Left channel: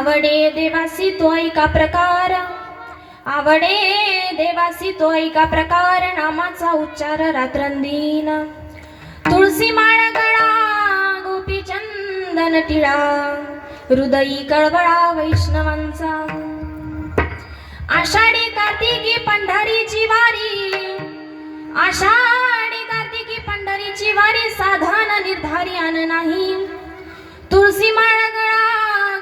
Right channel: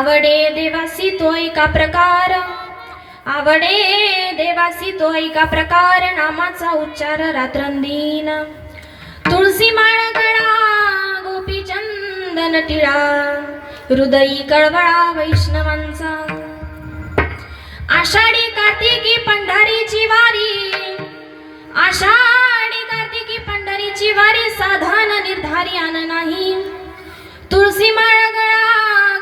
आवडे देवासी तो एका प्रकार, आवडे देवासी तो एका प्रकार, नामाचा उच्चार रात्रंदिन. तुळसी माळ गळा गोपी चंदन टिळा, हृदयी कळवळा वैष्णवांचा. आषाढी कार्तिकी पंढरीची वारी, आषाढी कार्तिकी पंढरीची वारी, साधन निर्धारी अन नाही. तुळसी माळ गळा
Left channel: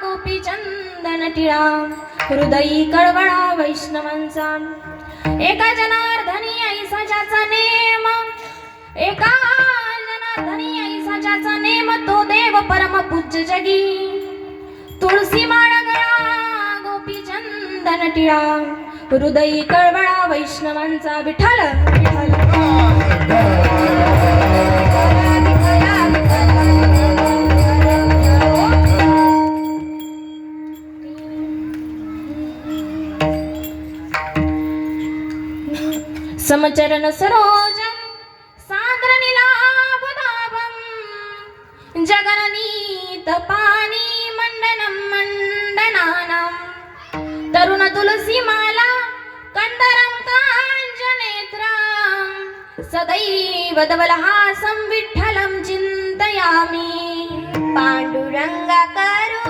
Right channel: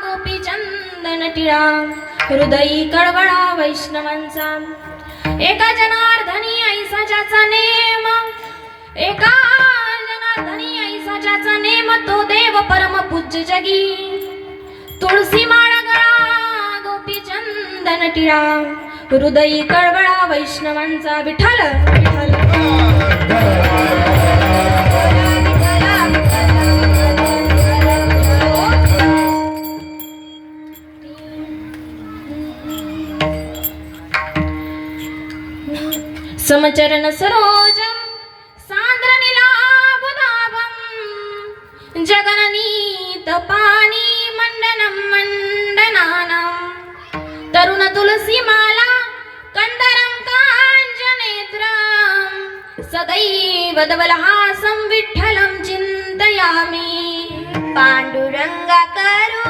गोपी चंदन टिळा, हृदयी कळवळा वैष्णवांचा. एका जनार्दनी ऐसा ज्याचा नेम, एका जनार्दनी ऐसा ज्याचा नेम, तो देव परम पूज्य जगी. तुळसी माळ गळा गोपी चंदन टिळा, हृदयी कळवळा वैष्णवांचा. विठ्ठल समचरण सरोजं सांद्र नीलाभदाभं, जगननीत पानी मंडनं मंडनानं. तरुण तुलसी माला कंदरं काञ्चनेत्रं, सदैव धवलहासं विठ्ठलं चिन्तयामि. पाण्डुरंगा करो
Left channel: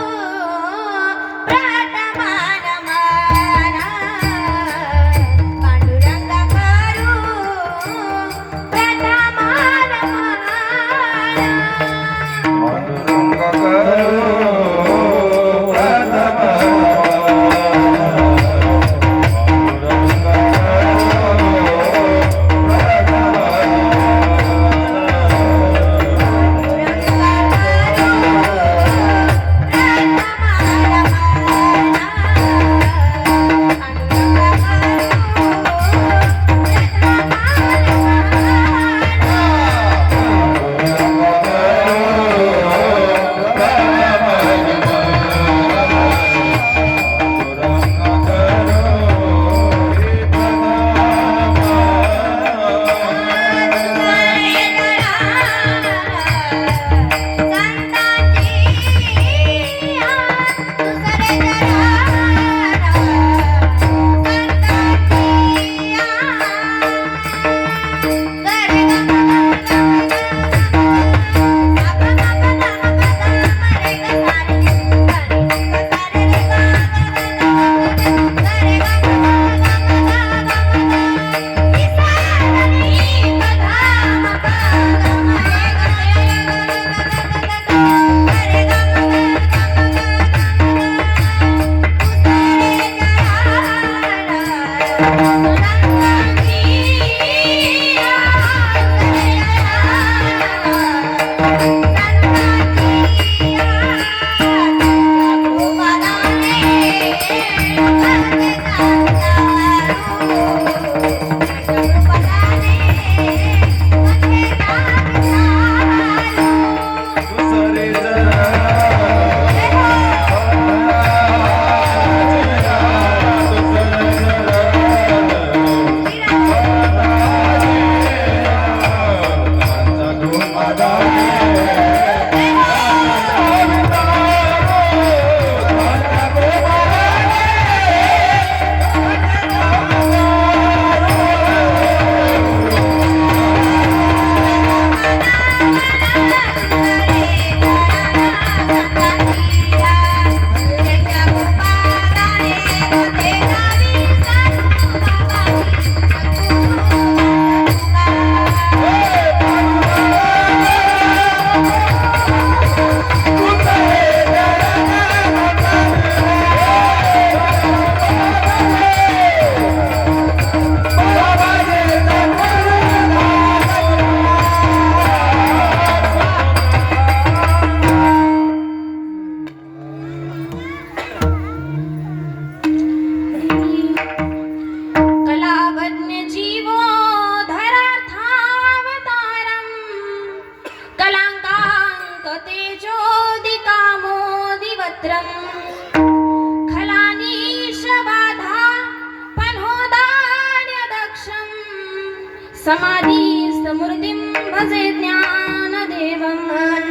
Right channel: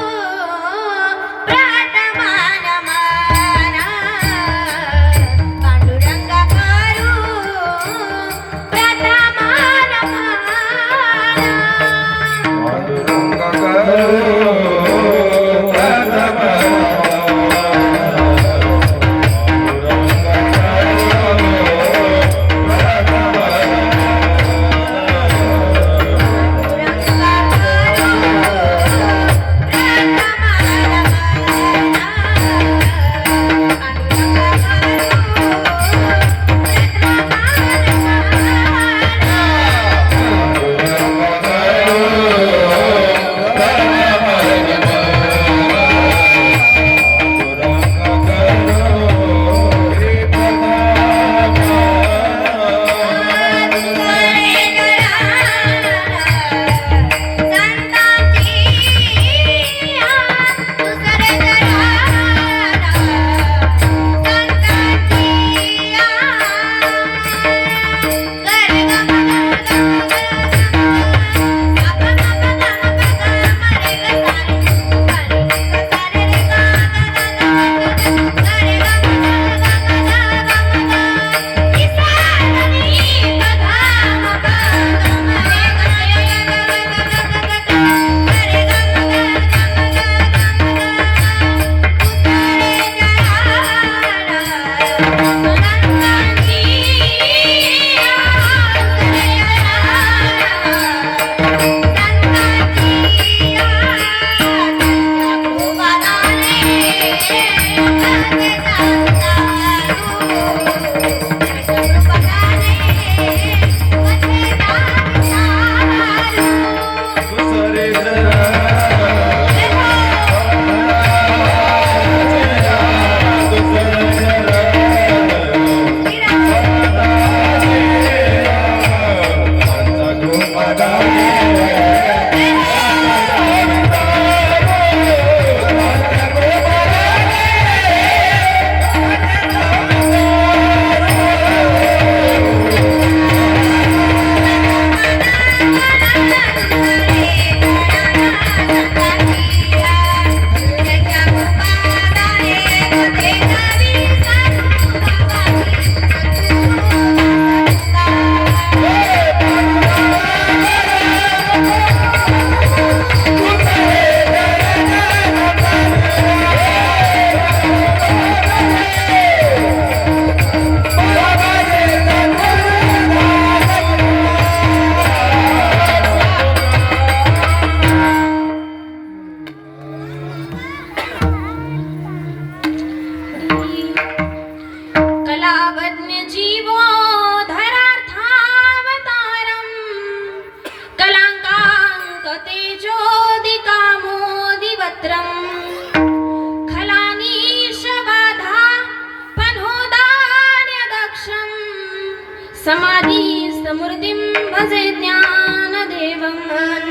समाधी समृद्धिं भजे ज्ञानदेवं.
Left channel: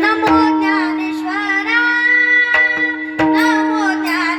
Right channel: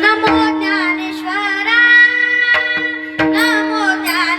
नमो ज्ञानेश्वरा, नमो ज्ञान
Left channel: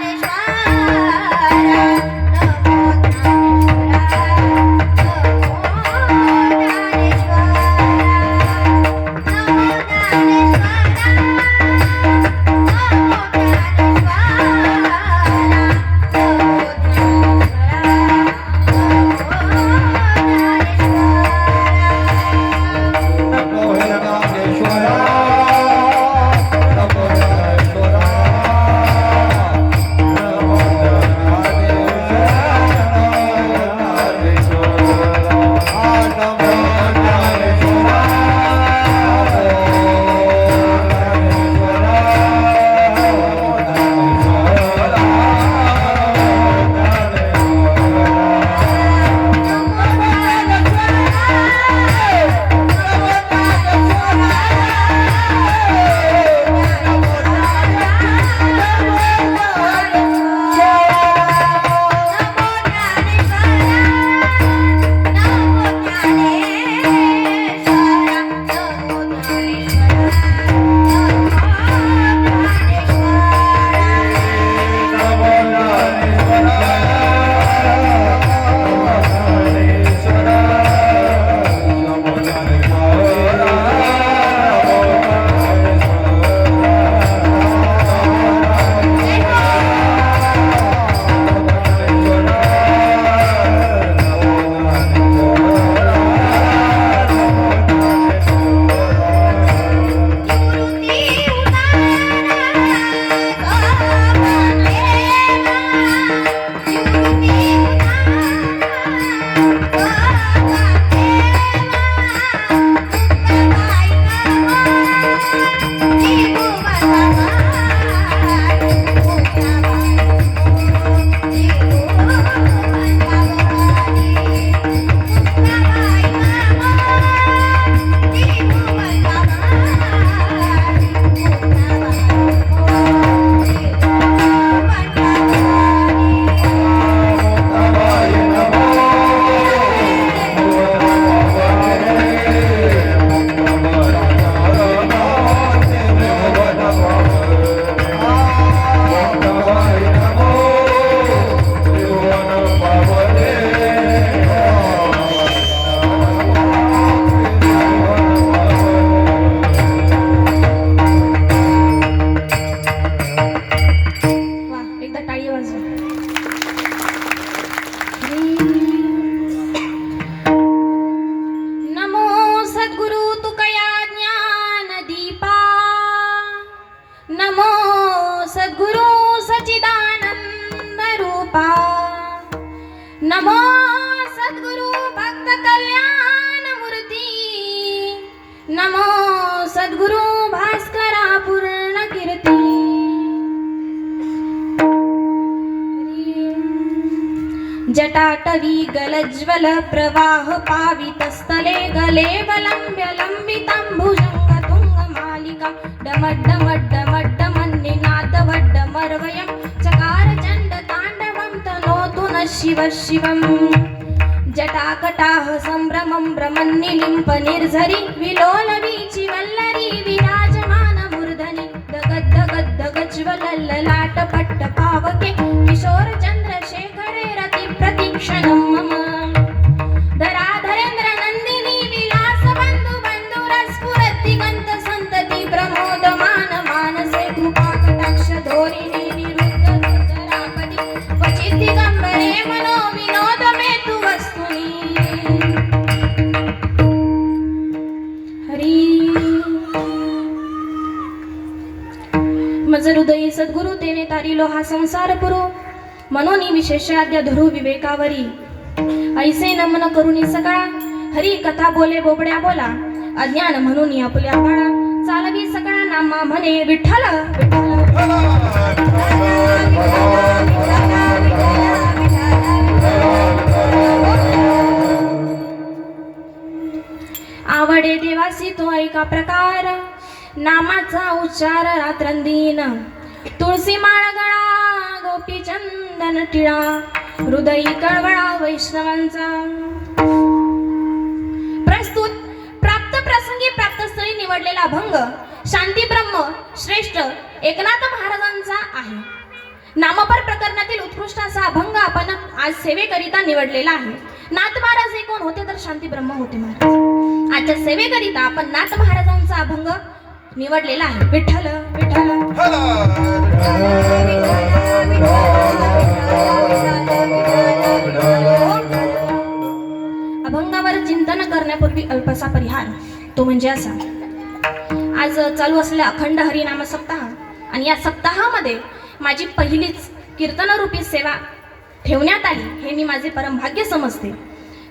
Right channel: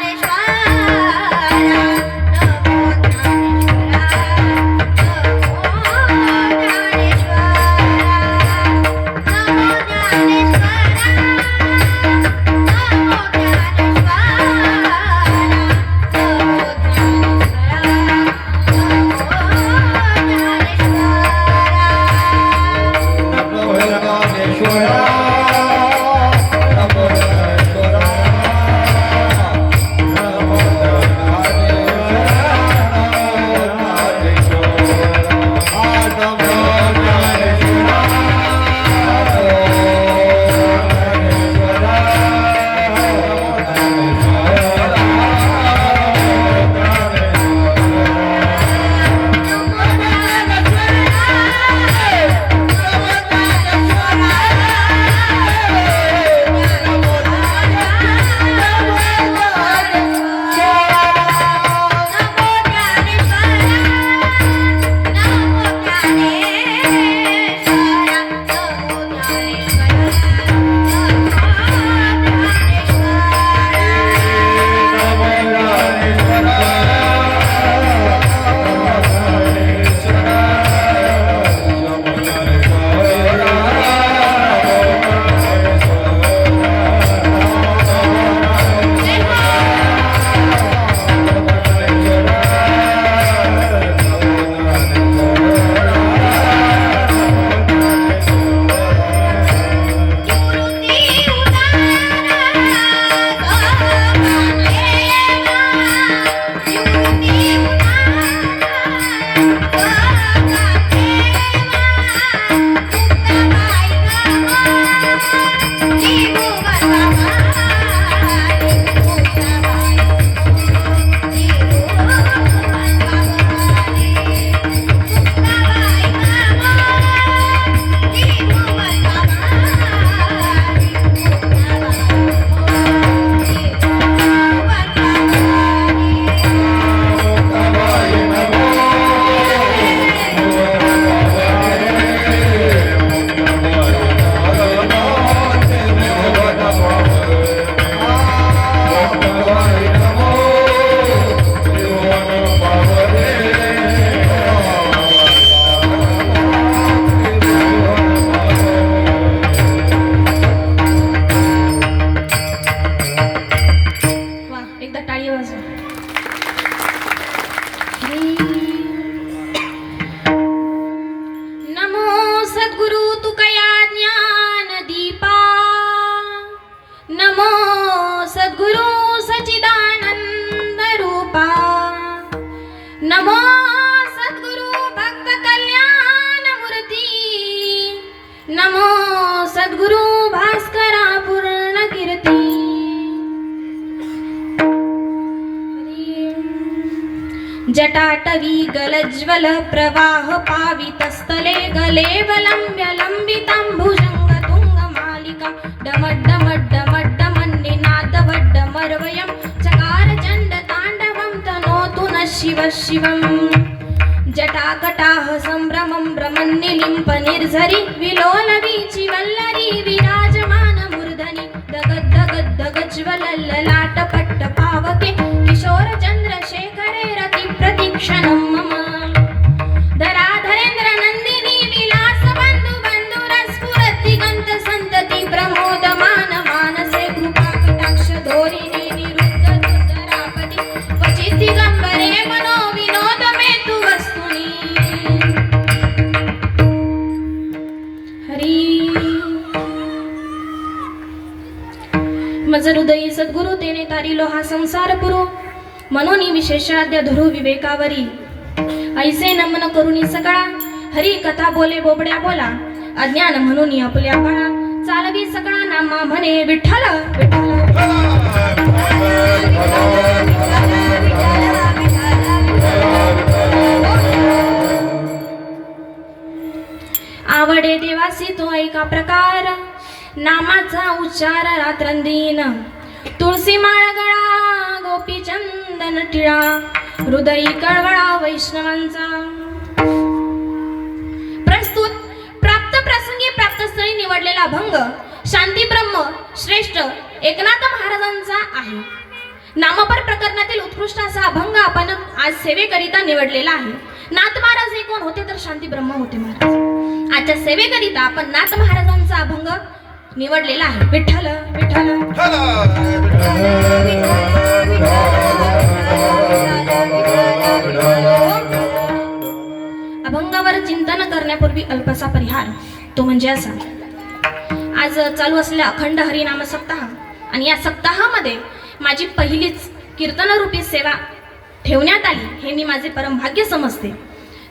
नमो सद्गुरु भक्त कल्याण मूर्ती, नमो सद्गुरु भास्करा पूर्ण कीर्ती. जटाटवी गलज्वल प्रवाह पावितस्थले गले वलंब्य लंबितांभुजंग तुंग मालिका डमड्डमड्डमड्डमन्निनादवड्डमर्वयं चकार चंड तांडवं तनोतु नः शिवः शिवम्. जटाकटाह संभ्रमं भ्रमन्निलिम्प निर्झरि विलोलवीचि वल्लरी विराजमान मूर्धनि दगद्दगद्दगज्वलल्ललाट पट्ट पावके किशोर चंद्रशेखरे रति प्रतीक्षणं मम. धराधरेन्द्र नंदिनी विलास बंधु बंधुर स्फुरद्दिगंत संतति प्रमोदमान मानसे कृपा कटाक्ष धोरिणी निरुद्ध दुर्जरापति क्वचित् दिगंबरे मनो विनोद मेतु वस्तुनि. हरी मज हृदयी सद्गुरु तेने तारिलो हा संसार पुरो, मनोनी विशेषाद्य धरू विवेकावरी. ऐसे नमन करुणी सकळा, हरी कथा बोले बोबड्या बोला, अज्ञान म्हणून आपल्या बाळा, चालवी सकळा नामा म्हणे विठ्ठल विठ्ठल. आवडे देवासी तो ऐका प्रकार, नामाचा उच्चार रात्रंदिन. तुळसी माळ गळा गोपी चंदन टिळा, हृदयी कळवळा वैष्णवांचा. प्रस्तुत प्राप्त प्रसंगी प्राप्तस्थळी निवडलेला अभंग शांती ब्रह्म श्रेष्ठ एकनाथ महाराजांचा आहे. नामपर प्रकरणातील उत्कृष्ट असा अभंग आपण आज सेवेकरिता निवडलेला आहे. नाथ महाराज हे कोण होते तर शांती ब्रह्म होते महाराज. आजच्या सेवेकरिता आपण नाथ महाराजांचा अभंग निवडलेला आहे. विठ्ठल विठ्ठल. अभंगावर चिंतन करण्यापूर्वी अल्पसा परिहार, तो म्हणजे असा. आज चालू असलेला अखंड हरिनाम सप्ताह आणि या सप्ताहामध्ये माझी पहिलीच कीर्तनरूपी सेवा ठेवण्यात आली, हे मी माझे परमभाग्य समजते.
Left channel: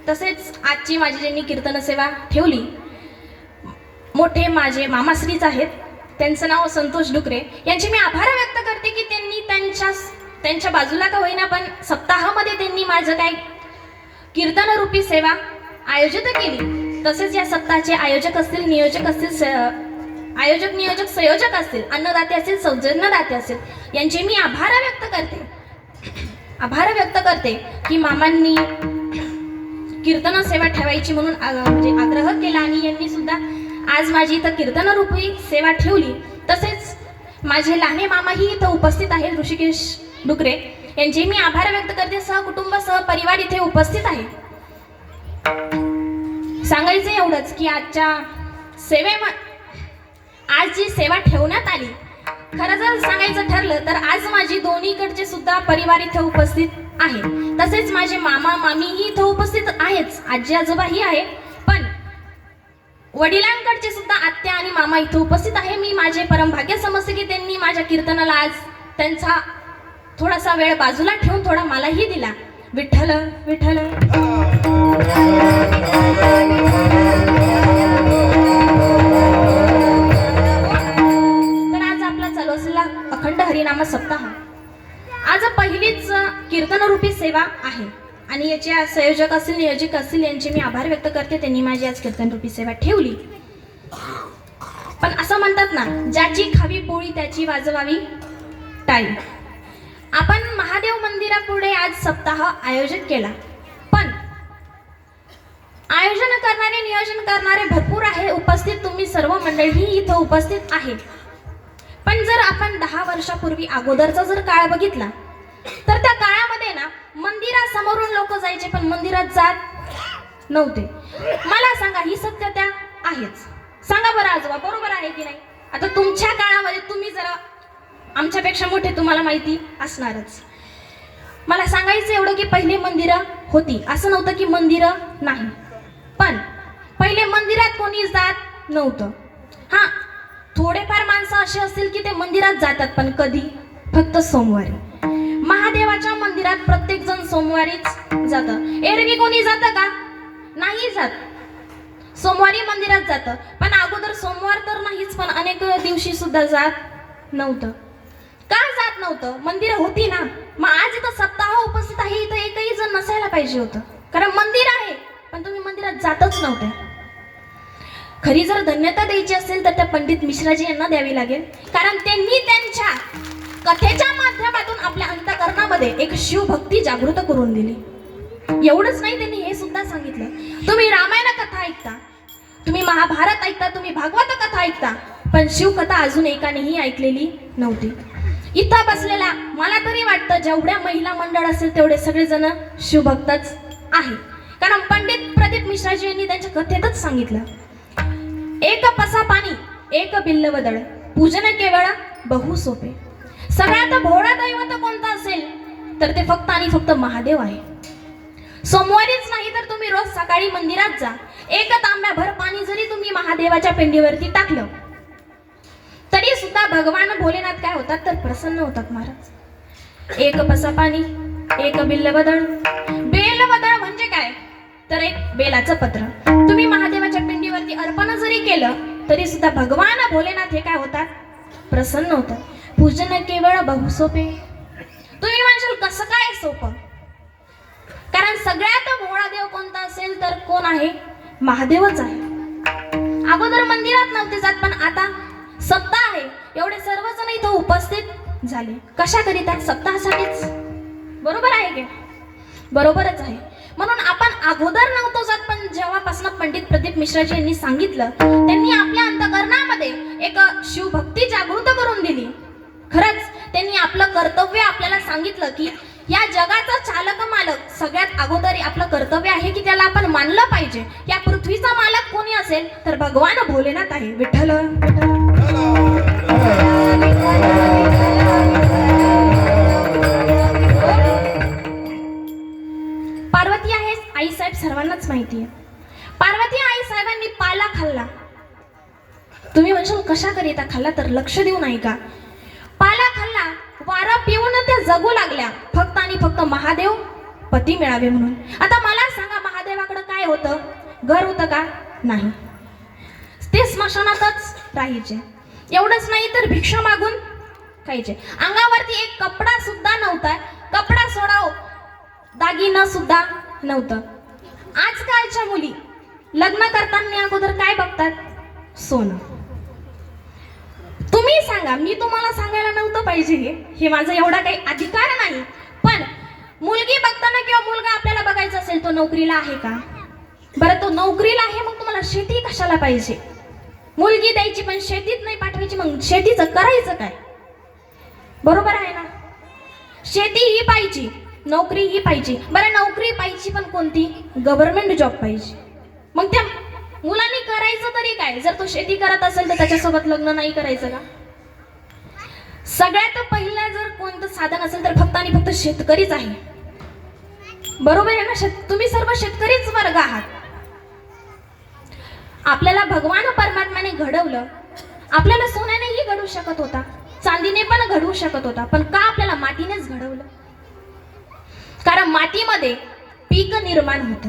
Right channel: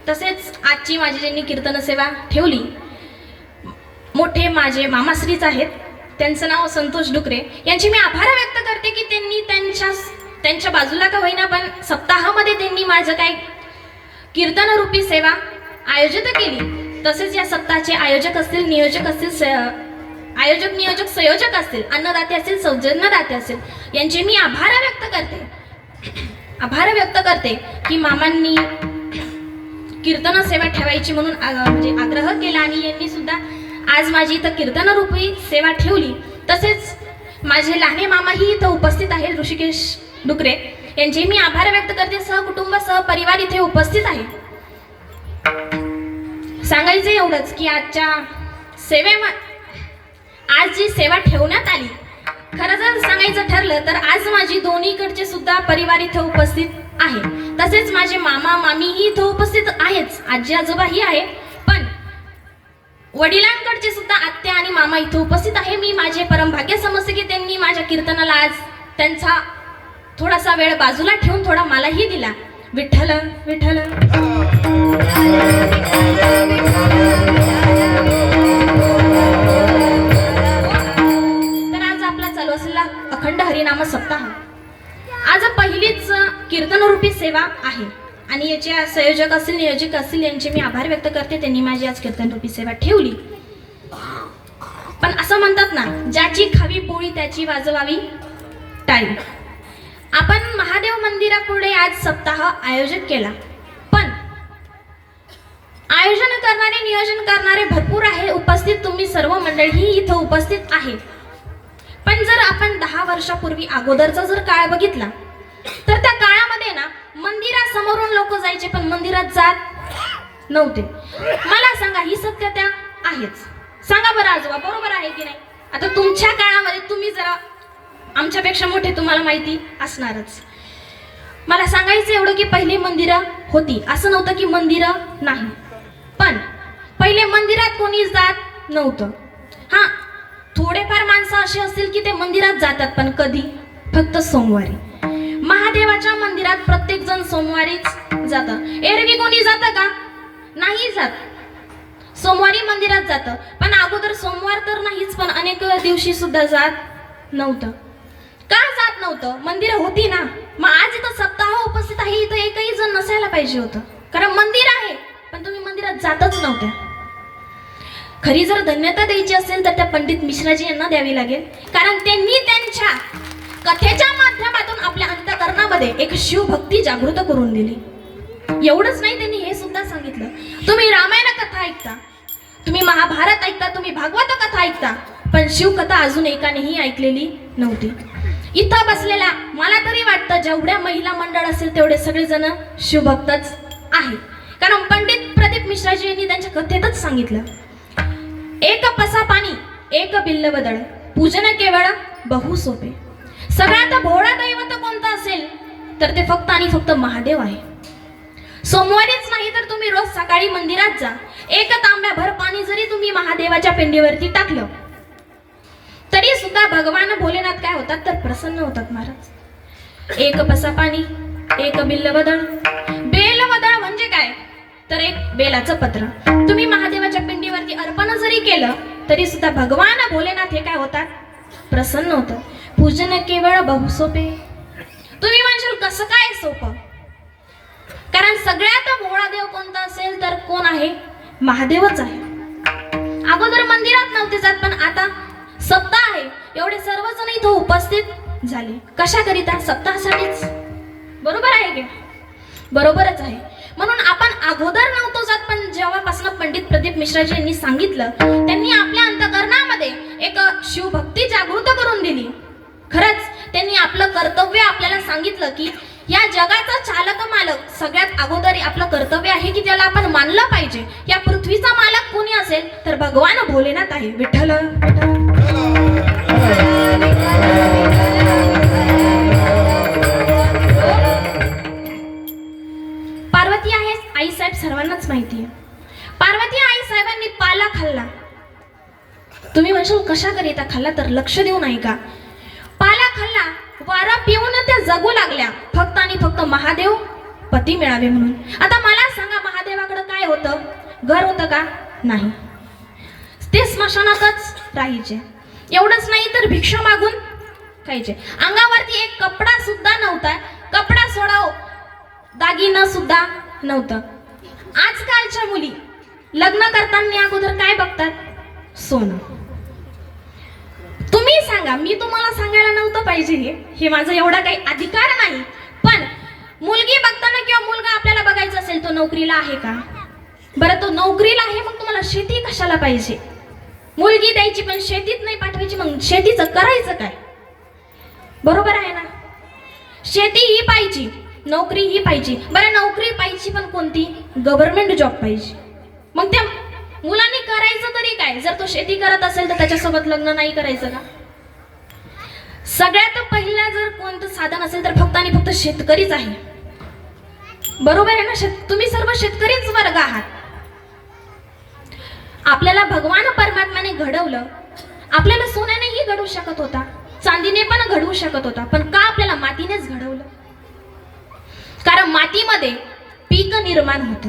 तसेच आजची माझी ज्यांनी कीर्तन सेवा ठेवली मोठे माझे मामाश्रीच आहेत, त्यांचं नाव संतोष डुकरे. यांचे मी आभार व्यक्त करते की त्यांनी त्यांच्या बाजूला का होईना पण सप्ताहामध्ये त्यांनी माझं काय कीर्तनरूपी सेवा आयोजित केली. तसेच या सप्ताहाचे आयोजक असतील, नियोजक असतील, आयोजक नियोजक संयोजक असतील, अन्नदाते असतील, सौजन्यदाते असतील, यांचे मी आभार व्यक्त करते की मामांनी कीर्तन सेवा ठेवायची म्हणून म्हणजे आग्रह केला आणि यांनी सुद्धा आज माझी इथं कीर्तनरूपी सेवा ठेवली. तसेच माझे लहाने मामाही इथं उपस्थित आहेत, ऋषिकेश डुकरे, यांचे मी आभार व्यक्त करते. सहकुटुंब सहपरिवार इथे उपस्थित आहे. सांगायचं एवढंच की आज जी सेवा ठेवण्यात आली, खरं जर सांगायचं ठरलं तर आज माझी दोन्हीकडचे सुद्धा परिवार इथं उपस्थित आहे. तसेच माझे मामा मामीही इथं उपस्थित आहेच, आजी आजोबाही आहे, पण वडिलांकडचे सुद्धा आत्या आणि मामा इथं उपस्थित आहे. मी माझे परमभाग्य समजते की त्यांनी माझ्या कीर्तनाला आज त्यांचा थोडासा वेळ बाजूला ठेवून थोडा मलाही दिला. विठ्ठल विठ्ठल. तर आज आपला चालू असलेला अखंड हरिनाम सप्ताह आज पहिलीच कीर्तनरूपी सेवा आहे आणि याच्या संयोजक असतील, नियोजक असतील, यांचे मी आभार व्यक्त करते. त्यांनी माझी आज कीर्तनरूपी सेवा ठेवली. पण असं म्हणतात ना, ज्याची खावी पोळी त्याची वाजवावी टाळी. आपण महादेव मंदिरापुढे आज सप्ताह आयोजित केला, पण आयोजन करणारे, नियोजन करणारे भरपूर आहे उपस्थित. तुम्ही सर्व मंडळी इथं उपस्थित आहे. पण जर आपण 10 वर्षापूर्वी अगोदरचा जर काळ बघितला तर त्या काळामध्ये ना मंदिरासमोरून लोक जायचे पण मंदिरात जात नव्हते. मला सांगा, ही सत्यता आहेच. सांगा बरं आजोबा, बरोबर आहे की नाही? आता तुमच्या काळामध्ये तुम्ही जरा आमच्यापेक्षा मोठे, तुम्हाला माहिती असणारच. मला सांगायचं एवढं की पहिले मंदिरं होती, असं नव्हतं की मंदिरं नाही, पण पहिले मंदिरात कोणी जात नव्हतं. हां, थोडेफार माणसं अशी असतील की ते मंदिरात जातात, पण कधी? फक्त सोमवारी. महादेवाच्या मंदिरात प्रत्येक जण सोमवारीच जातं. एरवी कोणी जातं का? नाही जात. सोमवारी मंदिरात जातं, पण अगोदर सोमवार तर नाहीच, पण अनेक दिवशी सुद्धा जात नव्हतं. का जात नव्हतं? मंदिरं होती ना. मग आज इथं सप्ताह उपस्थित आहे, इथं एकही जण नसायला पाहिजे होतं, कारण मंदिर आहे, पण तुम्ही मंदिरात जातच नव्हते. खरी जर धन्यता द्यायची असेल तर त्या पंडित मिश्राजी यांना द्यावी लागेल, कारण त्यांनी त्यांच्या कथेच्या माध्यमातून आपल्या अंतःकरणामध्ये एक शिवभक्ती जागृत करून दिली. एवढंच नाही, त्यांनी हे सुद्धा सांगितलं, तुम्ही रामायण कथा ऐकता, तुम्ही महाभारत ऐकता, तुम्ही भागवत कथा ऐकता, पण शिवकथा अजून एकानेही ऐकलेली नव्हती. इथं बसलेल्या मला तरी वाटतं जेवढ्या महिला मंडळ असेल तेवढे सगळेजण शिवभक्तच आहे, कारण पंडित प्रदीप मिश्राजी यांनी त्यांच्या कथेतच सांगितलं, एक पसा पाणी एक बिल्ल बदळ, पूजन केवळ बहु सोपे. सगळ्यात भोळा दैवत कोणतं असेल तर ते फक्त आणि फक्त महादेव आहे. सोमवारीच नाही तर तुम्ही रोज सकाळी मंदिरात जा. एक तांब्याभर पाणी जरी तुम्ही महादेवाच्या पिंडीवरती टाकलं तरी सुद्धा भगवान भोलेनाथ काय होतात तर प्रसन्न होतात महाराज. एक पसा पाणी एक बिल्ल बदळ. बेल बदळ म्हणजे काय तर एक बेलाचं पत्र तुम्ही महादेवाच्या पिंडीवरती अर्पण जरी केलं तरी सुद्धा भगवान भोलेनाथ हे काय होतात प्रसन्न होतात. पूजन केवळ बहु सोपे. तुम्ही म्हणशाल कसं काय सोपं? कारण सगळ्यात भोळा देव कोणता असेल तर कोण आहे? महादेवच आहे. अगोदर मंदिरात नव्हते जात, पण आता सप्ताह आहे, एवढे सर्वजण इथं उपस्थित झाले. कशाकरिता? सप्ताहासाठीच. बरोबर आहे की? बरोबरच आहे. म्हणून आपण अगोदर नव्हतो जात, पण जेव्हापासून पंडित प्रदीप मिश्राजी यांनी सांगितलं, त्यांनी आपल्या अंतःकरणामध्ये एक शिवभक्ती जागृत करून दिली. खरंच त्यांनी आपलं कर्तव्य आपल्याला सांगितलं की या जगाचा चालक मालक सगळ्यात अगोदर आपलं कर्तव्य आहे की त्याला आपण मानलं पाहिजे. या पृथ्वीचा मालक कोणी असेल तर भगवान भोलेनाथ आहे. विठ्ठल पार्वती आहे आई साहेब सर्वांनाच माहिती आहे. पार्वती आई साहेबांनी पाला खाल्ला. तुम्ही म्हणशाल कशा करिता खाल्ला तर लक्ष देऊ नाही का? पाला खाल्ला, वारा पिऊन त्या जगू लागल्या फक्त आणि फक्त महादेव पती मिळावे म्हणून. आता मला सांगा, महादेवाकडे काय होतं? घर होतं का? नाही. ते स्मशानातच राहायचे. एवढंच नाही तर भिक्षा मागून खायचे. अंगावरती एक कपडा सुद्धा नव्हता. कपडा सोडाव दागिना सुद्धा नव्हतं. आजकालच्या मुली लग्न करताना अगोदर काय बघतात? सोनं. तुम्ही सांगा, मी तुम्हाला सांगायला नव्हतं पाहिजे, हे माझा एवढा काही अधिकार नाही, पण मुलगी बघताना किंवा मुलगा आपल्याला बघायचा असेल तो नोकरीला आहे का? बरं, तो नोकरीला आहे, मग तुम्हाला शेती कशाला पाहिजे? मुलगी द्यायची पण शेतीत नाही पाठवायची, मग शेतीचं करायचं काय? बरोबर आहे ना? शेती ही पाहिजे, नोकरी ही पाहिजे. बरं, नोकरी पाहिजे पण कोणती? गव्हर्नमेंट जॉब पाहिजे. मग त्या मुलांनी करायचं तरी काय? जर तो शेती करत असेल तर त्याच्यासोबत लग्न नाही करायचं का? सगळ्यात पहिला जर कोणतं साधन असेल तर फक्त आणि फक्त शेतकरीच आहे. बरोबर आहे ना? तुम्ही सर्व शेतकरीच वर्ग आहात. आपल्याला भगवान परमात्म्याने घडवलं. आपल्याला सोन्यानेही घडवू शकत होता, चांदीने पण घडवू शकत होता, पण का आपल्याला मातीनेच घडवलं? कारण मातीमध्ये पीक निर्माण होतं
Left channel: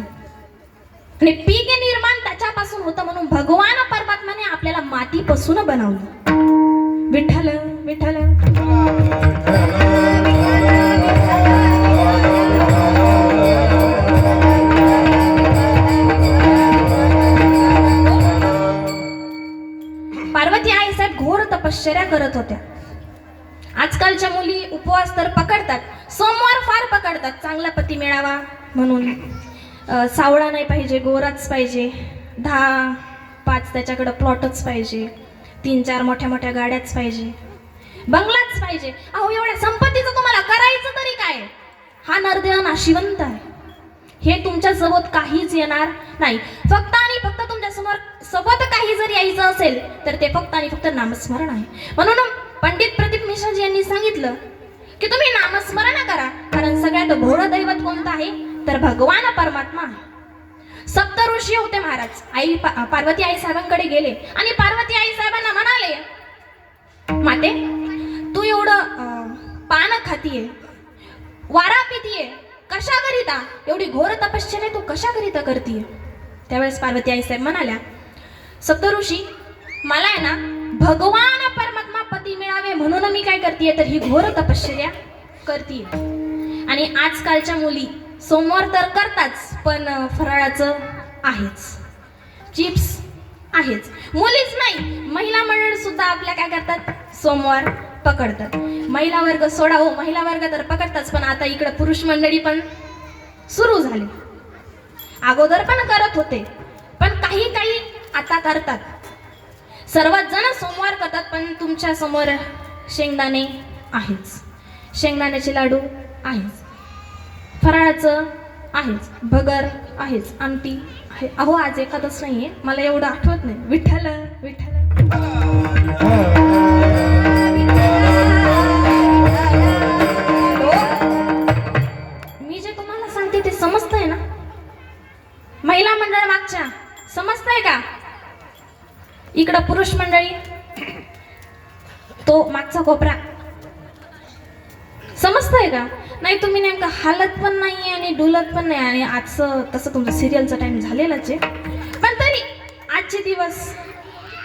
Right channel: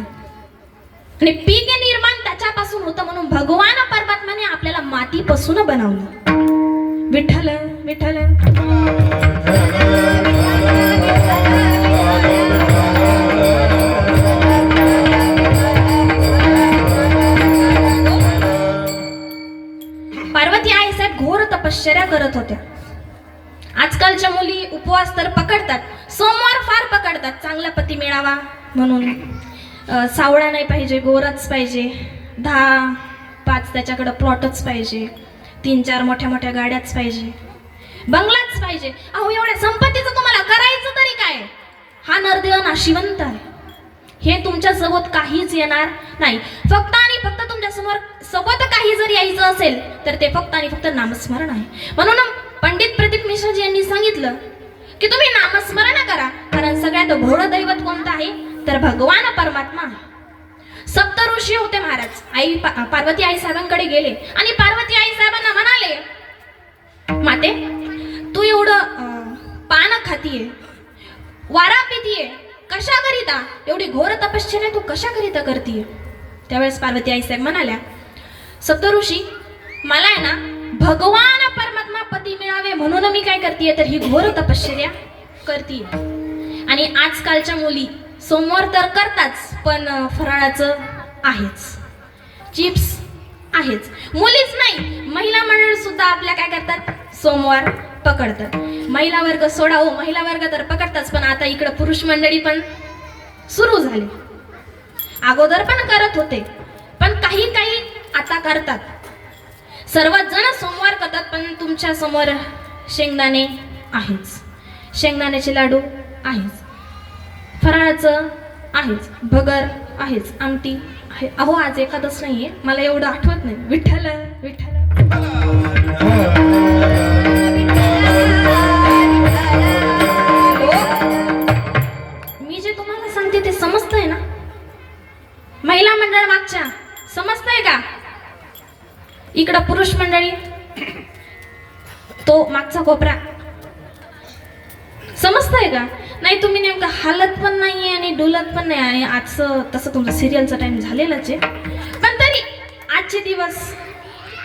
आणि पीक निर्माण त्याच्यापासून होतं, म्हणून भगवान परमात्म्याने आपल्याला मातीपासून बनवलं. विठ्ठल विठ्ठल. पार्वती आई साहेब घोर तपश्चर्या करत होत्या. आजकालच्या मुली उपवास तर पकडतात, सोमवार फार पकडतात चांगला पती मिळावा म्हणून. सावळा नाही पाहिजे, गोराच पाहिजे, 10-5 त्याच्याकडे प्लॉटच पाहिजे, 3-4 मोठ्या मोठ्या गाड्याच पाहिजे, बंगलाच पाहिजे. अहो, एवढ्या संपत्तीचं तुम्हाला करायचं तरी काय? हा नरदेव नाशिवंत आहे, हे तुमच्या सोबत काहीच येणार नाही. फक्त आणि फक्त तुमच्या समोर सोबत काही जर यायचं असेल तर ते फक्त आणि फक्त नामस्मरण आहे. म्हणून पंडित प्रदीप मिश्राजी यांनी सांगितलं की तुम्ही नामस्मरण करा, कारण सगळ्यात भोळं दैवत कोणतं आहे तर भगवान परमात्मा. सप्त ऋषी होते महाराज. पार्वती आई साहेबांकडे गेले आणि पार्वती आई साहेबांना म्हणाले, माते तू एवढं पान खातीये, वारा पितीये कशाकरिता? एवढी घोर तपश्चर्या तू कशाकरिता करतीये? त्यावेळेस पार्वती आईसाहेब म्हणाल्या, सप्तऋषी मला आहे ना भगवान परमात्मा पती मिळावे म्हणून मी काय करतेय तर ही घोर तपश्चर्या करतेय. आणि आजकालच्या मुली सोमवार तर करताच, पण फराळाचं आहेच, चिप्स आहेच. मुलीच नाही, महिला मंडळ सुद्धा आपल्या काय करतात, सोमवार पकडतात. महिला वर्ग सोडा हो, महिला वर्ग तर पकडताच, पण आता इकडं पुरुष मंडळी पण सुरू झाली. अगोदर पण करत होते, पण काही काही आता करतात. सर्वात जण सोमवार करतात, पण तुमच्या समोर शेंगदाणे आहेच, शेंगदाण्याचे लाडू आहेच, फराळाचं आहेच, भगर आहेच, आमटी आहे. अहो आज एकादश नाहीये, मला एवढं आठवत नाही. विठ्ठल विठ्ठल मी जे तुम्हाला सांगते ते समजतंय ना? महिला मंडळ मागच्या समजतंय का? इकडं पुरुष मंडळी तो मागचा कोपरा समजतंय का? नाही तुम्ही नेमकं हालत पण नाहीये आणि डुलत पण नाही. आणि आजचं तसं तुमचं सिरियलचा टाइम झालेलाच आहे, पण तरी आजचे दिवस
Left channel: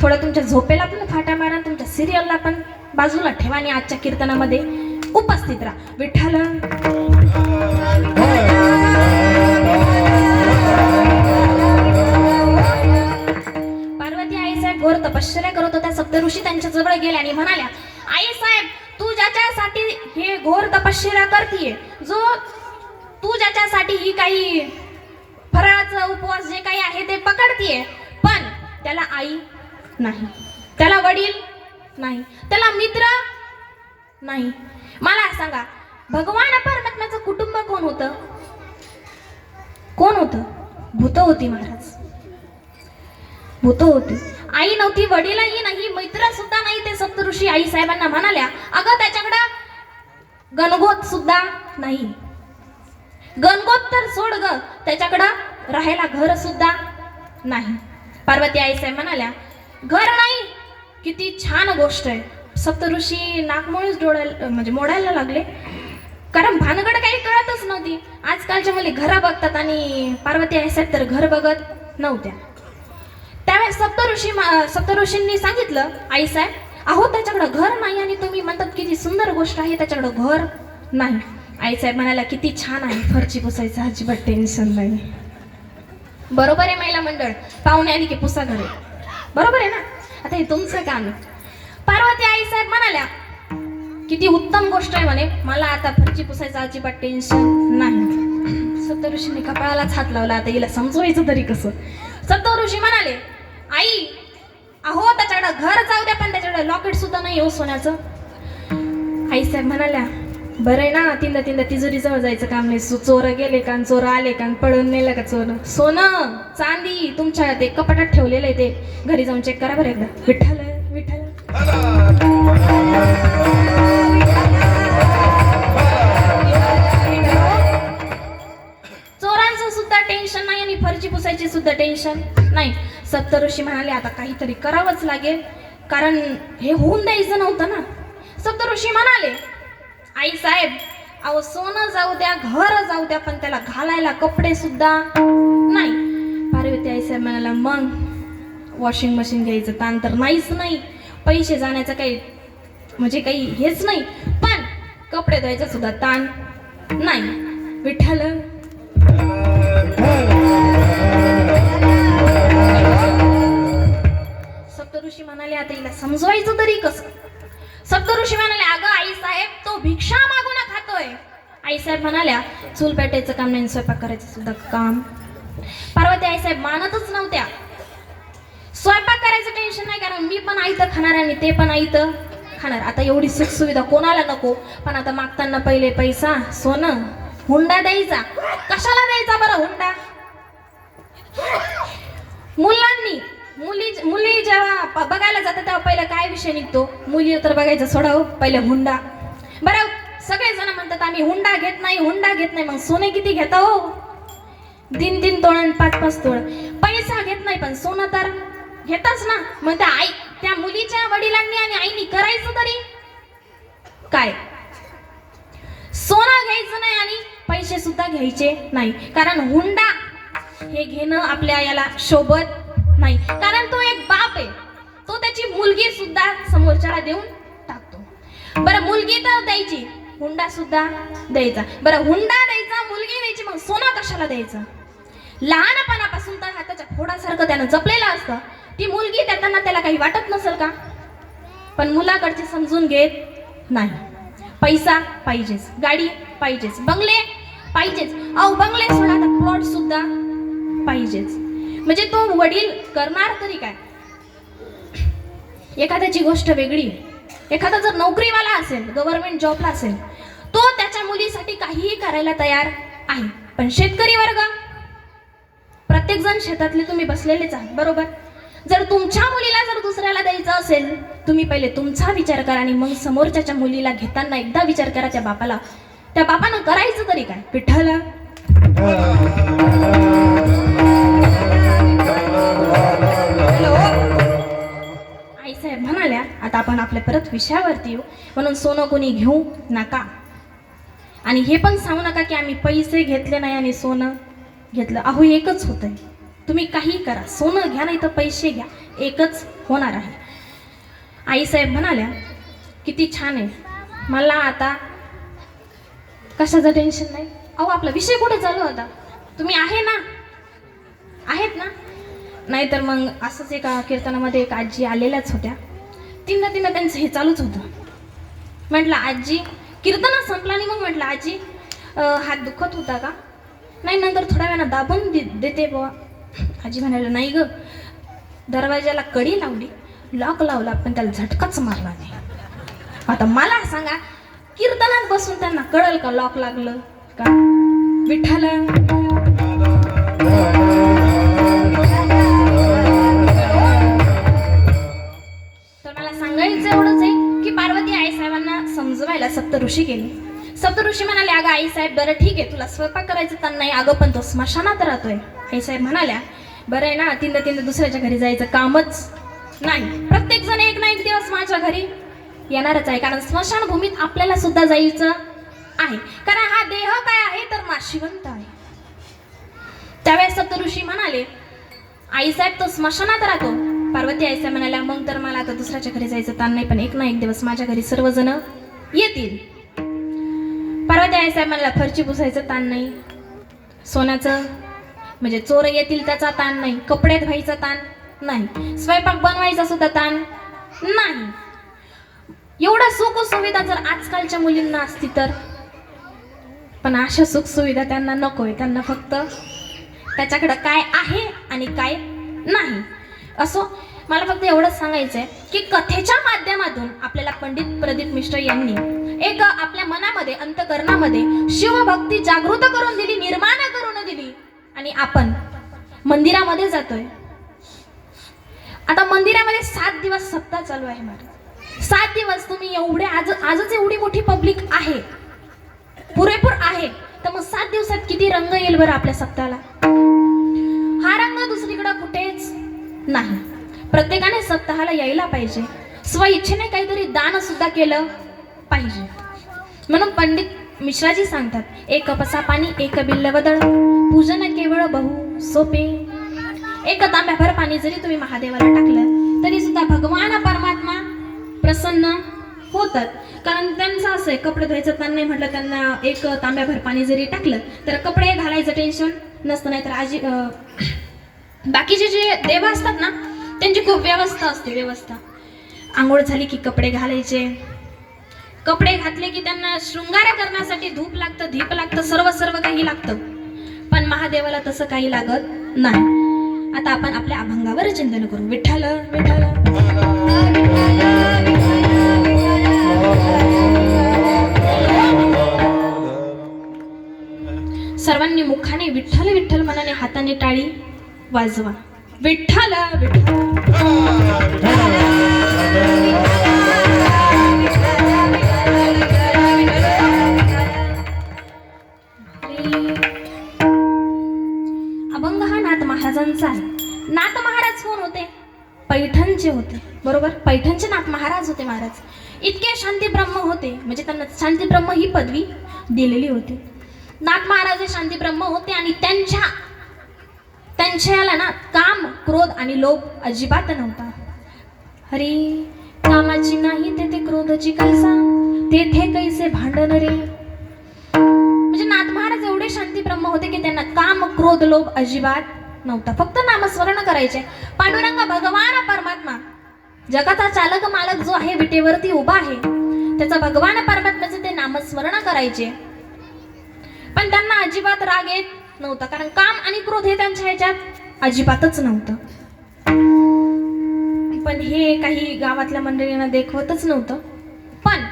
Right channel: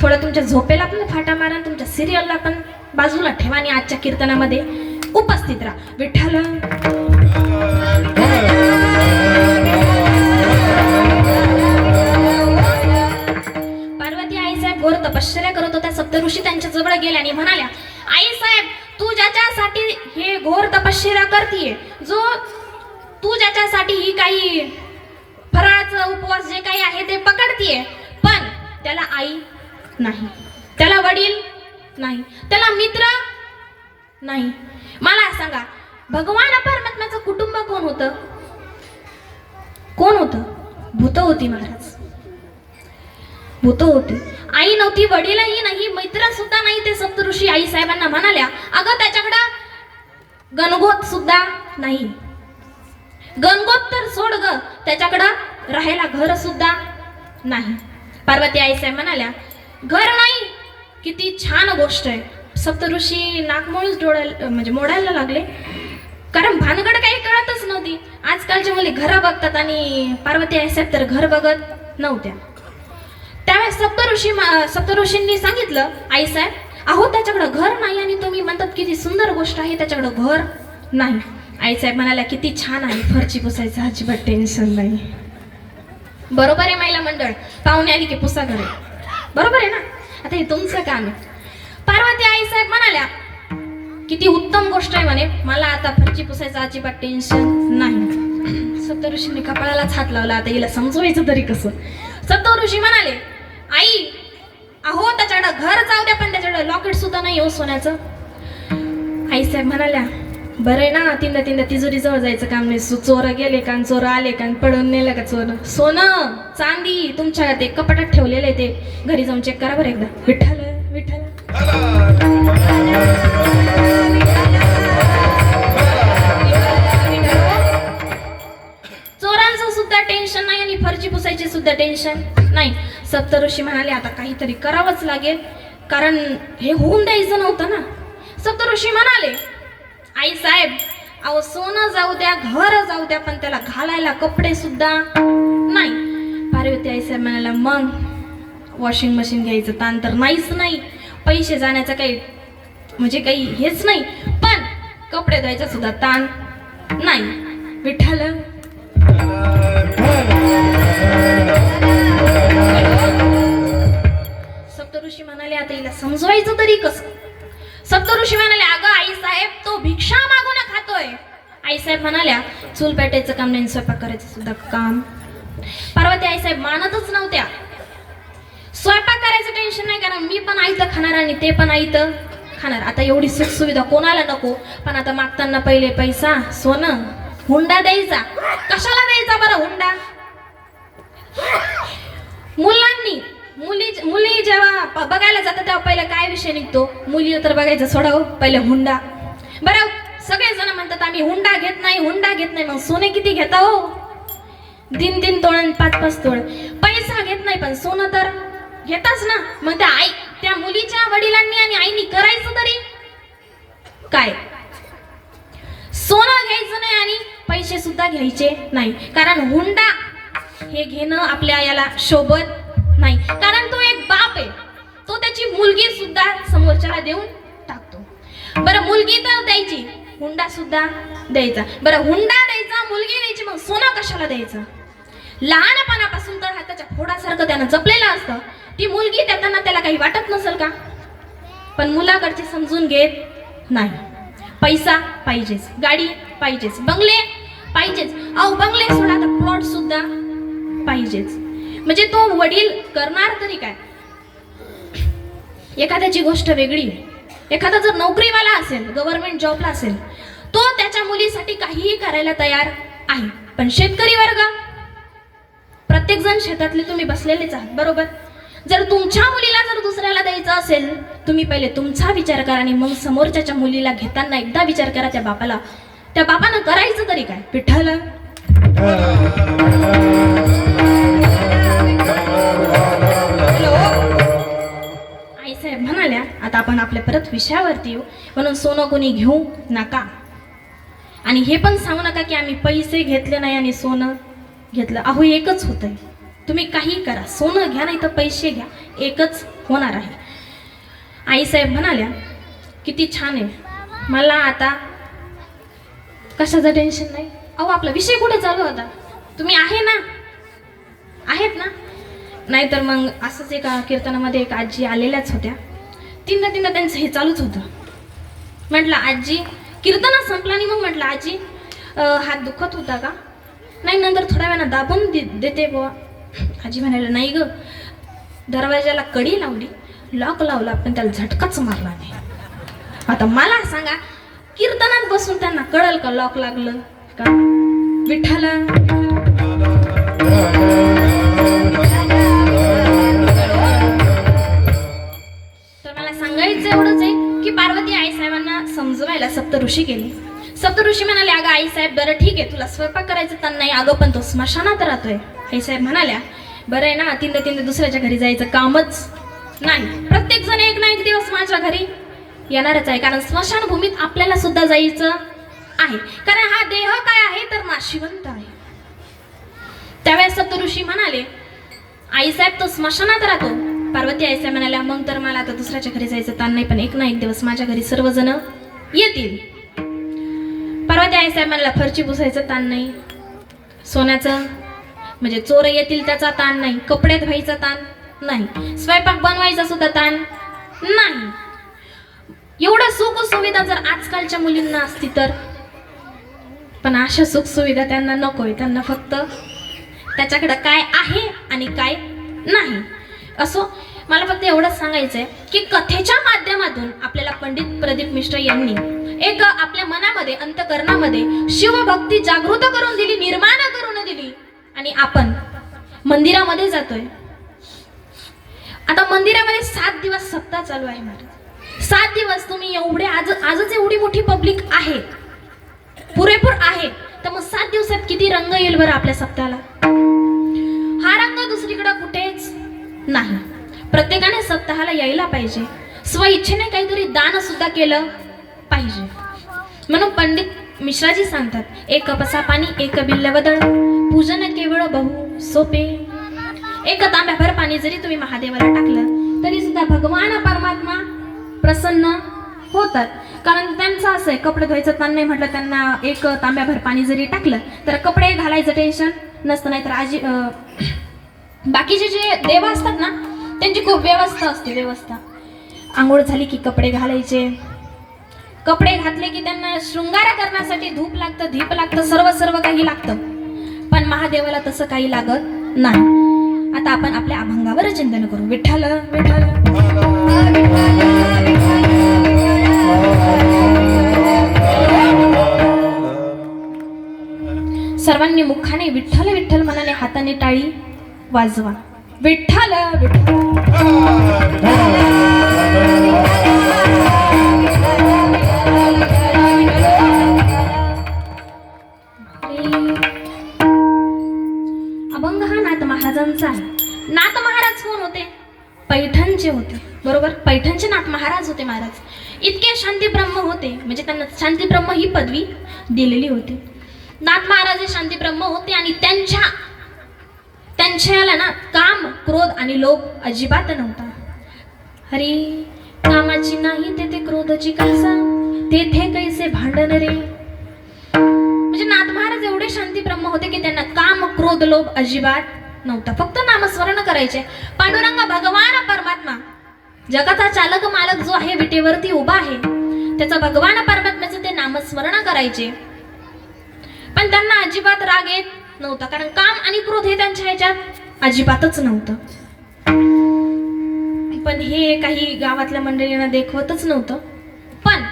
थोडं तुमच्या झोपेला पण फाटा मारा, तुमच्या सिरियलला पण बाजूला ठेवा आणि आजच्या कीर्तनामध्ये उपस्थित राहा. विठ्ठल पार्वती आईसाहेब घोर तपश्चर्या करत होत्या. सप्तऋषी त्यांच्या जवळ गेले आणि म्हणाल्या, आईसाहेब तू ज्याच्यासाठी हे घोर तपश्चर्या करतीये, जो तू ज्याच्यासाठी ही काही फराळाचा उपवास जे काही आहे ते पकडतीये, पण त्याला आई नाही, त्याला वडील नाही, त्याला मित्र नाही. मला सांगा, भगवान परमात्म्याचं कुटुंब कोण होतं? कोण होतं? भूत होती महाराज, भूत होती. आई नव्हती, वडीलही नाही, मित्र सुद्धा नाही. ते सप्तऋषी आई साहेबांना म्हणाल्या, अगं त्याच्याकडं गणगोत सुद्धा नाही. गणगोत तर सोड ग, त्याच्याकडं राहायला घर सुद्धा नाही. पार्वती आई साहेब म्हणाल्या, घर नाही, किती छान गोष्ट आहे. सप्तऋषी नाकमोळच डोळ्याला म्हणजे मोडायला लागले, कारण भानगड काही कळतच नव्हती. आजकालच्या मुली घरा बघतात आणि पार्वती आई साहेब तर घर बघत नव्हत्या. त्यावेळेस सप्तऋषींनी सांगितलं, आई साहेब अहो त्याच्याकडं घर नाही आणि तुम्ही म्हणतात किती सुंदर गोष्ट आहे, त्याच्याकडं घर नाही. आई साहेब म्हणाल्या, किती छान आहे, फरची पुसायचं अजिबात टेन्शन नाही. बरोबर आहे महिला मंडळ, पाहुणे आली की पुसा घरी, बरोबर आहे ना? आता हे तुमचं काम आहे. पार्वती आई साहेब म्हणाल्या, किती उत्तम गोष्ट आहे म्हणे, मला आता फरची पुसायचं अजिबात टेन्शन नाही. सप्तऋषींनी कपाळालाच हात लावला, आता हिला समजवायचं तरी कसं? सप्तऋषी म्हणाले, आई अहो त्याच्याकडं घर जाऊ द्या, पण त्याच्याकडं लॉकेट सुद्धा नाही हो सोन्याचं. आई साहेब म्हणाल्या, बरं आहे ना, तीनदा तिजोरी जवळ जायचं काम नाही. चोर गेले का, चोर आले का, पळून नेलं का चोर? सोनं चांदी तुमच्या ते कपाटात ठेवलेलं आहे, ते घरी जाऊन चेक करा बरं एकदा. विठ्ठल विठ्ठल चोरांचं सुद्धा टेन्शन नाही आणि फरची पुसायची सुद्धा टेन्शन नाही. सप्तऋषी म्हणाले, आता काहीतरी करावंच लागेल, कारण हे होऊन द्यायचं नव्हतं ना. सप्तऋषी म्हणाले, आई साहेब अहो सोनं जाऊ द्या, घर जाऊ द्या, पण त्याला घालायला कपडे सुद्धा नाही. पार्वती आई साहेब म्हणाला, मग वॉशिंग मशीन घ्यायचं ताण तर नाहीच नाही, पैसे जाण्याचं काही म्हणजे काही हेच नाही, पण कपडे धुवायचा सुद्धा ताण नाही. विठ्ठल सप्तऋषी म्हणाले, आता हिला समजवायचं तरी कसं? सप्तऋषी म्हणाले, अगं आई साहेब तो भिक्षा मागून खातोय. आई साहेब म्हणाल्या, चूल पेटायचं काम नाही, स्वयंपाक करायचं सुद्धा काम. पार्वती आई साहेब मानतच नव्हत्या. स्वयंपाक करायचं टेन्शन नाही, कारण मी पण आईतं खाणार आणि ते पण आईतं खाणार. आता एवढी सुख सुविधा कोणाला नको, पण आता मागताना पहिले पैसा, सोनं, हुंडा द्यायचा. कशाला द्यायचा बरं हुंडा? मुली जेव्हा बघायला जातात तेव्हा पहिलं काय विषय निघतो? मुली तर बघायचं सोडाव, पहिले हुंडा. बरं सगळेजण म्हणतात आम्ही हुंडा घेत नाही, हुंडा घेत नाही. मग सोने किती घेता हो? 3 तोळ आणि 5 तोळ. पैसा घेत नाही, पण सोनं तर घेताच ना. मग त्या मुलीच्या वडिलांनी आणि आईनी करायचं तरी काय? सोनं घ्यायचं नाही, सुद्धा घ्यायचे नाही, कारण हुंडा हे घेणं आपल्या याला शोभत नाही, कारण तो एक बाप आहे, तो त्याची मुलगी सुद्धा समोरच्याला देऊन टाकतो। बरं मुलगी तर द्यायची, हुंडा सुद्धा द्यायचा। बरं हुंडा द्यायचा, मुलगी द्यायची, मग सोनं कशाला द्यायचं? लहानपणापासून तर हाताच्या फोडासारखं त्यानं जपलेलं असतं, ती मुलगी देताना त्याला काही वाटत नसेल का? पण मुलाकडचे समजून घेत नाही। पैसा पाहिजेच, गाडी पाहिजेच, बंगले पाहिजेच, अहो बंगले सोडा तर प्लॉट सुद्धा पाहिजेच। म्हणजे तो वडील करणार तरी काय? एखाद्याची गोष्ट वेगळी, एखादा जर नोकरीवाला असेल, गव्हर्नमेंट जॉबला असेल, तो त्याच्या मुलीसाठी काहीही करायला तयार आहे। पण शेतकरी वर्ग, प्रत्येक जण शेतातले तुम्ही बसलेलेच आहात, बरोबर? जर तुमच्या मुलीला जर दुसऱ्याला द्यायचं असेल, तुम्ही पहिले तुमचा विचार करा आणि मग समोरच्या मुलीला घेताना एकदा विचार करा त्या बापानं करायचं तरी काय? विठ्ठल आईसाहेब म्हणाल्या, आता आपण आपल्या परत विषयावरती येऊ, म्हणून सोनं कोणी घेऊ नका आणि हे पण सांगू नका की आम्ही पैसे घेतले नाही आणि सोनं घेतलं। अहो एकच होतंय, तुम्ही काही करा, सोनं घ्या नाही तर पैसे घ्या, एकच होणार आहे। आईसाहेब म्हणाल्या, किती छान आहे, मला आता कशाचं टेन्शन नाही। अहो आपला विषय कुठं चालू होता? तुम्ही आहे ना, आहेत ना? नाहीतर मग असंच एका कीर्तनामध्ये एक आजी आलेल्याच होत्या, तीनदा त्यांचं हे चालूच होतं। म्हटलं आजी, कीर्तन संपला आणि मग म्हटलं आजी हात दुखत होता का? नाही, नंतर थोड्या वेळानं दाबून देते बुवा। आजी म्हणाले, नाही ग, दरवाजाला कडी लावली, लॉक लावला, पण त्याला झटकाच मारला नाही। आता मला सांगा, कीर्तनात बसून त्यांना कळल का लॉक लागलं का? विठ्ठल तर मला सांगायचं एवढंच आहे की पार्वती आईसाहेबांना समजवायला सप्तऋषी गेले। सप्तऋषी म्हणाले, अगं आईसाहेब बरं ठीक आहे, तुला स्वयंपाक करायचं तर नाही, अगं पण तो स्मशानात राहतोय। आईसाहेब म्हणाल्या, बरं आहे ना, तीनदा दुसऱ्याच्या घरी जायचं कामच नाही, प्रत्येक जण एक ना एक दिवस माझ्या घरी येणारच आहे, कारण स्मशानभूमीत आपल्याला सुद्धा जायचं आहे, कारण हा देह काय आहे तर नाशिवंत आहे। त्यावेळेस सप्तऋषी म्हणाले, आईसाहेब तो स्मशानात राहतो। पार्वती आईसाहेब म्हणाल्या, मग तर मला आता दुसऱ्याच्या घरी जायचं ताण नाही, पण एक ना एक दिवस माझ्या घरी सर्वजण येतील। पार्वती आईसाहेब म्हणाल्या, फरची पुसायचं ताण नाही, सोन्याचं म्हणजे चोर येतील त्याचा ताण नाही, कपडे धुवायचा ताण नाही, स्वयंपाक बनवायचा सुद्धा ताण नाही। एवढा सुख सुविधा जर आजकालच्या मुलींना असती तर, पण अशा सुख सुविधा त्यांना नकोय, त्यांना फक्त त्याच्याकडे काय आहे आणि काय नाही। असो, मला फक्त एवढंच सांगायचंय की कथेच्या माध्यमातून आपल्याला पंडित प्रदीप मिश्र यांनी एक आपल्या मनामध्ये, अंतकरणामध्ये शिवभक्ती जागृत करून दिली, निर्माण करून दिली, आणि आपण मंदिरामध्ये जातोय। आता मंदिरामध्ये 7 दिवस सप्ताह चालू आहे महाराज, 7 दिवस तुम्ही एवढे आजच एवढी मोठी पब्लिक आहे, पुरेपूर आहे, तर मग 7 दिवसात किती रंग येईल बरं आपल्या सप्ताहाला? हा रंग दुसरीकडे कुठेच नाही। प्रत्येकाने सप्ताहाला यायला पाहिजे, स्वइच्छेने काहीतरी दान सुद्धा केलं पाहिजे। म्हणून पंडित मिश्राजी सांगतात, एक कपसा पाणी एक बिल्ल वदळ, पूजन केवळ बहु सोपे। एक तांब्याभर पाणी जरी तुम्ही महादेवाला टाकलं तरी सुद्धा भगवान परमात्मा प्रसन्न होतात, कारण त्यांचं असं आहे, कपडे धुवायचं ताण नाही म्हटलं, त्यांना एक तांब्याभर पाणी जरी टाकलं तर कपडे घालायचं टेन्शन नसतं। नाही तर आजी बाकीचे जे देव असतात ना, त्यांची खूप व्यवस्था असते, व्यवस्था। आंघोळ झाली की कपडे घालायचे, कपडे घातले की त्यांना शृंगार करण्यासाठी धूप लागतं, दीप लागतं, सर्व काही लागतं, पण महादेवाला तसं काही लागत नाही। आता आपण आपल्या अभंगावर चिंतन करू। विठ्ठल विठ्ठल सर्वांनी मुखाने विठ्ठल विठ्ठल मनाने हाताने टाळी वाजवा। विठ्ठल अभंग हा नाथ महाराजांचा आहे। नाथ महाराज कोण होते? पैठणचे होते, बरोबर? पैठणचे नाथ महाराज होते। महाराज इतके शांती ब्रह्म होते, म्हणजे त्यांना शांती ब्रह्म ही पदवी दिलेली होती। नाथ महाराज हे शांती ब्रह्म होते आणि त्यांच्याला ना काम, क्रोध आणि लोभ अजिबात नव्हता. हरी कामाची नाही तेथे क्रोधाची कलसा, तेथे कैसे भांडण रे. म्हणजे नाथ महाराज एवढे शांती ब्रह्म होते की त्यांना काम, क्रोध, लोभ अजिबात नव्हता. फक्त नामस्मरण करायचे. पांडुरंग भगवान परमात्मा, जगाचा चालक मालक जो आहे, विटेवरती उभा आहे, त्याचा भगवान परमात्म्याचं ते नामस्मरण करायचे. पण त्यांना अजिबात राग येत नव्हता, कारण काम आणि क्रोध हे त्यांच्या ह्याच्यात अजिबातच नव्हतं. पण हे काही गावातल्या मंडळींना देखवतच नव्हतं. पण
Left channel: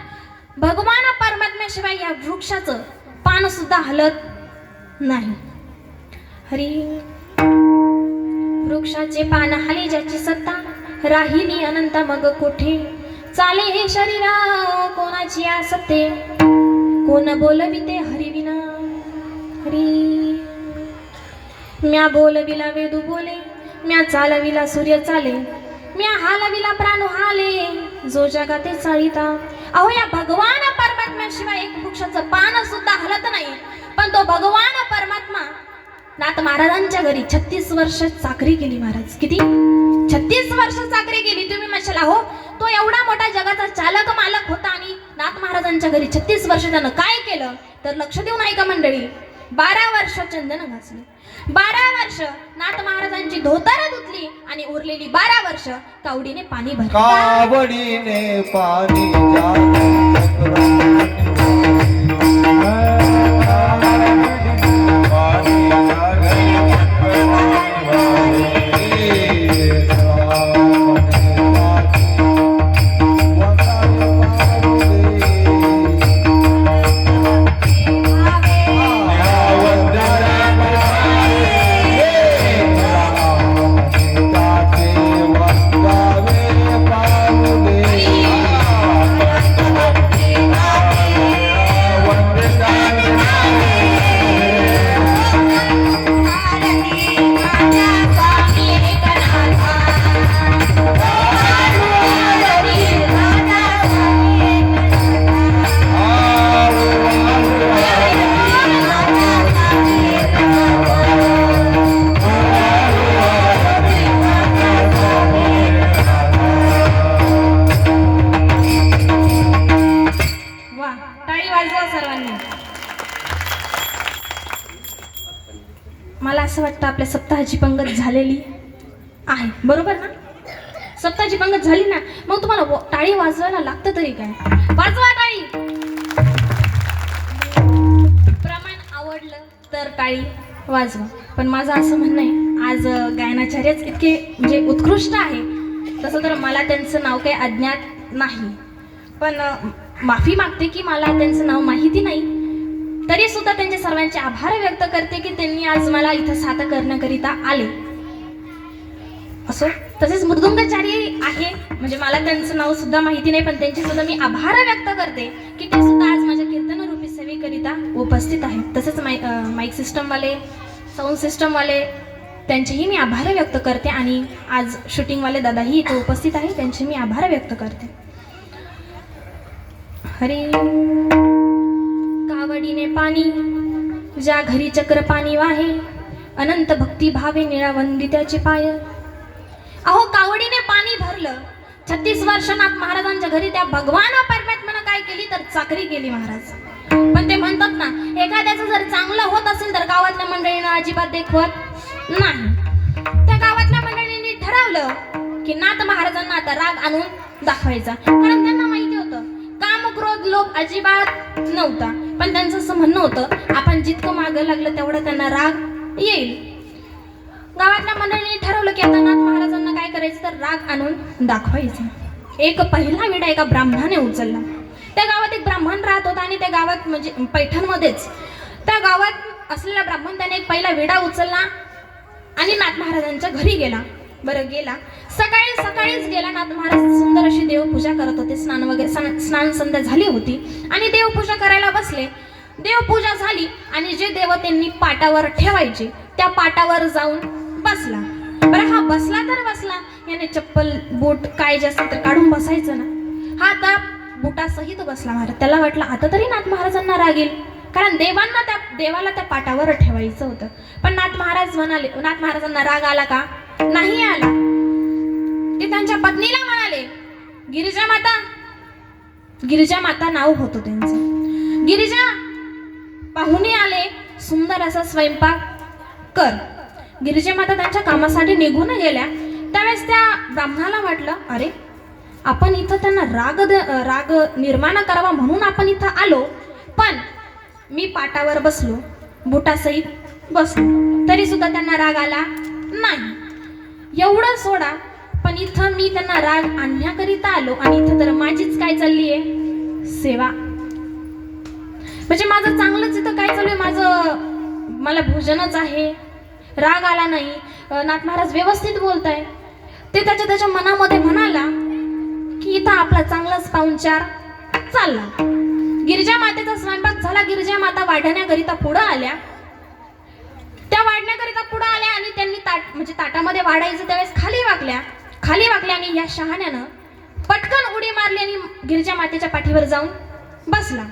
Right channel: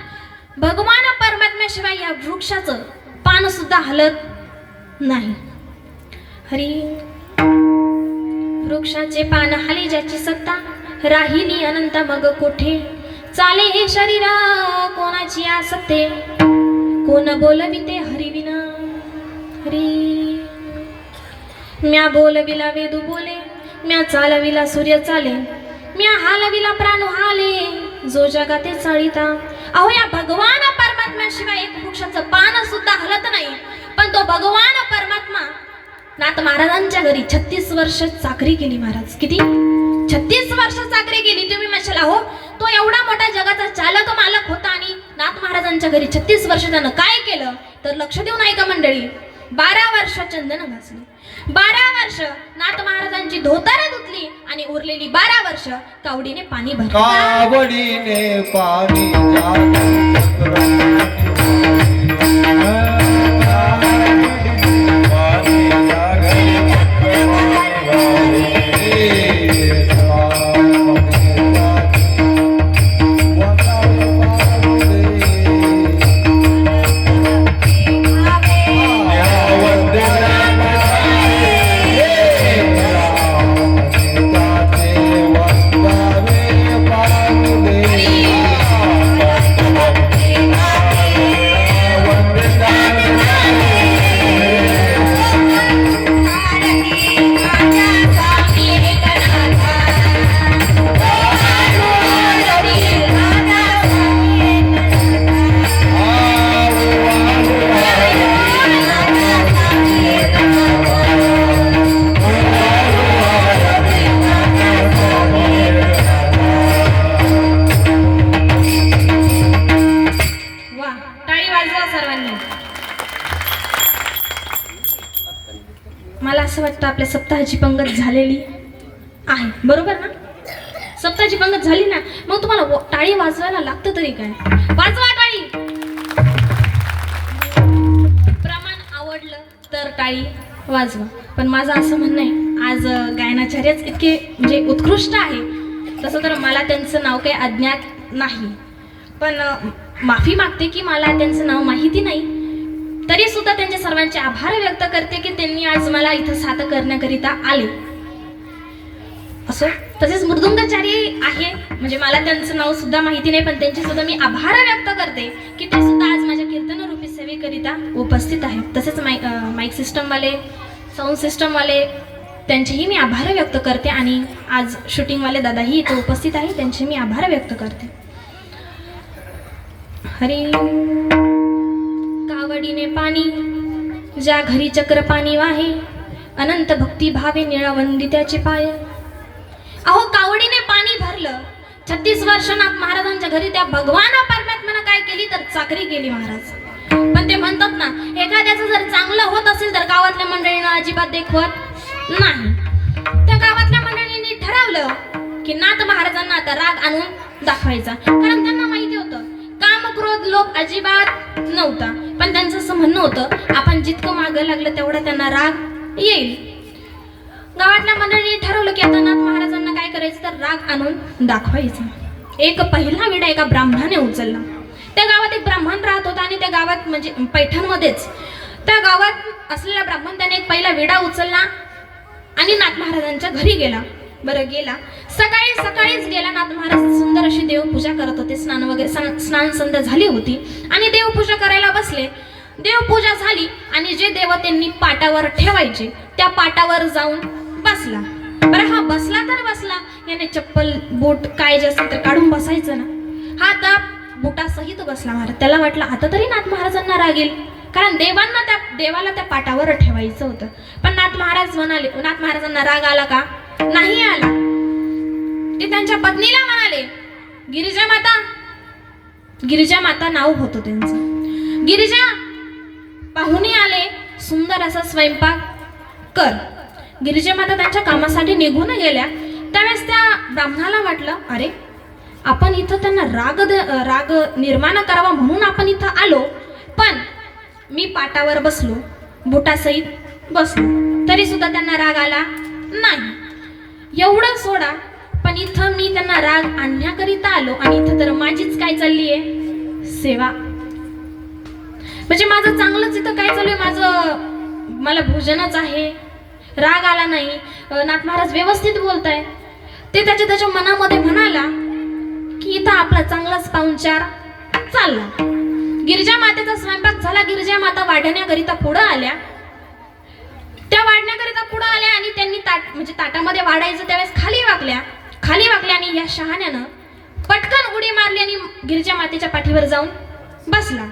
भगवान परमात्म्याशिवाय या वृक्षाचं पान सुद्धा हलत नाही. हरी वृक्षाचे पान हाले ज्याची सत्ता, राहिली अनंत मग कोठे. चाले हे शरीरा कोणाची आसते, कोण बोलविते हरिविना. हरी म्या बोलविला वेदू बोले, म्या चालविला सूर्य चाले, म्या हालविला प्राणू हाले, जो जगाते चाळीता. अहो या भगवान परमात्म्याशिवाय एक वृक्षाचं पान सुद्धा हलत नाही. पण तो भगवान परमात्मा नाथ महाराजांच्या घरी 36 वर्ष चाकरी केली. महाराज किती 36 वर्ष चाकरी केली. तुम्ही म्हणशाल हो तो एवढा मोठा जगाचा चालक मालक होता आणि नाथ महाराजांच्या घरी 36 वर्ष त्यानं काय केलं, तर लक्ष देऊन ऐका मंडळी. 12 वर्ष चंदन घासले, 12 वर्ष नाथ महाराजांची धोतर धुतली आणि उरलेली 12 वर्ष कावडीने पाणी भरलं. कावडीने पाणी मला असं वाटतं आपल्या सप्ताहाची पंगत झालेली आहे, बरोबर ना? सप्ताहाची पंगत झाली ना, मग तुम्हाला टाळी वाजवायला लागतं तरी काय? वाजवा टाळी. प्रमाण आवडलं तर टाळी वाजवा. पण माझं असं म्हणणं आहे, आज गायनाचार्यच इतके म्हणजे उत्कृष्ट आहे, तसं तर मला त्यांचं नाव काही अज्ञात नाही. पण माफी मागते की मला त्यांचं नाव माहिती नाही. तरी सुद्धा त्यांच्या सर्वांचे आभार व्यक्त करते की त्यांनी आज मला इथं साथ करण्याकरिता आले. असं तसेच मृदुंगाचारी आहे, म्हणजे मला त्यांचं नाव सुद्धा माहिती नाही, पण त्यांचे सुद्धा मी आभार व्यक्त करते की ते सुद्धा आज माझ्या कीर्तन रूपी सेवेकरिता उपस्थित आहेत. तसेच माईक सिस्टमवाले, साऊंड सिस्टमवाले, त्यांचेही मी आभार व्यक्त करते. आणि आज शूटिंगवाले दादाही इथे उपस्थित आहे, त्यांचे मी आभार व्यक्त करते. हरी कावडीने पाणी ज्या घरी चक्र पाणी वाहे, अनंत भक्ती भावे निळा वंदित्याचे पाय. अहो कावडीने पाणी भरलं. 36 वर्षांत महाराजांच्या घरी त्या भगवान परमात्म्यानं काय केली तर चाकरी केली महाराज. पण ते म्हणतात ना, एखाद्याचं जर चांगलं होत असेल तर गावातल्या मंडळींना अजिबात देखवत नाही. त्या गावातल्या मंडळींनी ठरवलं की नाथ महाराजांना आता राग आणून दाखवायचा, कारण त्यांना माहिती होतं काम, क्रोध, लोभ अजिबात नव्हता. पण त्यांचं असं म्हणणं होतं, आपण जितकं मागे लागलं तेवढं त्यांना राग येईल. गावातल्या मंडळींनी ठरवलं की आता नाथ महाराजांना काय करायचं तर राग आणून दाखवायचा. एक पहिला विडा एका ब्राह्मणाने उचलला. त्या गावात एक ब्राह्मण राहत होता आणि त्या गावात म्हणजे पैठणमध्येच त्या गावात असलेला ब्राह्मण त्याने एक पहिला विडा उचलला आणि नाथ महाराजांच्या घरी गेला. बरं गेला, सकाळीच गेला. नाथ महाराज सुंदर अशी देवपूजा करत होते. स्नान संध्या झाली होती आणि देवपूजा करायला बसले. देवपूजा झाली आणि जे देव त्यांनी पाटावर ठेवायचे त्या पाटावर जाऊन बसला. बरं हा बसला तर बसला, याने चप्पल बूट काय जे असेल तर काढून बसायचं ना. हा आता बुटासहित बसला महाराज. त्याला वाटलं आता तरी नाथ महाराजांना राग येईल, कारण देवांना त्या देवाला त्या पाटावर ठेवायचं होतं. पण नाथ महाराज म्हणाले, नाथ महाराजांना राग आला का? नाही आला. ते त्यांच्या पत्नीला म्हणाले, गिरिजा माता नाव होतं त्यांचं. गिरिजा, पाहुणे आले, सुंदर असा स्वयंपाक कर. गिरिजा माता त्यांच्या कामासाठी निघून गेल्या. त्यावेळेस त्या ब्राह्मणाला वाटलं, अरे आपण इथं त्यांना राग निर्माण करावा म्हणून आपण इथं आलो, पण मी पाटावर बसलो, बुटासहित बसलो, तरी सुद्धा त्यांना राग आला नाही. एवढं सोडा, पण इथं मी त्यांना राग आणण्याकरिता आलो आणि इथं तर माझीच काय चालली आहे? सेवा. म्हणजे माझं चांगलंच इथं काय चालू आहे? मला भोजनच आहे, राग आला नाही. नाथ महाराज व्यवस्थित बोलताय. ते त्याच्या मनामध्ये म्हणाला की इथं आपला चांगलाच पाहुणचार चालला. गिरिजा मातेचा स्वयंपाक झाला. गिरिजा माता वाढण्याकरिता पुढं आल्या. त्या वाढण्याकरिता पुढं आल्या आणि त्यांनी म्हणजे ताटामध्ये वाढायचं त्यावेळेस खाली वाकल्या आणि या शहाण्यानं पटकन उडी मारली आणि गिरिजा मातेच्या पाठीवर जाऊन बसला.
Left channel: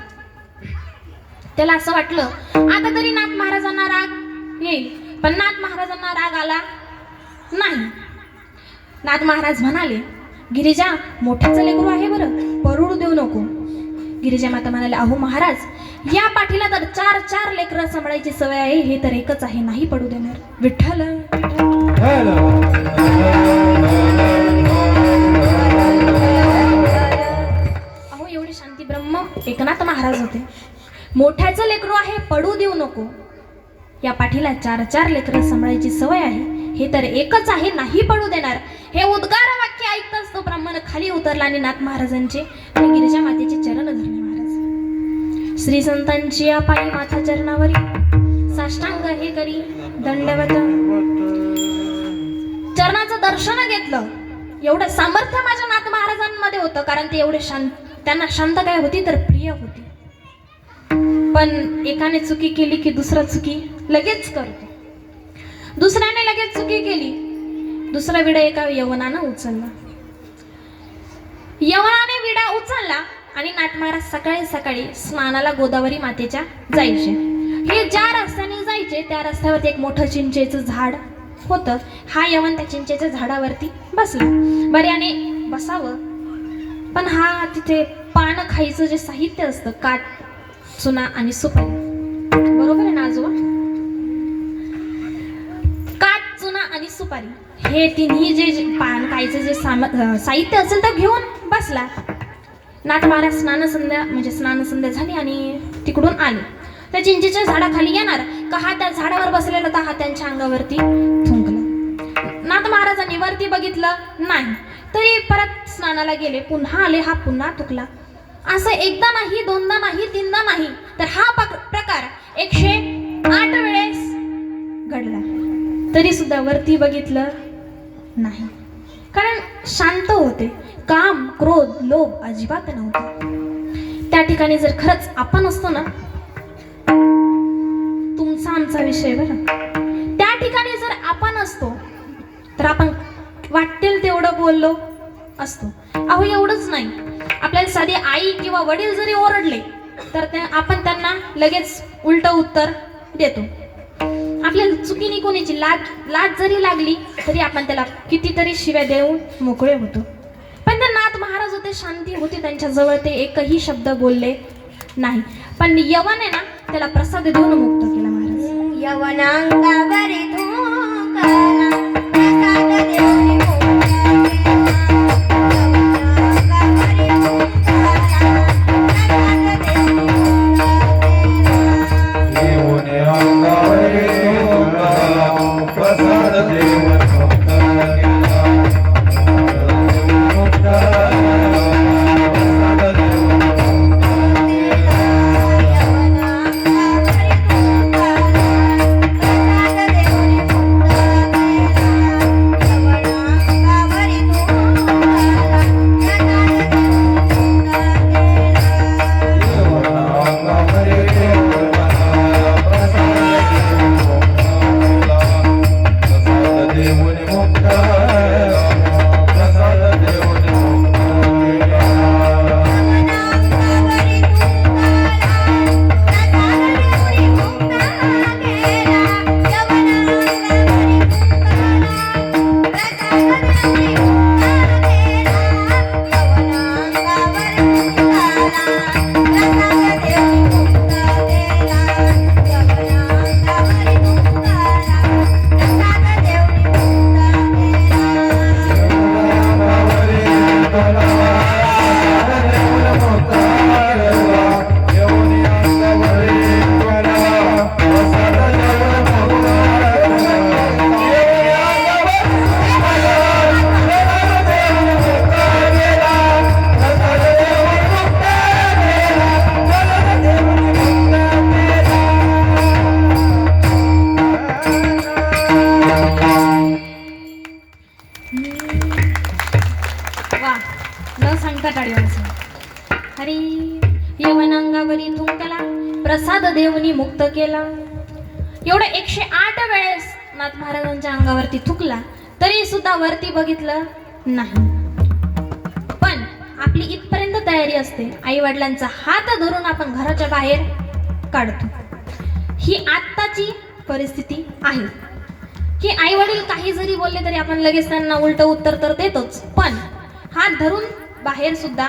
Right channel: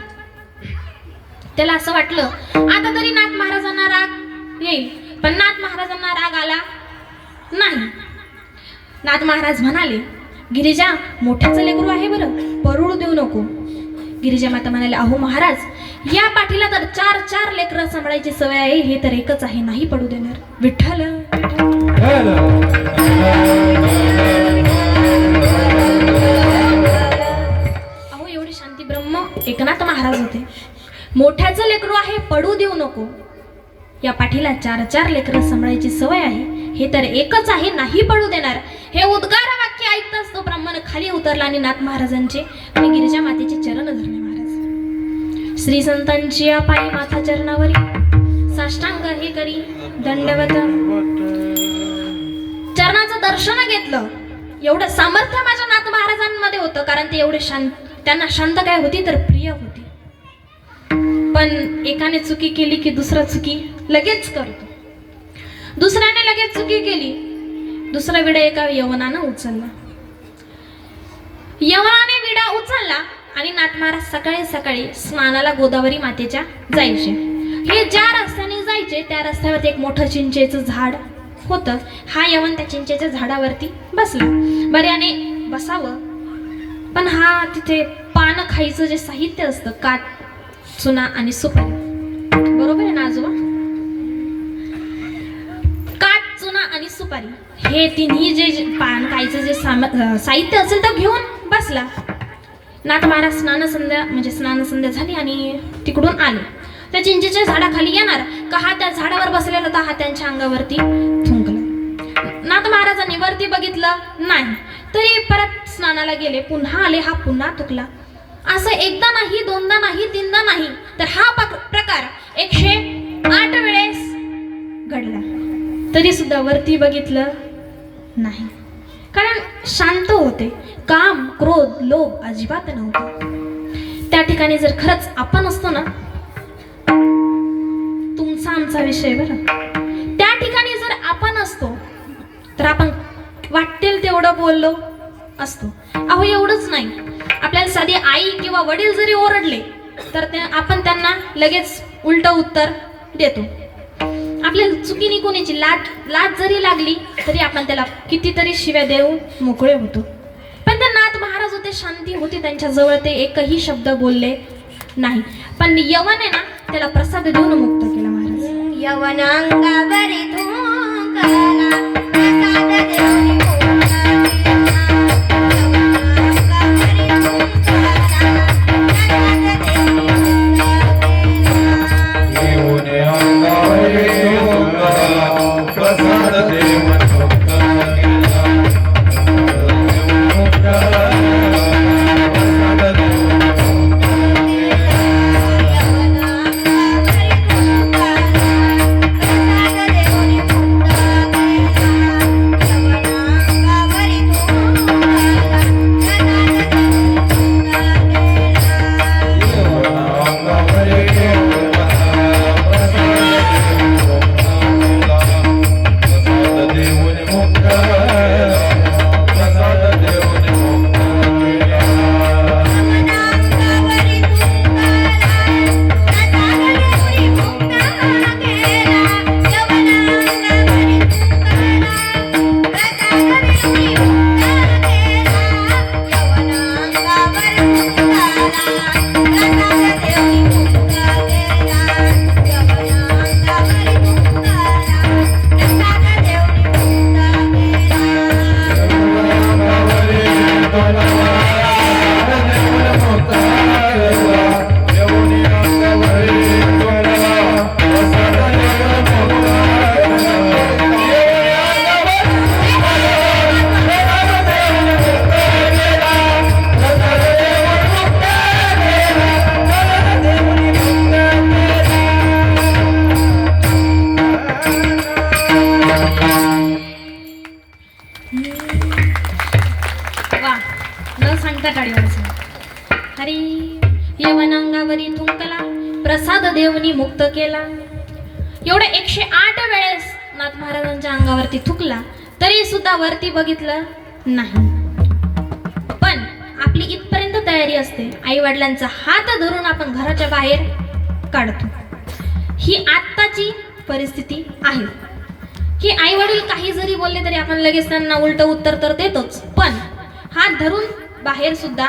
त्याला असं वाटलं आता तरी नाथ महाराजांना राग येईल, पण नाथ महाराजांना राग आला नाही. नाथ महाराज म्हणाले, गिरिजा, मोठ्याचं लेकरू आहे बरं, परुडू देऊ नको. गिरिजा माता म्हणाले, अहो महाराज, या पाठीला तर 4 लेकरं सांभाळायची सवय आहे, हे तर एकच आहे, नाही पडू देणार. विठ्ठल. अहो एवढी शांती ब्रह्म एकनाथ महाराज होते. मोठ्याचं लेकरू आहे, पडू देऊ नको. या पाठीला 4 लेकरं सांभाळायची सवय आहे, हे तर एकच आहे, नाही पडू देणार. हे उद्गार वाक्य ऐकताच तो ब्राह्मण खाली उतरला आणि नाथ महाराजांचे आणि गिरिजा मातेचे चरण धरले. महाराज श्री संतांची पायी माथा चरणावरी साष्टांग हे करी दंडवत. चरणाचं दर्शन घेतलं. एवढं सामर्थ्य माझ्या नाथ महाराजांमध्ये होतं, कारण ते एवढे त्यांना शांत काय होती तर प्रिय होती. पण एकाने चुकी केली की दुसरा चुकी लगेच करतो. दुसऱ्याने लगेच चुकी केली, दुसरा विडा एका यवनानं उचलला. यवनाने विडा उचलला आणि नाथ महाराज सकाळी स्नानाला गोदावरी मातेच्या जायचे. हे ज्या रस्त्याने जायचे त्या रस्त्यावरती एक मोठं चिंचेचं झाड होतं. हा यवन त्या चिंचेच्या झाडावरती बसला. बऱ्याने बसावं, पण हा तिथे पान खायचं जे साहित्य असतं, कात, चुना आणि सुपारी, बरोबर आहे ना आजोबा? कात, चुना आणि सुपारी हे तिन्ही जे पान खायचं जे साहित्य असेल तर घेऊन बसला. नाथ महाराज स्नानसंध्या झाली आणि तिकडून आले. त्या चिंचेच्या झाडाखाली येणार का हा त्या झाडावर बसलेला होता, हा त्यांच्या अंगावरती थुंकला. नाथ महाराजांनी वरती बघितलं नाही, तरी परत स्नानाला गेले. पुन्हा आले, हा पुन्हा थुकला. असं एकदा नाही, दोनदा नाही, तीनदा नाही, तर हा प्रकार 108 वेळेस घडला. तरी सुद्धा वरती बघितलं नाही, कारण शांत होते. काम, क्रोध, लोभ अजिबात नव्हतं. त्या ठिकाणी जर खरंच आपण असतो ना, तुमचा आमचा विषय बरं, त्या ठिकाणी जर आपण असतो तर आपण वाटेल तेवढं बोललो असतो. अहो एवढंच नाही, आपल्याला साधी आई किंवा वडील जरी ओरडले तर आपण त्यांना लगेच उलट उत्तर देतो. आपल्याला चुकीने कोणीची लाज जरी लागली तरी आपण त्याला कितीतरी शिव्या देऊन मोकळे होतो. पण ते नाथ महाराज होते, शांती होती त्यांच्याजवळ, ते एकही शब्द बोलले नाही. पण यवन आहे ना, त्याला प्रसाद देऊन मुक्त केला महाराज. यवनांगावरी थुंकला प्रसाद देऊन देवनी मुक्त केला. एवढ्या 108 वेळेस नाथ महाराजांच्या अंगावरती थुकला तरी सुद्धा वरती बघितलं नाही. पण आपली इथपर्यंत तयारी असते, आई वडिलांचा हात धरून आपण घराच्या बाहेर काढतो. ही आत्ताची परिस्थिती आहे की आई वडील काही जरी बोलले तरी आपण लगेच त्यांना उलट उत्तर तर देतोच, पण हात धरून बाहेर सुद्धा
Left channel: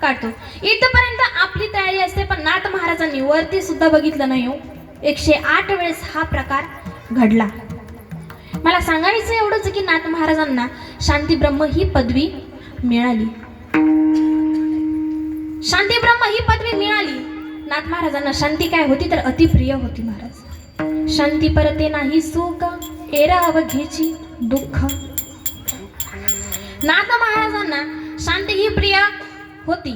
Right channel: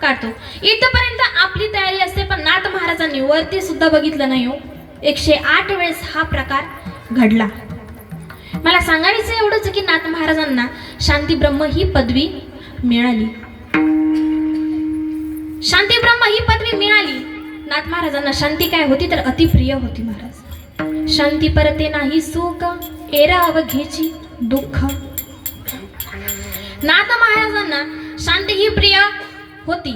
काढतो. इथपर्यंत आपली तयारी असते, पण नाथ महाराजांनी वरती सुद्धा बघितलं नाही. 108 वेळेस हा प्रकार घडला. मला सांगायचं एवढंच की नाथ महाराजांना शांती ब्रह्म ही पदवी मिळाली. शांती ब्रह्म ही पदवी मिळाली. नाथ महाराजांना शांती काय होती तर अतिप्रिय होती. महाराज शांती परते नाही सुख एरा अवघेची दुःख. नाथ महाराजांना शांती ही प्रिय होती,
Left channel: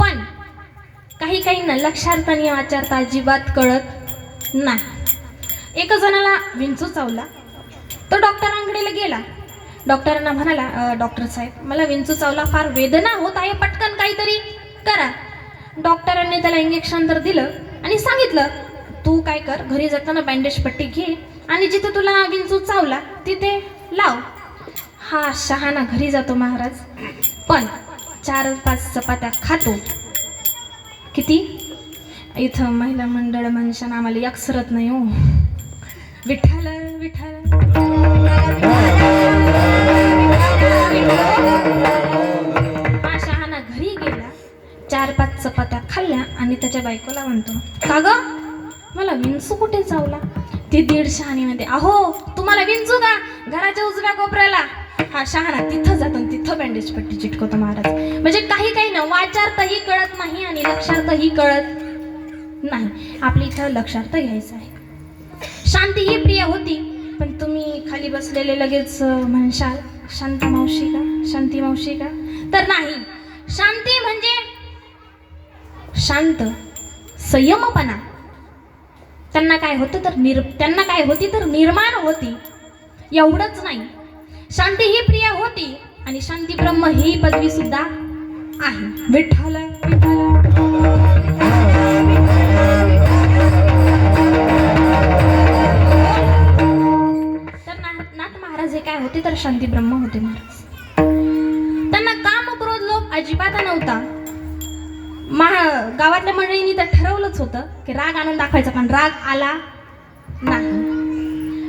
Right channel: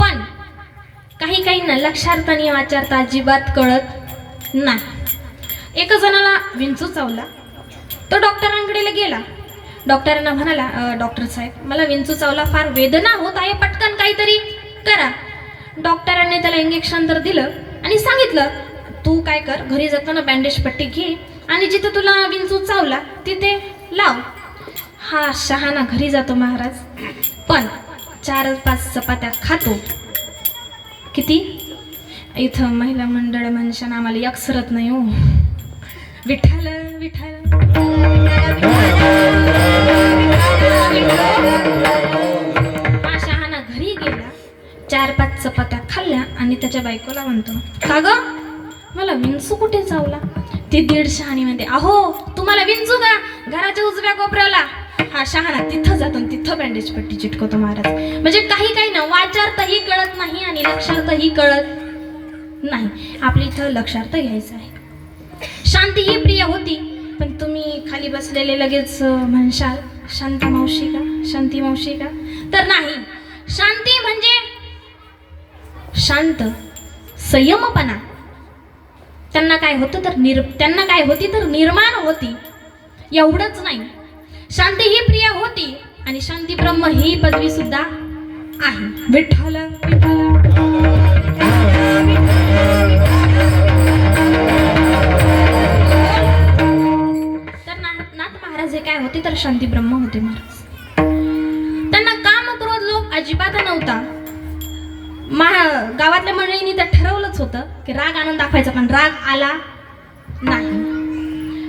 पण काही ना लक्षार्थाने वाचारता अजिबात कळत नाही. एका जणाला विंचू चावला, तो डॉक्टरांकडे गेला. डॉक्टरांना म्हणाला, डॉक्टर साहेब मला विंचू चावला, फार वेदना होत आहे, पटकन काहीतरी करा. डॉक्टरांनी त्याला इंजेक्शन तर दिलं आणि सांगितलं, तू काय कर, घरी जाताना बँडेज पट्टी घे आणि जिथे तुला विंचू चावला तिथे लाव. हा शहाणा घरी जातो महाराज, पण 4-5 चपात्या खातो. किती इथं महिला मंडळ म्हणशान आम्हाला अक्षरत नाही हो. विठ्ठल विठ्ठल. हा शहाणा घरी गेला, 4-5 चपात्या खाल्ल्या आणि त्याच्या बायकोला म्हणतो, का ग मला विंचू कुठे चावला? ती 1.5 शहाणी म्हणते, अहो तुम्हाला विंचू का? घराच्या उजव्या कोपऱ्याला. हा शहाणा तिथं जातो, तिथं बँडेज पट्टी चिटकवतो महाराज. म्हणजे काही ना वाचार्थही कळत नाही आणि लक्षार्थही कळत नाही. आपल्या इथं लक्षार्थ घ्यायचं आहे. शांती ही प्रिय होती, पण तुम्ही खाली बसलेले लगेच म्हणशाल शांता मावशी का, शांती मावशी का? तर नाही. शांती म्हणजे शांत, संयमपणा. त्यांना काय होती तर निर्माण होती, एवढंच नाही. शांती ही प्रिय होती आणि शांती ब्रह्म ही पदवी सुद्धा आहे. विठ्ठल विठ्ठल. तर नाथ महाराज हे काय होते तर शांती ब्रह्म होते महाराज. त्यांना काम क्रोध लोभ अजिबात नव्हता. गावातल्या मंडळींनी तर ठरवलंच होतं की राग आनंद दाखवायचा, पण राग आला नाही.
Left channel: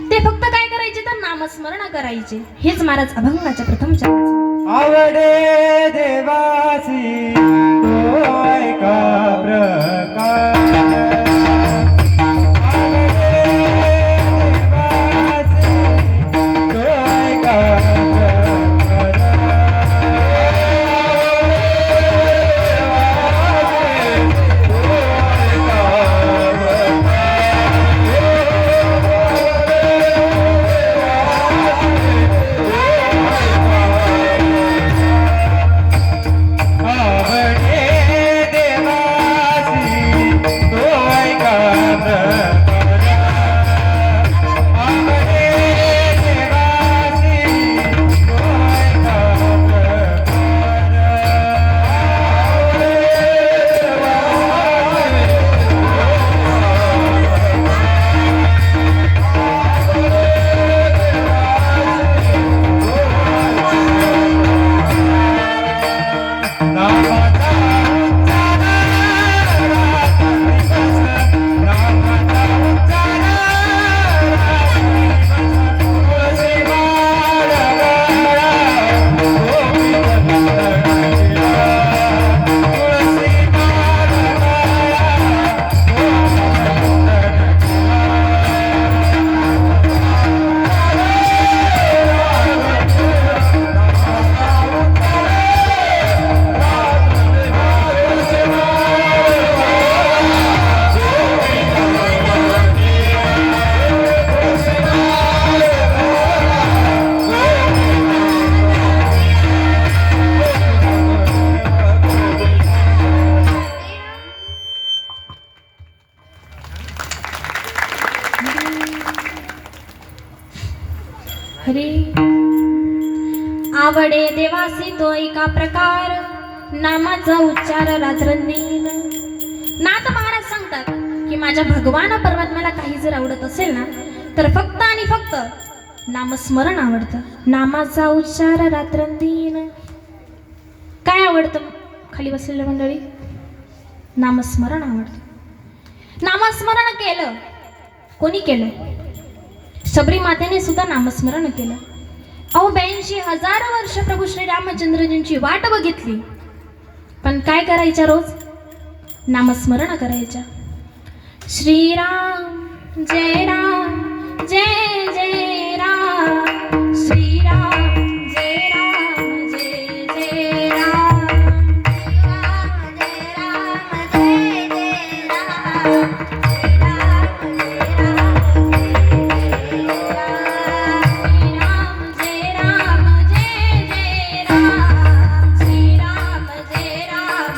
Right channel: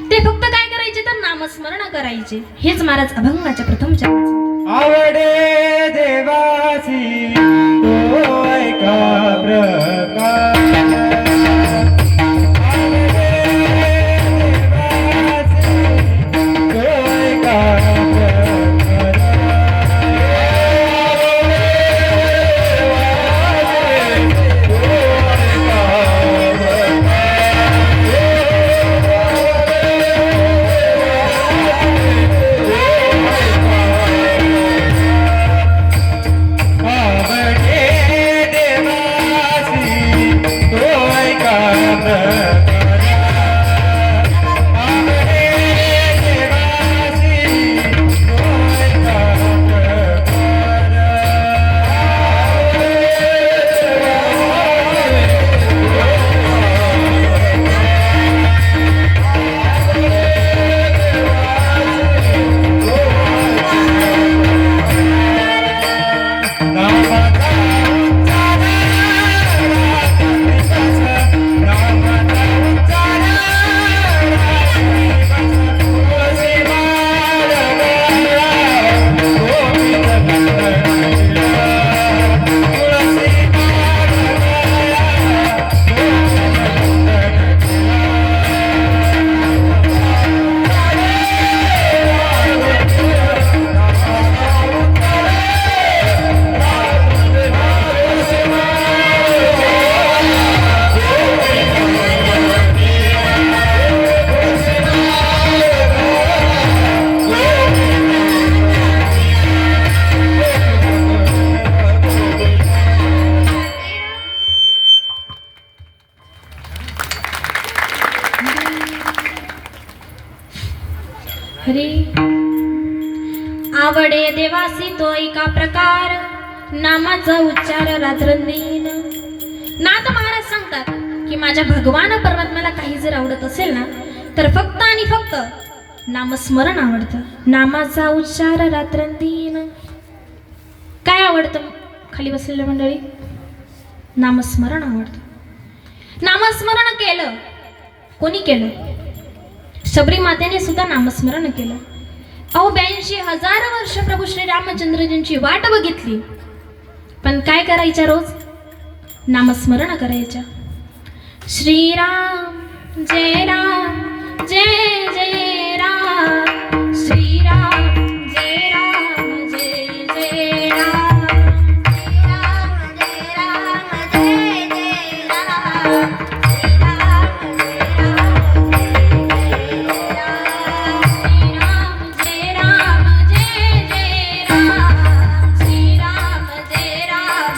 ते फक्त काय करायचे तर नामस्मरण करायचे. हेच महाराज अभंगाच्या प्रथम चरणाचे. आवडे देवासी तो ऐका प्रकार. हरी आवडे देवासी तो एका प्रकार, नामाचा उच्चार रात्रंदिन. नाथ महाराज सांगतात की माझ्या भगवान परमात्म्याला काही जर आवडत असेल ना तर फक्त आणि फक्त नामस्मरण आवडतं. नामाचा उच्चार रात्रंदिन. काय आवडतं खाली बसलेल्या मंडळी? नामस्मरण आवडतं. नामस्मरण केलं कोणी केलं? शबरी मातेने सुद्धा नामस्मरण केलं. अहो 82,000 वर्ष प्रभू श्री रामचंद्रजींची वाट बघितली, पण काय करायच्या? रोज नामस्मरण करायच्या. श्रीराम जय राम जय जय राम, श्रीराम जय राम जय जय राम, श्रीराम जय राम जय जय राम, श्रीराम जय राम जय जय राम, श्रीराम जय राम जय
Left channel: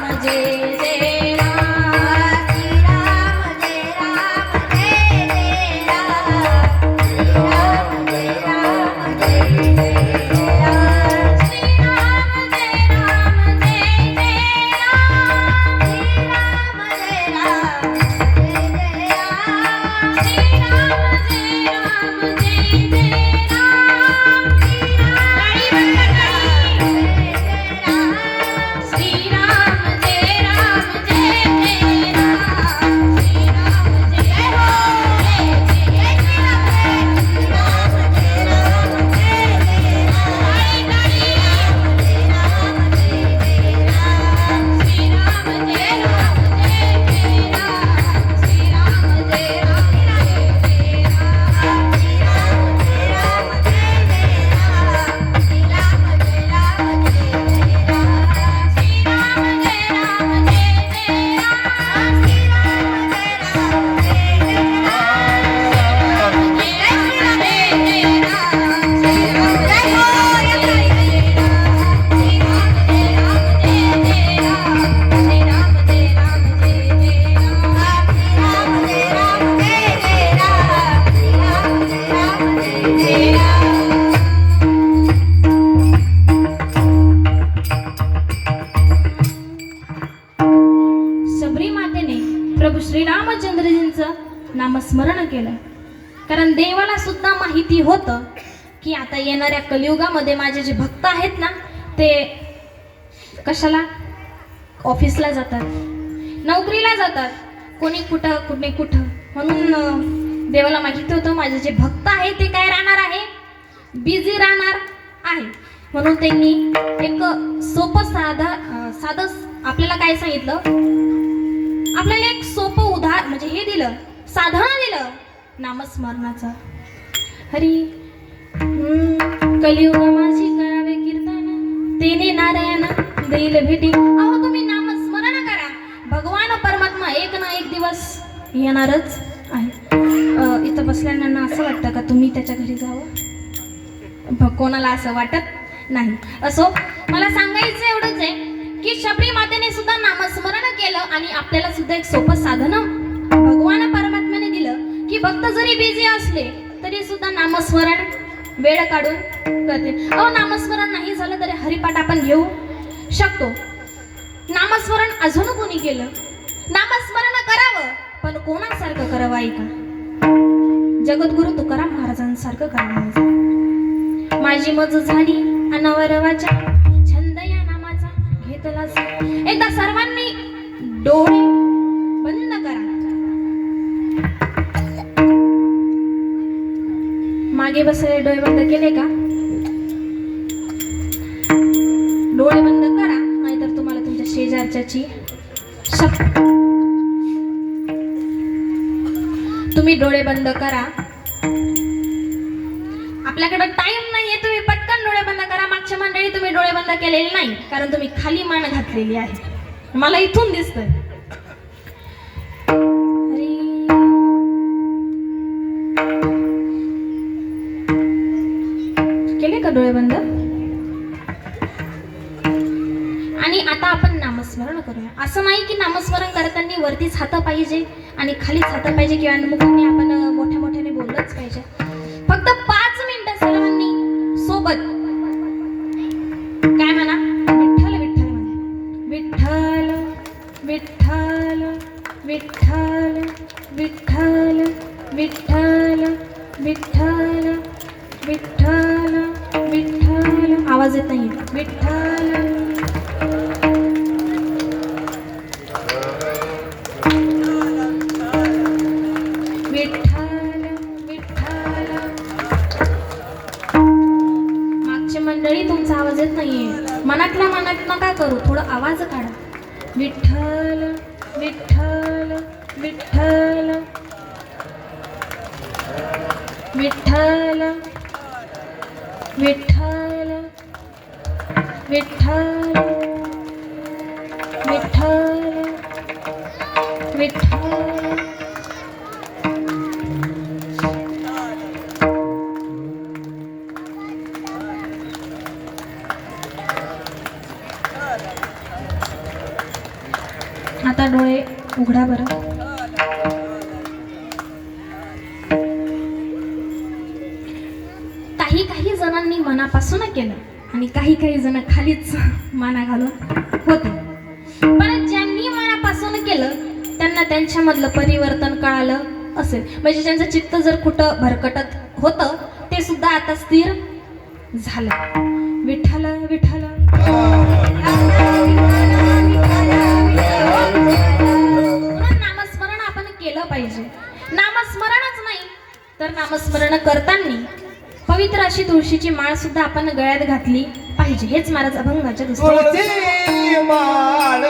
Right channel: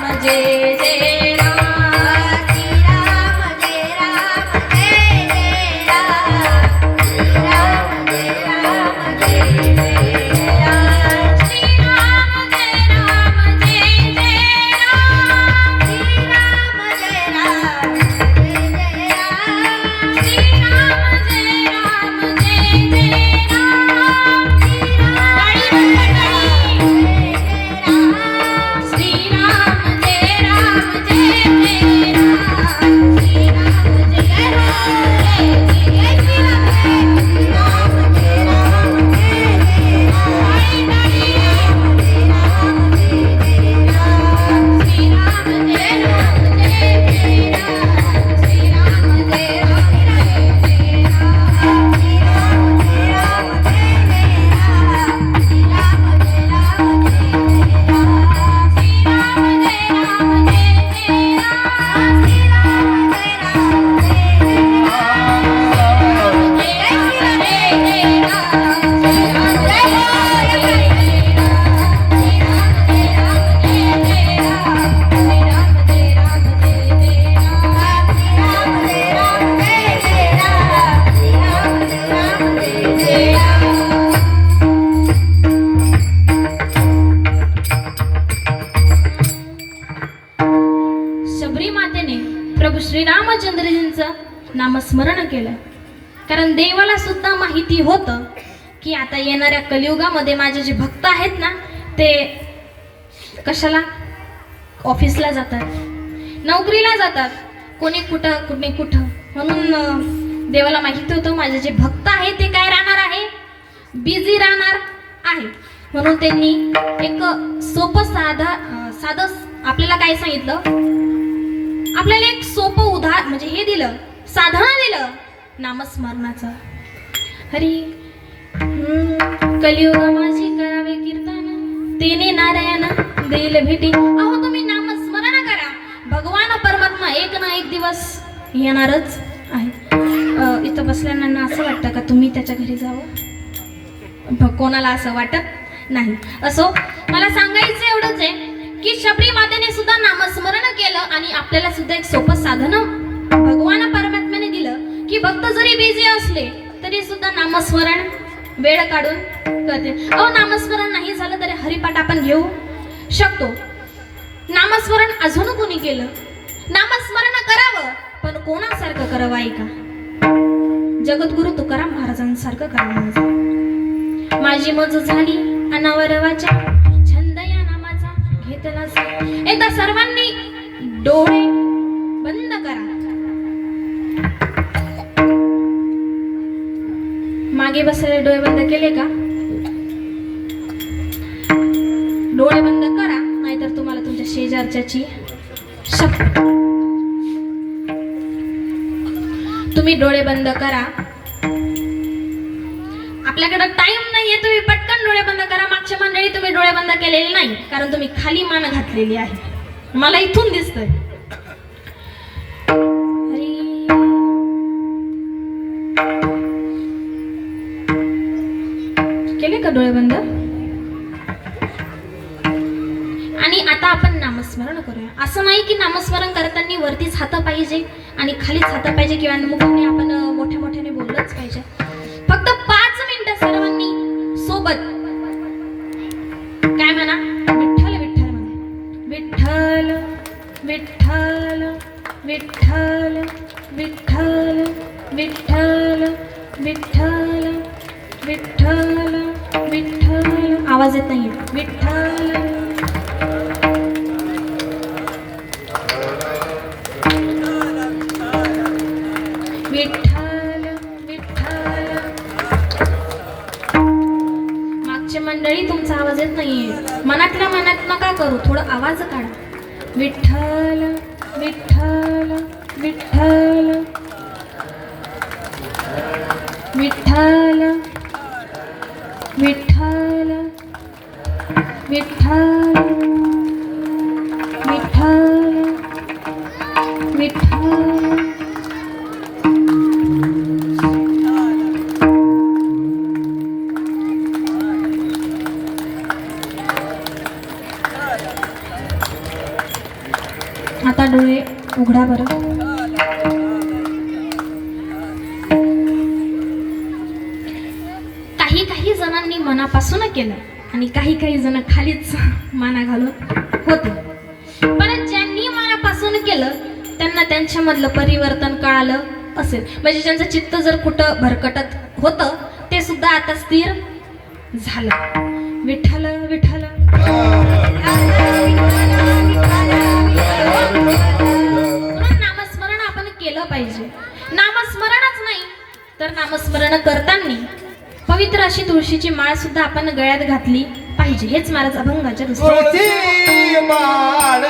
जय राम, श्रीराम जय राम जय जय राम, श्रीराम जय राम जय जय राम, श्रीराम जय राम जय जय राम, श्रीराम जय राम जय जय राम, श्रीराम जय राम जय जय राम, श्रीराम जय राम जय जय शबरी मातेने प्रभू श्रीरामचंद्रजींचं नामस्मरण केलं, कारण देवाला सुद्धा माहिती होतं की आता येणाऱ्या कलियुगामध्ये माझे जे भक्त आहेत ना ते कशाला? ऑफिसला जातात, नोकरीला जातात, कोणी कुठं. म्हणून देवाला माहिती होतं माझे जे भक्त आहेत ते काय राहणार आहे? बिझी राहणार आहे. म्हणून त्यांनी एक सोपं साधं आपल्याला काय सांगितलं? आपल्याला एक सोपं उदाहरण म्हणजे हे दिलं, साधन दिलं नामस्मरणाचं. हरी कलियुग माझी करावे कीर्तन, तेने नारायण देईल भेटी. अहो तुम्ही नामस्मरण करा, भगवान परमात्मा एक ना एक दिवस येणारच आहे. इथं बसल्यानं असं वाटतं का तुम्ही त्याच्या घरी जावं? कोणाला असं वाटत नाही. असो, मला सांगायचं एवढंच आहे की शबरी मातेने सुद्धा नामस्मरण केलं आणि आपल्याला सुद्धा एक सोपं साधन भगवान परमात्म्याने दिलं की भक्त जरी बिझी असले तरी सुद्धा नामस्मरण वेळ काढून करते. नामस्मरण नाही झालं तरी हरिपाठ आपण घेऊ शकतो. नामस्मरण अजून कोणी केलं? नामस्मरण करावं, पण कोणासारखं करावं? ऐका, जगद्गुरु तुकाराम महाराजांसारखं करावं. माझी मज झाली अनावरवाच्या, छंद या नामाचा घेतला. एकदा सर्वांनी डोळे बंद करा. मागे बसलेले डोळे बंद केले का? डोळे बंद करा, नाहीतर तुम्हाला तुमच्या शेजारच्याची शपथ. तुम्ही डोळे बंद करा. आपल्याकडे टाइम नाहीये, तुम्ही पटकन डोळे बंद करा. मागच्या मंडळी तुम्ही डोळे बंद केलेले नाही, कारण तुम्ही खाली मान घातलेली आहे, मला इथून दिसतंय. केले का डोळे बंद? आणि आता आपण नामस्मरण करूया. असं नाही की नामस्मरण करताना वरतीच हात पाहिजे आणि खालीच हात पाहिजे किंवा मुखाने आपण मोठ्या मोठ्याने बोललंच पाहिजे. फक्त 5 मिनिटं सर्वांनी सोबत काय म्हणा? विठ्ठल विठ्ठल म्हणा. विठ्ठल विठ्ठल विठ्ठल विठ्ठल विठ्ठल विठ्ठल विठ्ठल विठ्ठल आवाज येत नाही विठ्ठल विठ्ठल विठ्ठल मागच्या मंडळी तुमचा आवाज येत नाहीये मनातल्या मनात नका करू थोडं आवाज काढा विठ्ठल विठ्ठल विठ्ठल विठ्ठल विठ्ठल विठ्ठल विठ्ठल विठ्ठल आता डोळे उघडा बरं काही जणांनी मनापासून केलं आणि काही जण खालीच माना घालून होते पण ज्यांनी मनापासून केलं त्यांना त्यांच्यामधलं परिवर्तन कळालं असेल म्हणजे ज्यांचं चित्त जर कुठं भरकटत होतं ते सुद्धा आता स्थिर झालं विठ्ठल विठ्ठल नामस्मरण आपण केलं पाहिजे नामस्मरणच नाही तर नामस्मरण करताना पवित्र अशी तुळशीची माळ सुद्धा आपण गळ्यात घातली पाहिजे हेच महाराज अभंगाच्या तुळशी माळ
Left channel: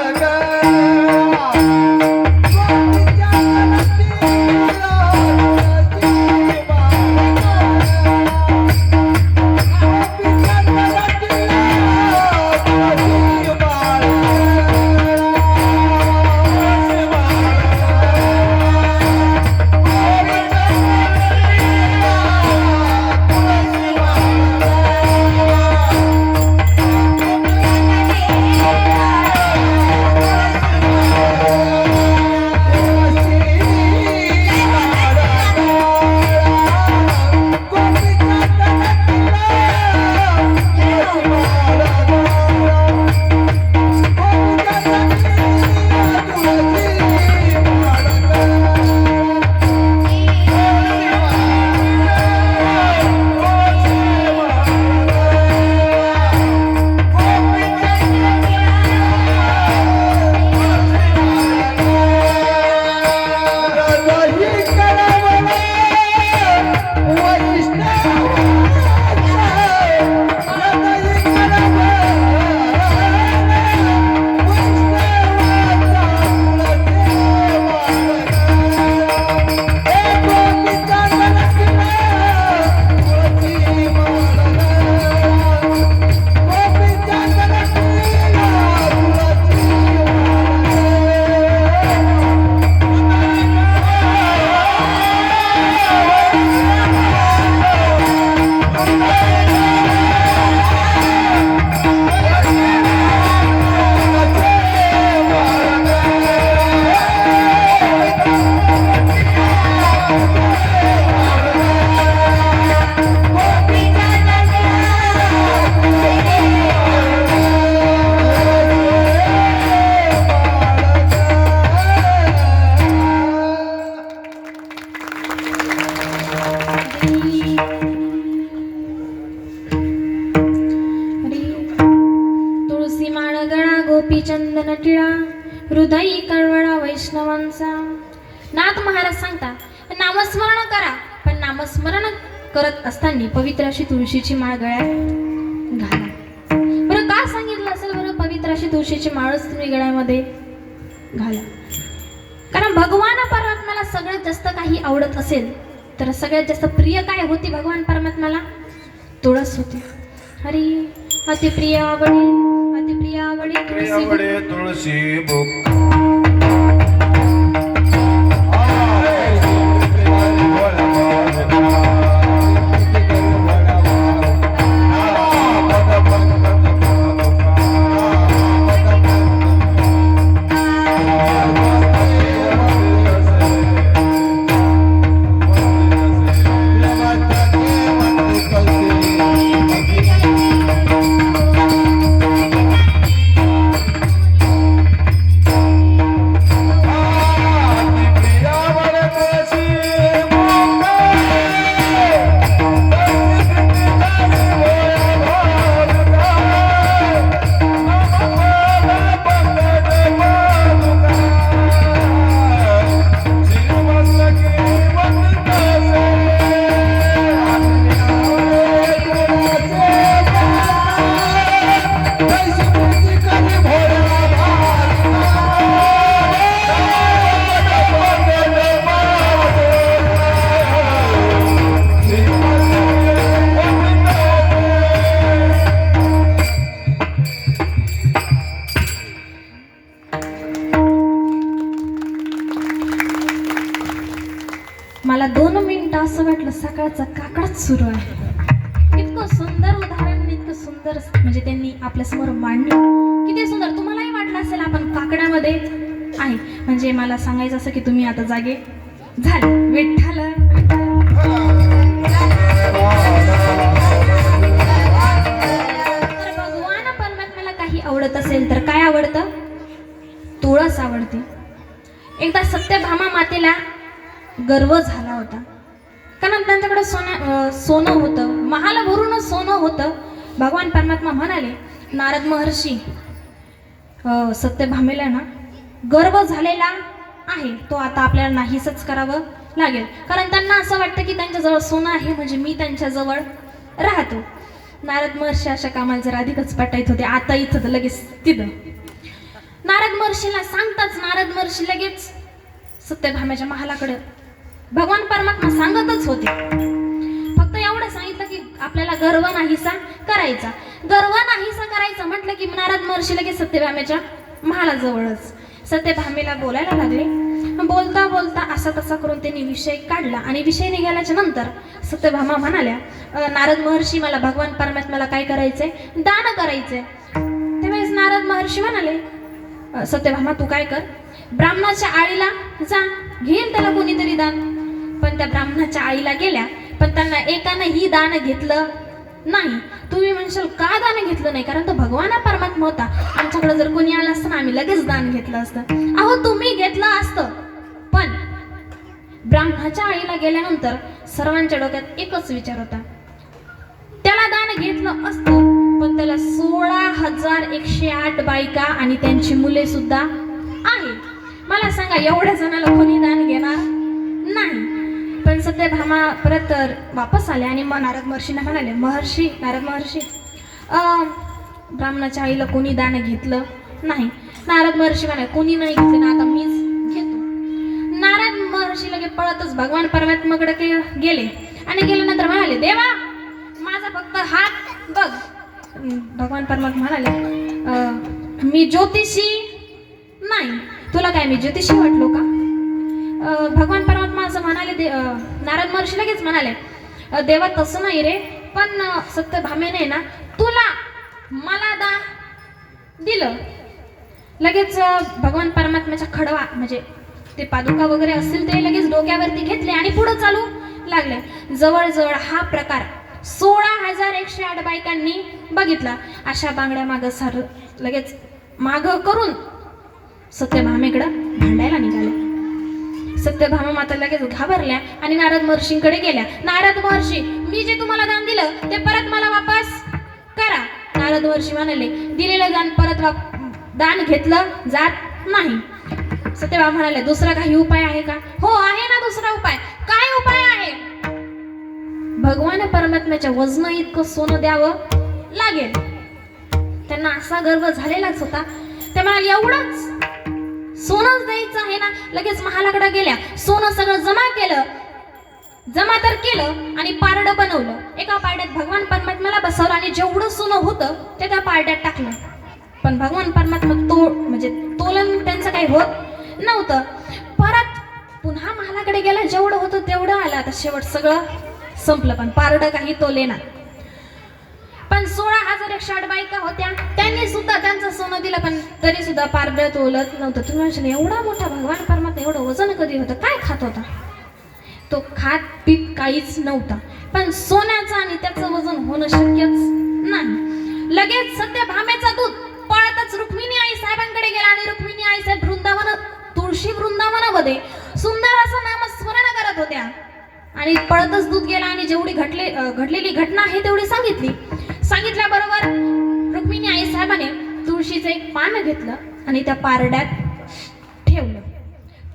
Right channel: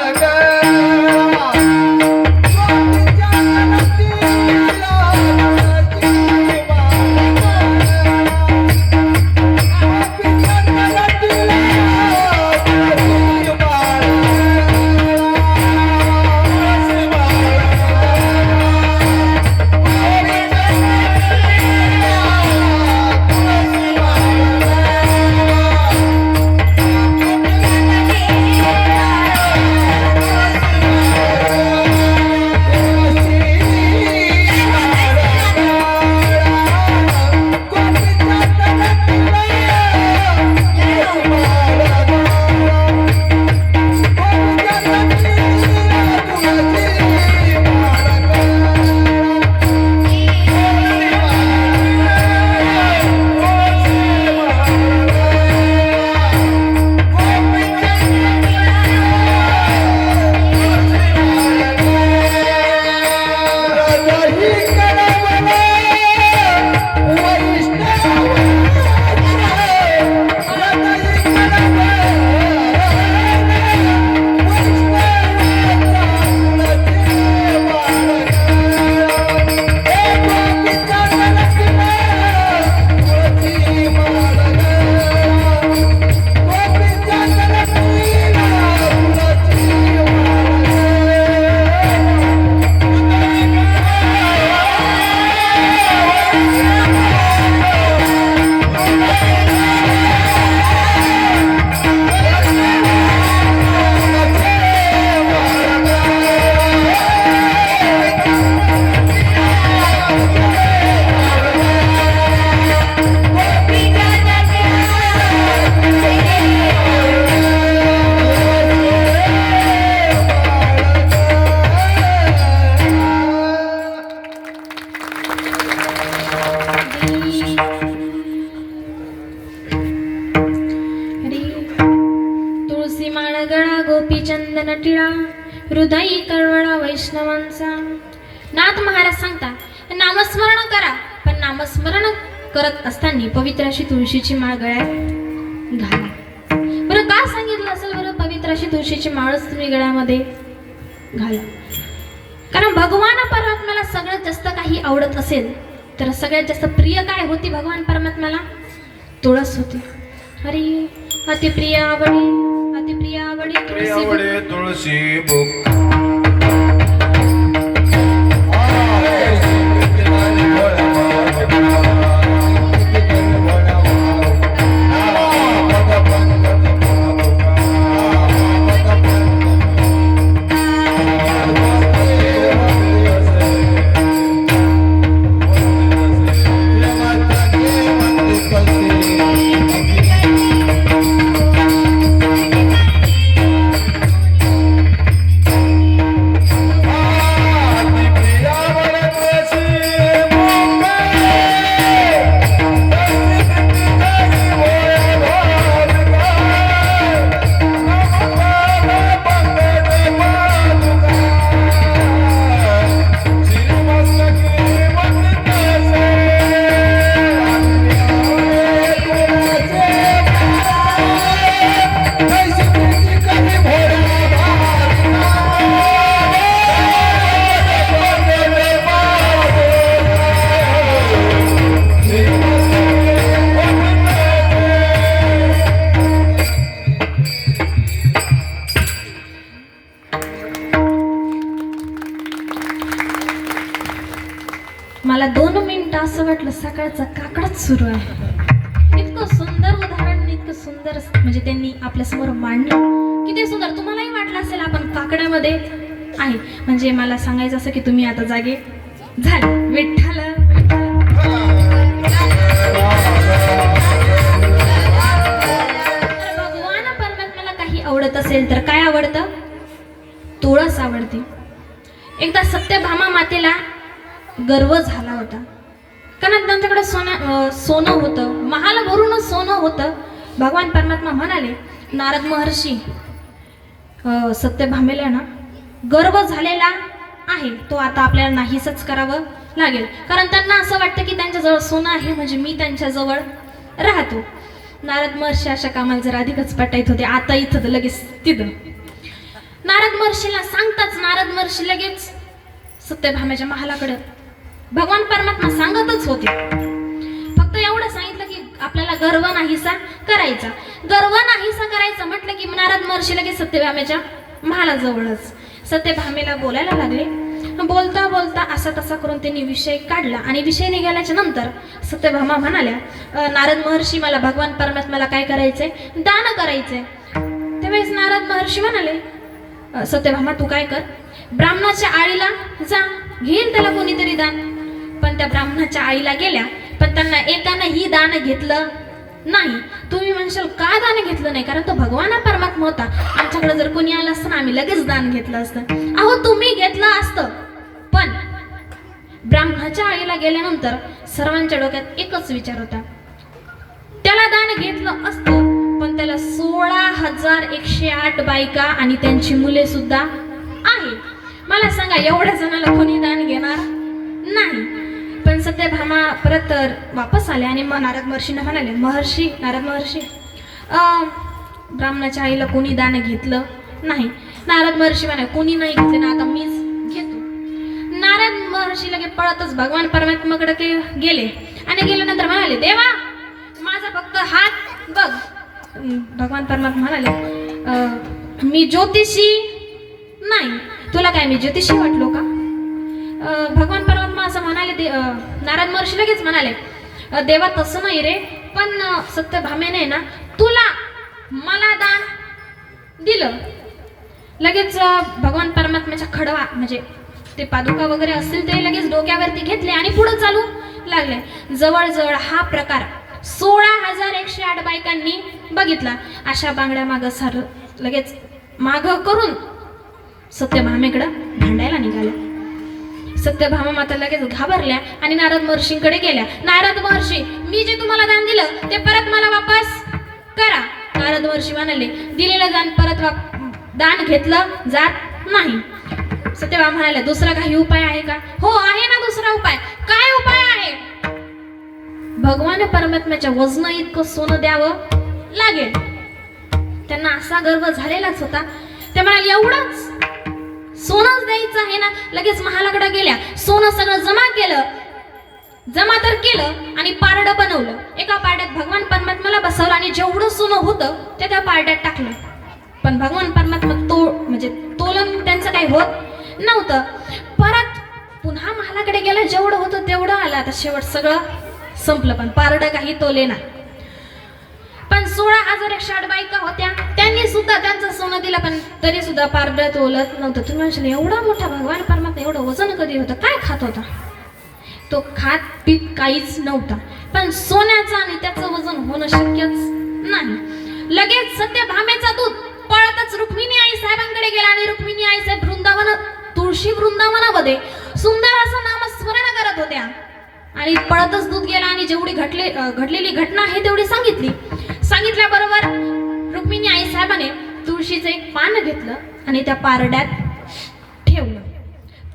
चंदन टिळा हृदयी कळवळा वैष्णवांचा नाथ महाराज सांगतात नामस्मरण करा पण नामस्मरण करत असताना पवित्र अशी तुळशीची माळ गळ्यात घाला बरं का सांगितलं असेल बरं पवित्र अशी तुळशीची माळच तुम्ही गळ्यामध्ये घाला कारण भगवान परमात्म्याला सगळ्यात जास्त काही आवडत असेल तर सगळ्यात जास्त प्रिय काय होती भगवान परमात्म्याला तुळस होती हरी अतिप्रिय आवडी तुळशी बुक मला 2 मिनिटं असं वाटलं सकाळचा काकडच सुरू आहे. इतकं सुंदर उदाहरण, इतकं सुंदर म्हणजे त्यांनी आपल्यासमोर मांडलं. किती सुंदर. तुम्हालाही वाटलं असेल आपण काकड्यामध्ये आहे. म्हणजे मला सांगायचं असं की तुम्ही आता जागे झाले. विठ्ठल भगवान परमात्म्याला काही आवडत असेल तर काय आवडतं? तुळस आवडते. एकदा सत्यभामा मातेला गर्व झाला होता, कारण त्यांच्याकडे सोनं होतं, महाल भरूनच सोनं होतं. भगवान परमात्मा म्हणाले, नारद महर्षी सत्यभामेला ना गर्व झालेला आहे, तो आता आपल्याला नाहीसच करावं लागेल. कारण त्यांना असं वाटतं की त्यांच्याजवळ सोनं आहे म्हणजे मी त्यांच्याजवळ राहतो. नारद महर्षी अशा कामाला जर अधिकच पटायत होते. आता इथं तर लगेच तिथं नारद महर्षीला सांगताच नारद महर्षी लगेच सत्यभामेच्या महालाकडे भगवान परमात्मा सांगतच होते. फक्त एवढं सांगितलं की आपल्याला गर्व नाहीसा करायचा. गर्व नाहीसा करायचं म्हटलं की नारद महर्षी लगेच सत्यभामेच्या महालाजवळच सत्यभामेला बोलायला लागले. बोलता बोलता असा तसा करून त्यांनी विषय काढला आणि विषय निघाल्याच्या नंतर सत्यभामा म्हणाल्या, नारद महर्षी मला भगवान परमात्म्याला काय करायचंय? दान करायचंय. त्यावेळेस नारद महर्षी म्हणाले, सत्यभामा तू काय कर, ब्राह्मणाच्या आळीला जा, घेईल त्याला कोणीतरी दान. पण त्या ब्राह्मणाच्या आळीला गेल्या, पण त्यांना एकानं ही दान घेतलं नाही. तुम्ही म्हणशाल का दान घेतलं नाही? कारण तो भगवान परमात्मा होता. आमच्याकडे जर कोणी आलं असतं ना आम्ही लगेच दान घेतलं असतं. अहो तुम्ही घेतलं असतं, पण ब्राह्मणाच्या आळीला गेल्यानंतर सर्वांच्या डोक्यात एकच विचार होता, त्याला दान घेतलं असतं पण त्याला 16,108 बायका आणि त्यांची मुले सुद्धा आहे. मला सांगा एवढ्या जणाला कोणी दान घेणार नाही. पण सत्यभामा परत वापस आले आणि मग नारद महर्षींना म्हणाले, नारद महर्षी ब्राह्मणाच्या आईला कोणी दान घेतलं नाही. नारद महर्षी म्हणाले, कोणी नाही घेतले ना, आता मीच घेतो. नारद महर्षी लगे पळतच भगवान परमात्म्याकडे गेले आणि गेल्यानंतर म्हणाले, देवा माझा फक्त हात बघ. भगवान परमात्मा म्हणाले, मी ज्योतिषी नाही. तुला काय मी ज्योतिषी वाटलो का? भगवान परमात्मा असं म्हणाले. नारद महर्षी लगेच म्हणाले, देवा तसं नाही रे, पण सत्यभामेने ना तुला मला दान दिलं. लगेच भगवान परमात्म्याच्या खडवा म्हणजे ते पादुका वगैरे असतील ते लगेच डोक्यावरती घेतले आणि पुढे चालू लागले. जवळजवळ हा प्रकार 16,108 बायकांनी बघितला. अशा बांगड्या मागं सार लगेच माग करून सत्यभामेकडं भांडायला निघाल्या. सत्यभामा माता लगेच घाबरल्या आणि नारद महर्षींकडे गेल्या. नारद महर्षी, मी जे तुम्हाला दान दिलं ते परत मला वापस करा. नारद महर्षी म्हणाले, दिलेलं दान परत दान घेतलं जात नाही. सत्यभामा म्हणाले, दुसरा काही उपाय आहे का? हो आहे ना दुसरा उपाय. काय उपाय आहे? भगवान परमात्म्याच्या वजन इतकं सोनं द्यावं लागेल. त्यांना असा गर्व झालेलाच होता. ते म्हणाले, एवढंच सोनंच द्यायचं आहे ना. लगेच महालाकडे गेल्या, सोनं सगळं जमा तर केलं आणि पारडं बनवलं. एका पारड्यात भगवान परमात्म्याला बसवलं आणि जेवढं सोनं होतं ते त्या पारड्यात टाकलं. पण भगवान परमात्मा म्हणजे तोलन त्यांचं काही होत नव्हतं. परत पुन्हा महालाकडे गेलं, जेवढं होतं तेवढं आलं. आता शेवट सगळं संपलं, पण पारडं काही तोले ना. पण 16,108 बायका होत्या, त्यांनी सुद्धा त्यांचं सोनं दिलं, पण तरी सुद्धा पारडं तोलत नव्हतं. तुम्ही म्हणशाल, एवढा मोठा भगवान परमात्मा एवढं वजन कधी होतं? काय खात होता तो? खात पीत काहीच नव्हता, पण सोन्याचं आणि त्याचं वजन होणं शक्यच नाही. लगेच सत्यभामेचा दूत पळतच रुक्मिणी आई साहेबांकडे गेला आणि रुक्मिणी आई साहेब तुळशी वृंदावनामध्ये सुंदर असं नामस्मरण करत होत्या. आणि पळतच दूत गेला आणि जेवढी घडलेली घटना आहे तेवढी सांगितल्याबरोबर रुक्मिणी आई साहेबाने तुळशीचं एक पान घेतलं आणि त्या पारड्यात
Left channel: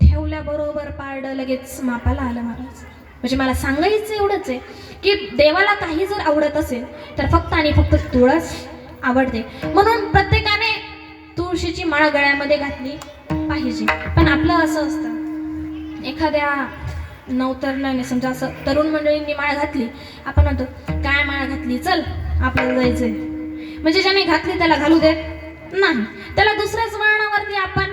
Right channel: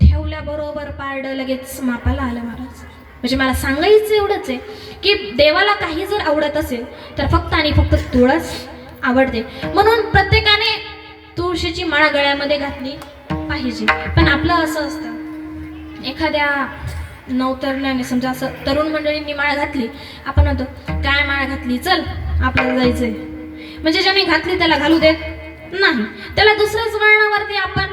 ठेवल्याबरोबर पारडं लगेच मापाला आलं. महाराज म्हणजे मला सांगायचं एवढंच आहे की देवाला काही जर आवडत असेल तर फक्त आणि फक्त तुळस आवडते. म्हणून प्रत्येकाने तुळशीची माळ गळ्यामध्ये घातली पाहिजे. पण आपलं असं असतं, एखाद्या नवतरण्याने समजा असं तरुण मंडळींनी माळ घातली, आपण म्हणतो काय माळ घातली, चल आपल्याला जायचंय. म्हणजे ज्याने घातली त्याला घालू देत नाही, त्याला दुसऱ्याच वळणावरती आपण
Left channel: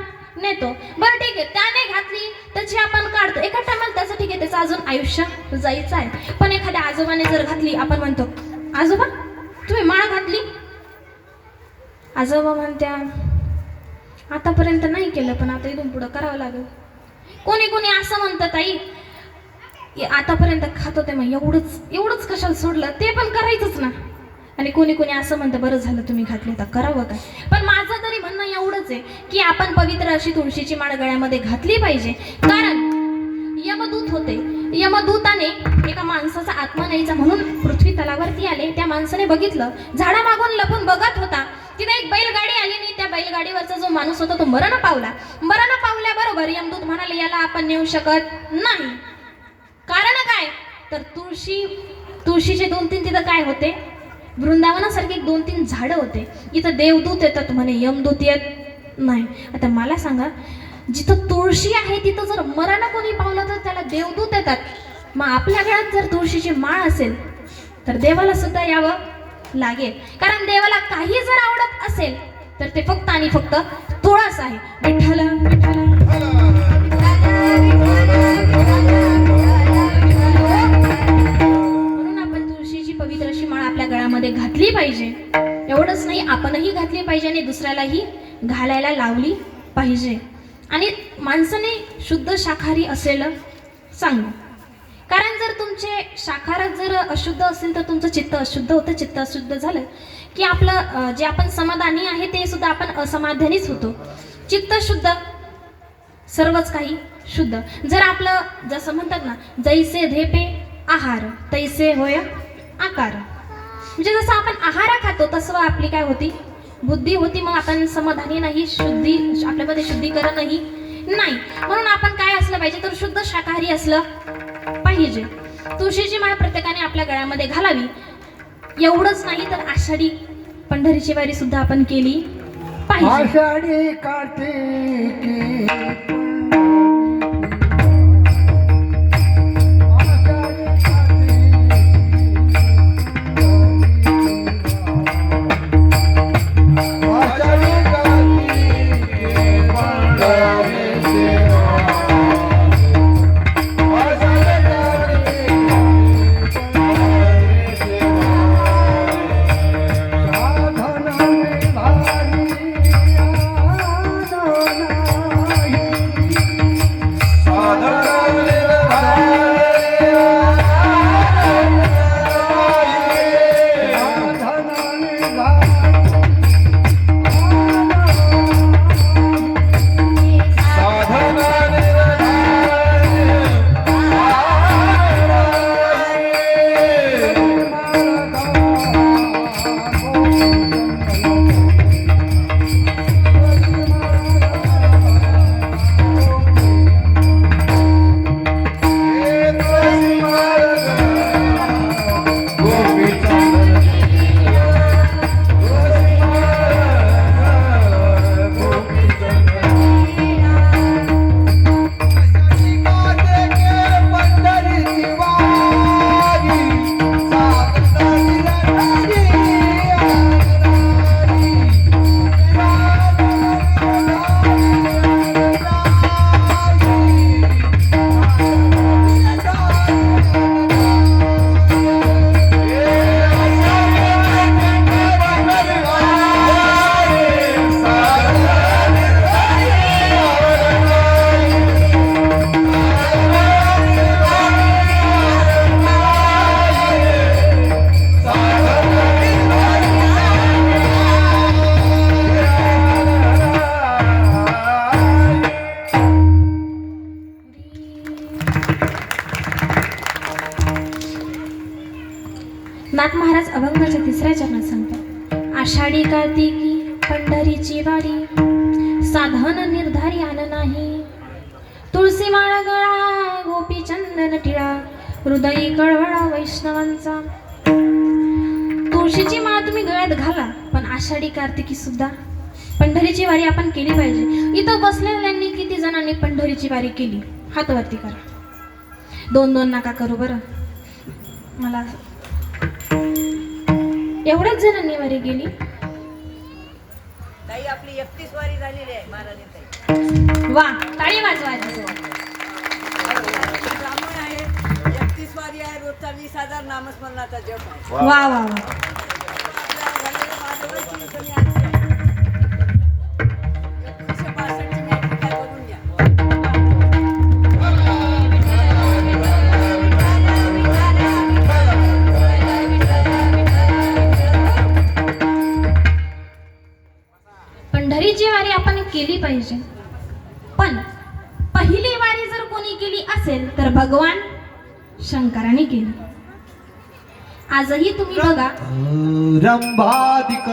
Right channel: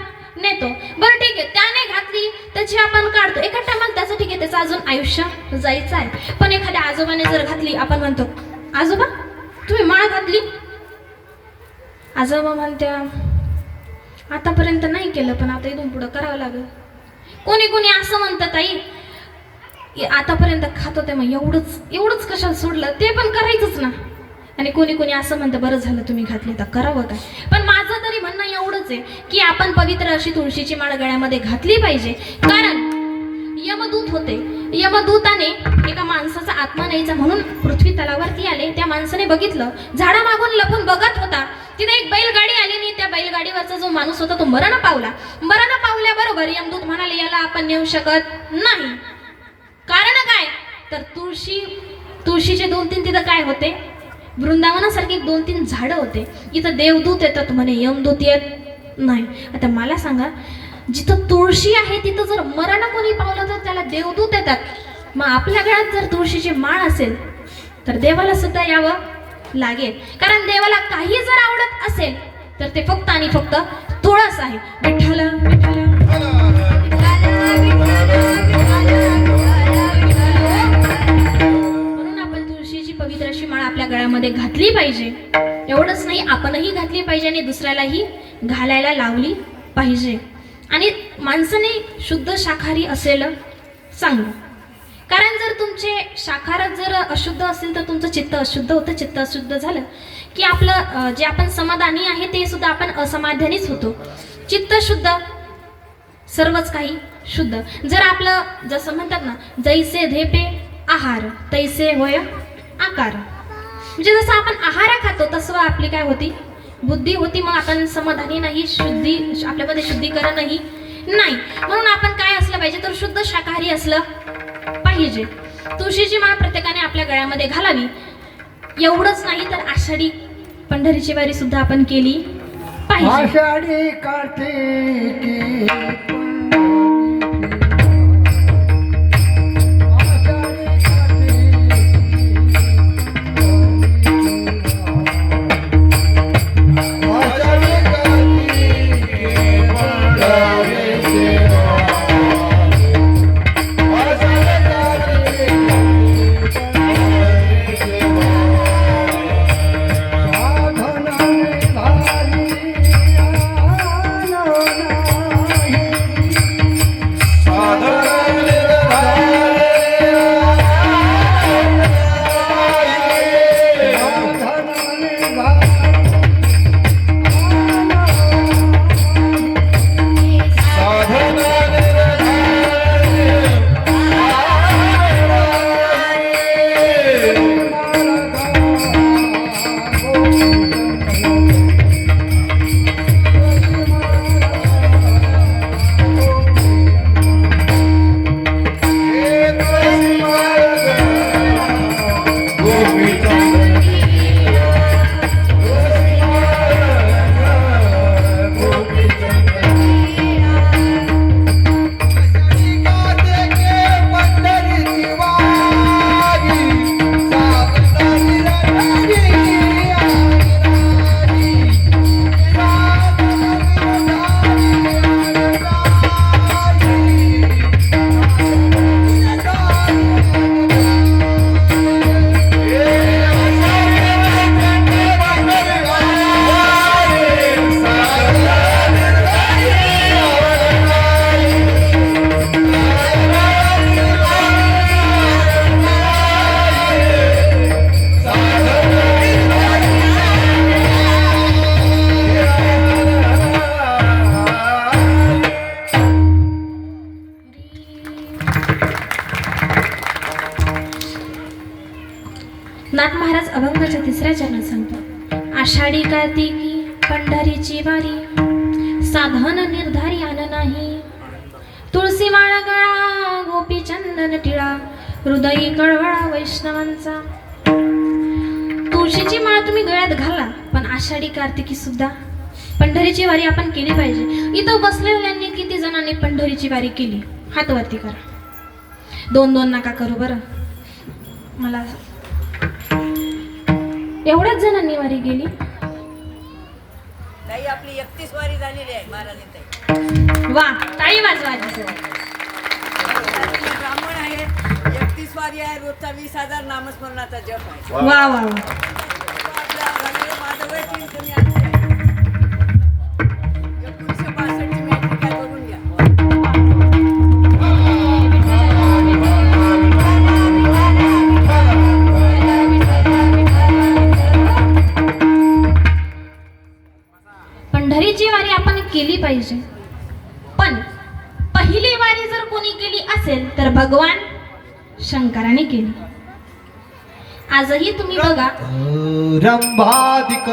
नेतो. बरं ठीक आहे, त्याने घातली त्याची आपण काढतो. एका टायमाला त्याचं ठीक आहे, त्याचा अजून आयुष्य जायचं आहे. पण एखाद्या आजोबाने जर घातली, आपण म्हणतो आजोबा तुम्ही माळ घातली. आजोबा म्हणत्या आतापर्यंत नाही केलं पण आता इथून पुढं करावं लागेल. कोणी कोणी असं म्हणतं ताई आतापर्यंत खात होते मग एवढंच कशाला सोडलं, ते पण करायचंच ना. आणि कोणी कोणी असं म्हणतं बरं झालं तुम्ही घातली तर करावं का. पण माझं तरी म्हणणं एवढंच आहे की आपण पवित्र अशी तुळशीची माळ गळ्यामध्ये घातली पाहिजे. कारण यमदूत होते, यमदूताने एका माणसाचा आत्मा न्यायचा म्हणून पृथ्वी तलावरती आले. त्या माणसाने बघितलं झाडामागून लपून बघत होता. तिथे एक बैलगाडी आली आणि त्या बैलगाडीवरचा जो माणूस होता तो मरण पावला. मरण पावल्याबरोबर यमदूत म्हणाले याला आपण नेऊ शकत नाही. कारण काय तर तुळशीचे 2-3 तिथं काय होते, वृंदावनासारखे 2-3 झाडं होते. इथं देवदूत येतात म्हणे, यमदूत येत नाही. आता मला सांगा जिथं तुळशी आहे तिथं जर मरण कोणी पावलं तर त्याला देवदूत येतात. मग आपल्या घरात जर तुळशीची माळ असेल तर देवाला सुद्धा यावं लागेल. कारण देवाला काही जर आवडत असेल तर ते फक्त आणि फक्त तुळस आहे. विठ्ठल विठ्ठल म्हणून आपण तुळशीची पवित्र अशी माळ आपल्या गळ्यामध्ये घातली पाहिजे. एवढंच नाही आपणही घातली पाहिजे आणि दुसऱ्यालाही घालायला लावली पाहिजे. आणि माणसाने शुद्ध शाकाहारी असेल चांगलं. कारण जर तुमचे शाकाहार जर अशुद्ध असेल तर तुमचं चित्त अशुद्ध होतं. चित्त अशुद्ध झालं की आपलं जे आपण समाधानी आहे ते सुद्धा आपण असमाधानीच होतो. चित्त शुद्ध सर्वच काही शुद्ध. जर आपलं जसं म्हणतात ना जैसे धेपे आहार तैसे होय आकार. म्हणजे जसं आपण आहार खातो तसं आपली काय होती बुद्धी होती. मग आपण समाधानी नाही, आपल्यामध्ये शुद्धीकरणही नाही. म्हणून आपण काय असलं पाहिजे तर शुद्ध शाकाहारी असलं पाहिजे. तुळशीची माळ प्रत्येकाने आपल्या गळ्यामध्ये घालावी. एवढंच नाही तर आषाढी पंढरीची वारी सुद्धा आपण केली पाहिजे. आषाढी कार्तिकी नाथ महाराज अभंगाच्या 3ऱ्या चरणात सांगतात आषाढी कार्तिकी पंढरीची वारी साधन निर्धारी आन नाही. तुळशी माळ गळा गोपी चंदन टिळा हृदयी कळवळा वैष्णवांचा. तुळशीची माळ तुम्ही गळ्यात घाला पण आषाढी कार्तिकी सुद्धा पंढरीची वारी आपण केली पाहिजे. इथं बसलेल्यांनी किती जणांनी पंढरीची वारी केली हात वरती करा. 2-2 नका करू बरं. मला एवढ्याच जणांनी वारी गेली. ताई आपली 31 वारी झालेली आहे महाराजांची. वा टाळी वाजवा. ब्राह्मण आहे आहे, रोजचा 20,000 नामस्मरणाचा जप आहे. वा. वा वा वा. आपल्या झालेलं माझं वय 3 कमी आहे. 1962 ची मॅट्रिक आहे, बघून घ्या. पंढरीची वारी आपण केली पाहिजे, पण पहिली वारी जर कोणी केली असेल तर भगवान शंकराने केली. आजही तुम्ही बघा, रंभादिक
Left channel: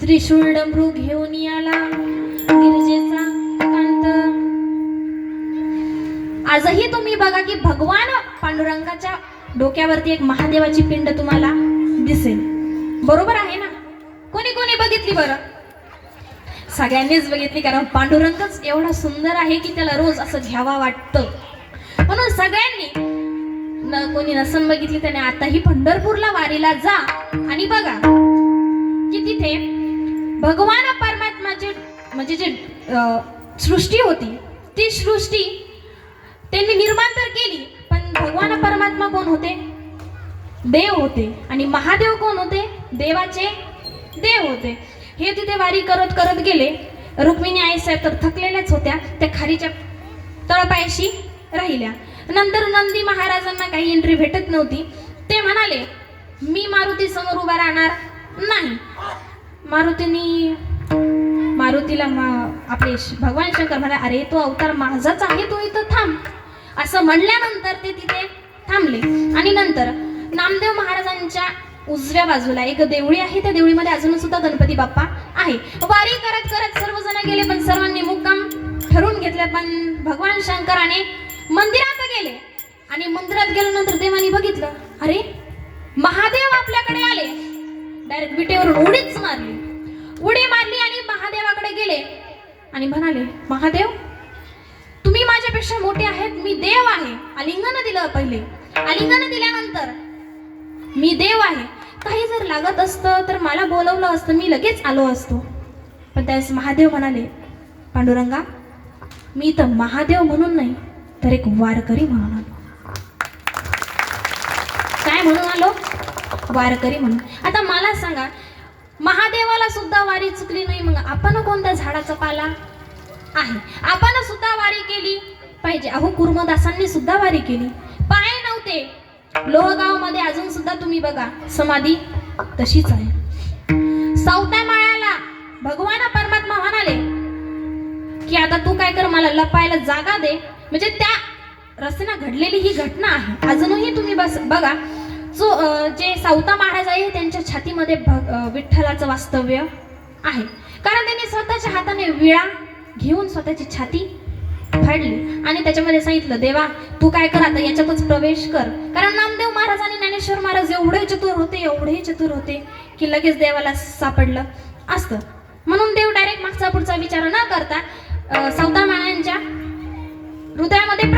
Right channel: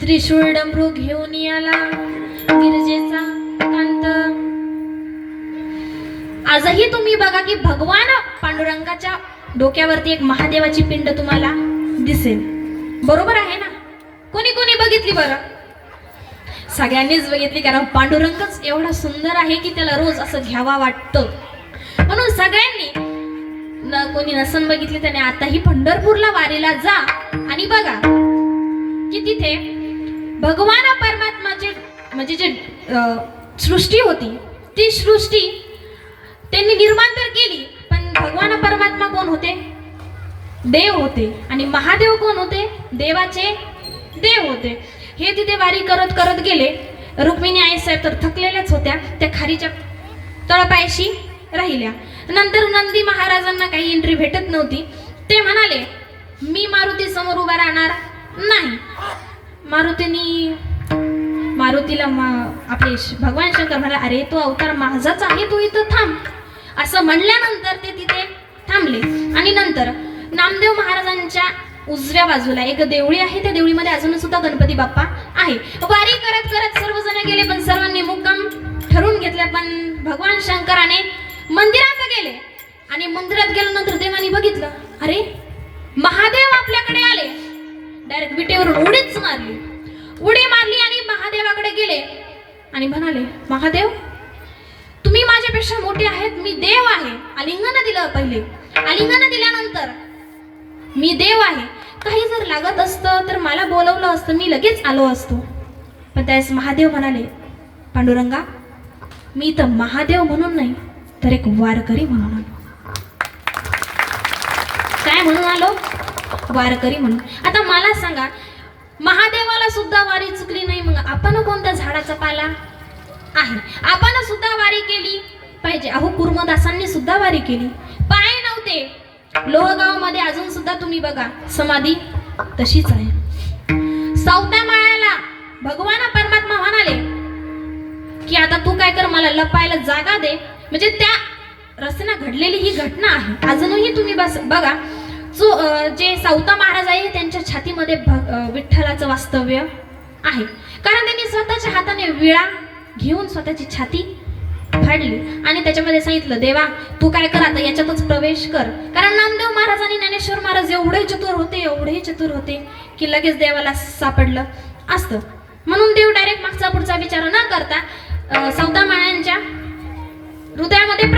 त्रिशूळ डमरू घेऊन आला गिरजेचा कांत. आजही तुम्ही बघा की भगवान पांडुरंगाच्या डोक्यावरती एक महादेवाची पिंड तुम्हाला दिसेल. बरोबर आहे ना? कोणी कोणी बघितली बरं? सगळ्यांनीच बघितली, कारण पांडुरंगच एवढा सुंदर आहे की त्याला रोज असं घ्यावा वाटतं. म्हणून सगळ्यांनी कोणी नसन बघितली त्याने आताही पंढरपूरला वारीला जा आणि बघा की तिथे भगवान परमात्माचे म्हणजे जे सृष्टी होती ती सृष्टी त्यांनी निर्माण तर केली, पण भगवान परमात्मा कोण होते? देव होते. आणि महादेव कोण होते? देवाचे देव होते. हे तिथे वारी करत करत गेले. रुक्मिणी आईसाहेब तर थकलेल्याच होत्या, त्या खारीच्या तळपायाशी राहिल्या. नंतर नंदी महाराजांना काही एंट्री भेटत नव्हती. ते म्हणाले, मी मारुती समोर उभा राहणार नाही. मारुतीला आपले भगवान शंकर म्हणाले, अरे तो अवतार माझाच आहे, तू इथं थांब. असं म्हणल्यानंतर ते तिथे थांबले. आणि नंतर नामदेव महाराजांच्या उजव्या बाजूला एक देवळी आहे, त्या देवळीमध्ये अजून सुद्धा गणपती बाप्पा आहे. वारी करत करत सर्वजण गेले, पण सर्वांनी मुक्काम ठरवून घेतले. पण भगवान शंकराने मंदिरात गेले आणि मंदिरात गेल्यानंतर देवानी बघितलं, अरे महादेव आपल्याकडे आले. डायरेक्ट विटेवरून उडी मारली आणि महादेवाकडे गेले आणि म्हणाले, महादेव तुम्ही माझ्यापेक्षा मोठे आहेत, मी देव आहे. आलिंगन दिलं पहिले. आलिंगन दिल्यानंतर मी देव आहे, काही जर लागत असतं तर मला बोलवलं असतं, मी लगेच आलो असतो. पण त्यावेळेस महादेव म्हणाले, पांडुरंगा मी तर महादेव म्हणून नाही तर एक वारकरी म्हणून. काय म्हणून आलो? वारकरी म्हणून. आता मला सांगा, महादेवाला सुद्धा वारी चुकली नाही, मग आपण कोणत्या झाडाचा पाला आहे? आपण सुद्धा वारी केली पाहिजे. अहो कुर्मदासांनी सुद्धा वारी केली, पाय नव्हते. लोहगावमध्ये अजून सुद्धा तुम्ही बघा समाधी तशीच आहे. सावता माळ्याला भगवान परमात्मा म्हणाले की आता तू काय कर, मला लपायला जागा दे. म्हणजे त्या रस्त्याने घडलेली ही घटना आहे. अजूनही तुम्ही बघा, जो जे सावता महाराज आहे त्यांच्या छातीमध्ये विठ्ठलाचं वास्तव्य आहे, कारण त्यांनी स्वतःच्या हाताने विळा घेऊन स्वतःची छाती फाडली आणि त्याच्यामध्ये सांगितलं, देवा तू काय कर, आता याच्यातच प्रवेश कर. कारण नामदेव महाराज आणि ज्ञानेश्वर महाराज एवढे चतुर होते की लगेच देवाला सापडलं असतं. म्हणून देव डायरेक्ट मागचा पुढचा विचार न करता सावता महाराजांच्या हृदयामध्ये